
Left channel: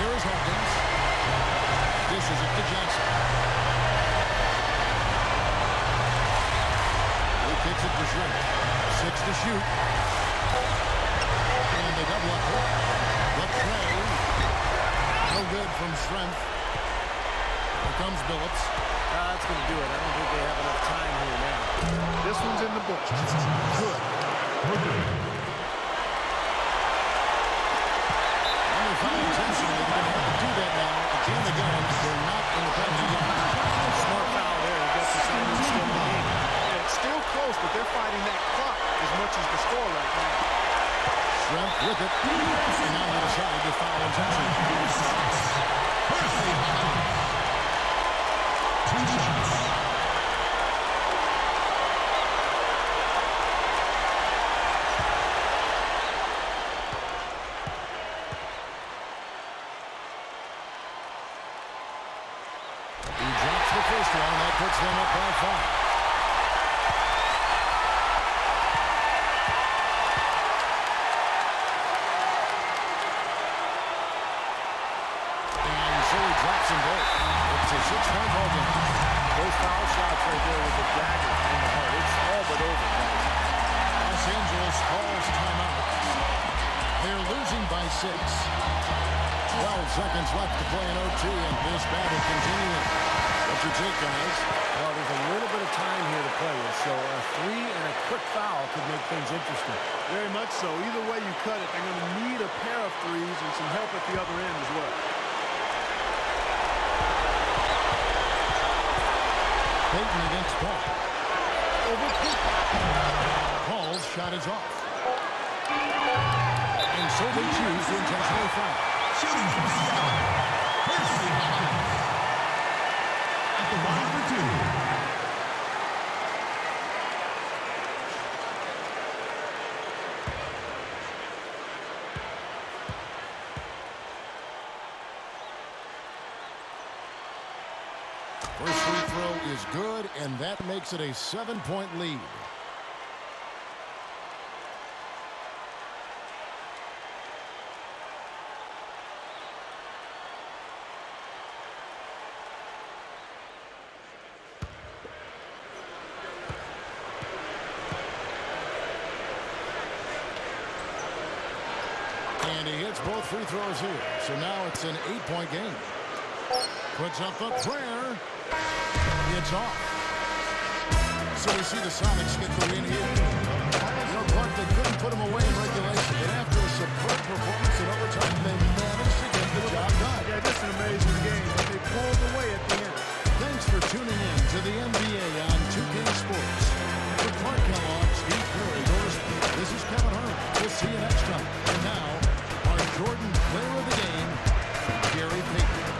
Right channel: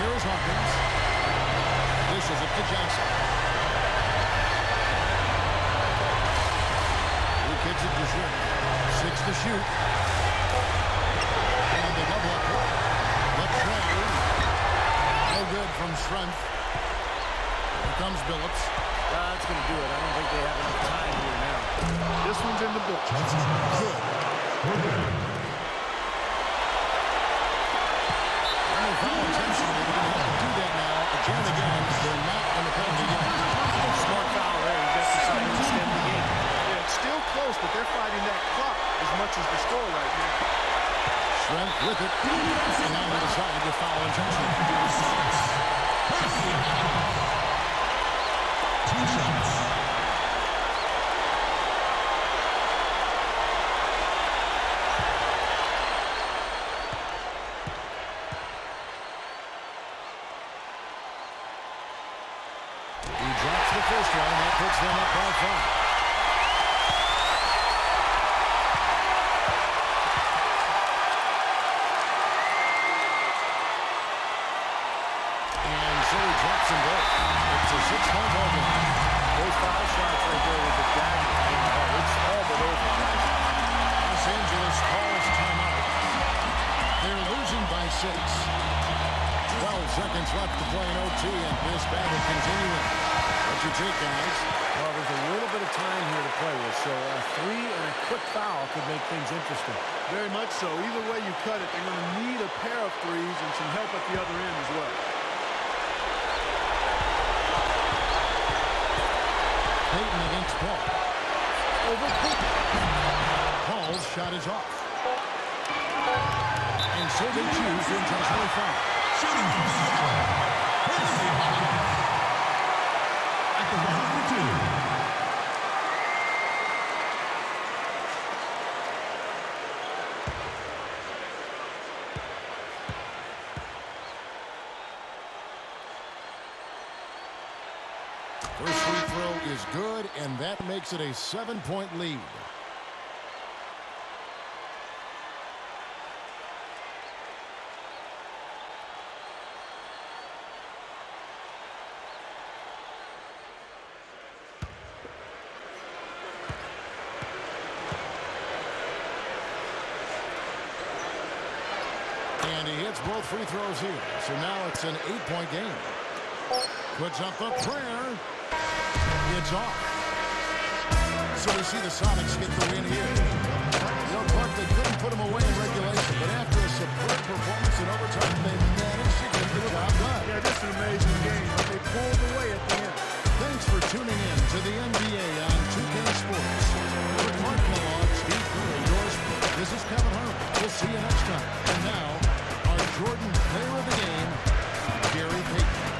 Here is Hawkins. Dishes it to Johnson. He kicks it to Shrimp. 6 to shoot. And they double up here. The tray. No good from Shrimp. Here comes Billups. That's going to do it. I don't think they have enough time here now. This one's in the books. Good. For 3. And they foul intentionally. They're going to have to do that now. Again and again. They're not in the penalty yet. Smart foul there. You got to decide to extend the game. Yeah, it's still close, but they're fighting that clock as much as the score right now. Shrimp with it. And now they decide to foul intentionally. Percy Hawkins. 2 shots. He drops the first one, and that puts them up by 5. And so he drops them both. It's a 6-point ball game. Those foul shots right there with the dagger in the heart. It's all but over, guys. Los Angeles calls timeout. They're losing by 6. 12 seconds left to play in OT, and this battle continuing. What's your take, guys? Well, there's a little bit of time here to play with, so a 3 and a quick foul could make things interesting. Very much so. Either way you cut it, they're going to need a pair of threes and some help at the other end as well. Payton against Paul. Over Payton. Paul's shot is off. And so they choose to intentionally foul. Shooting from Seattle. Percy Hawkins. At the line for 2. First free throw is good, and that makes it a 7-point lead. And he hits both free throws here. So now it's an 8-point game. Puts up a prayer. It's off. So we see the Sonics get the win here. You know, Clark, they couldn't put them away in regulation, but after a superb performance in overtime, they managed to get the job done. Yeah, just an amazing game, but they pulled away at the end. Thanks for tuning in to the NBA on 2K Sports. For Clark Kellogg, Steve Curry, Doris, this is Kevin Harlan. We'll see you next time. And now, our Jordan Player of the Game, Gary Payton.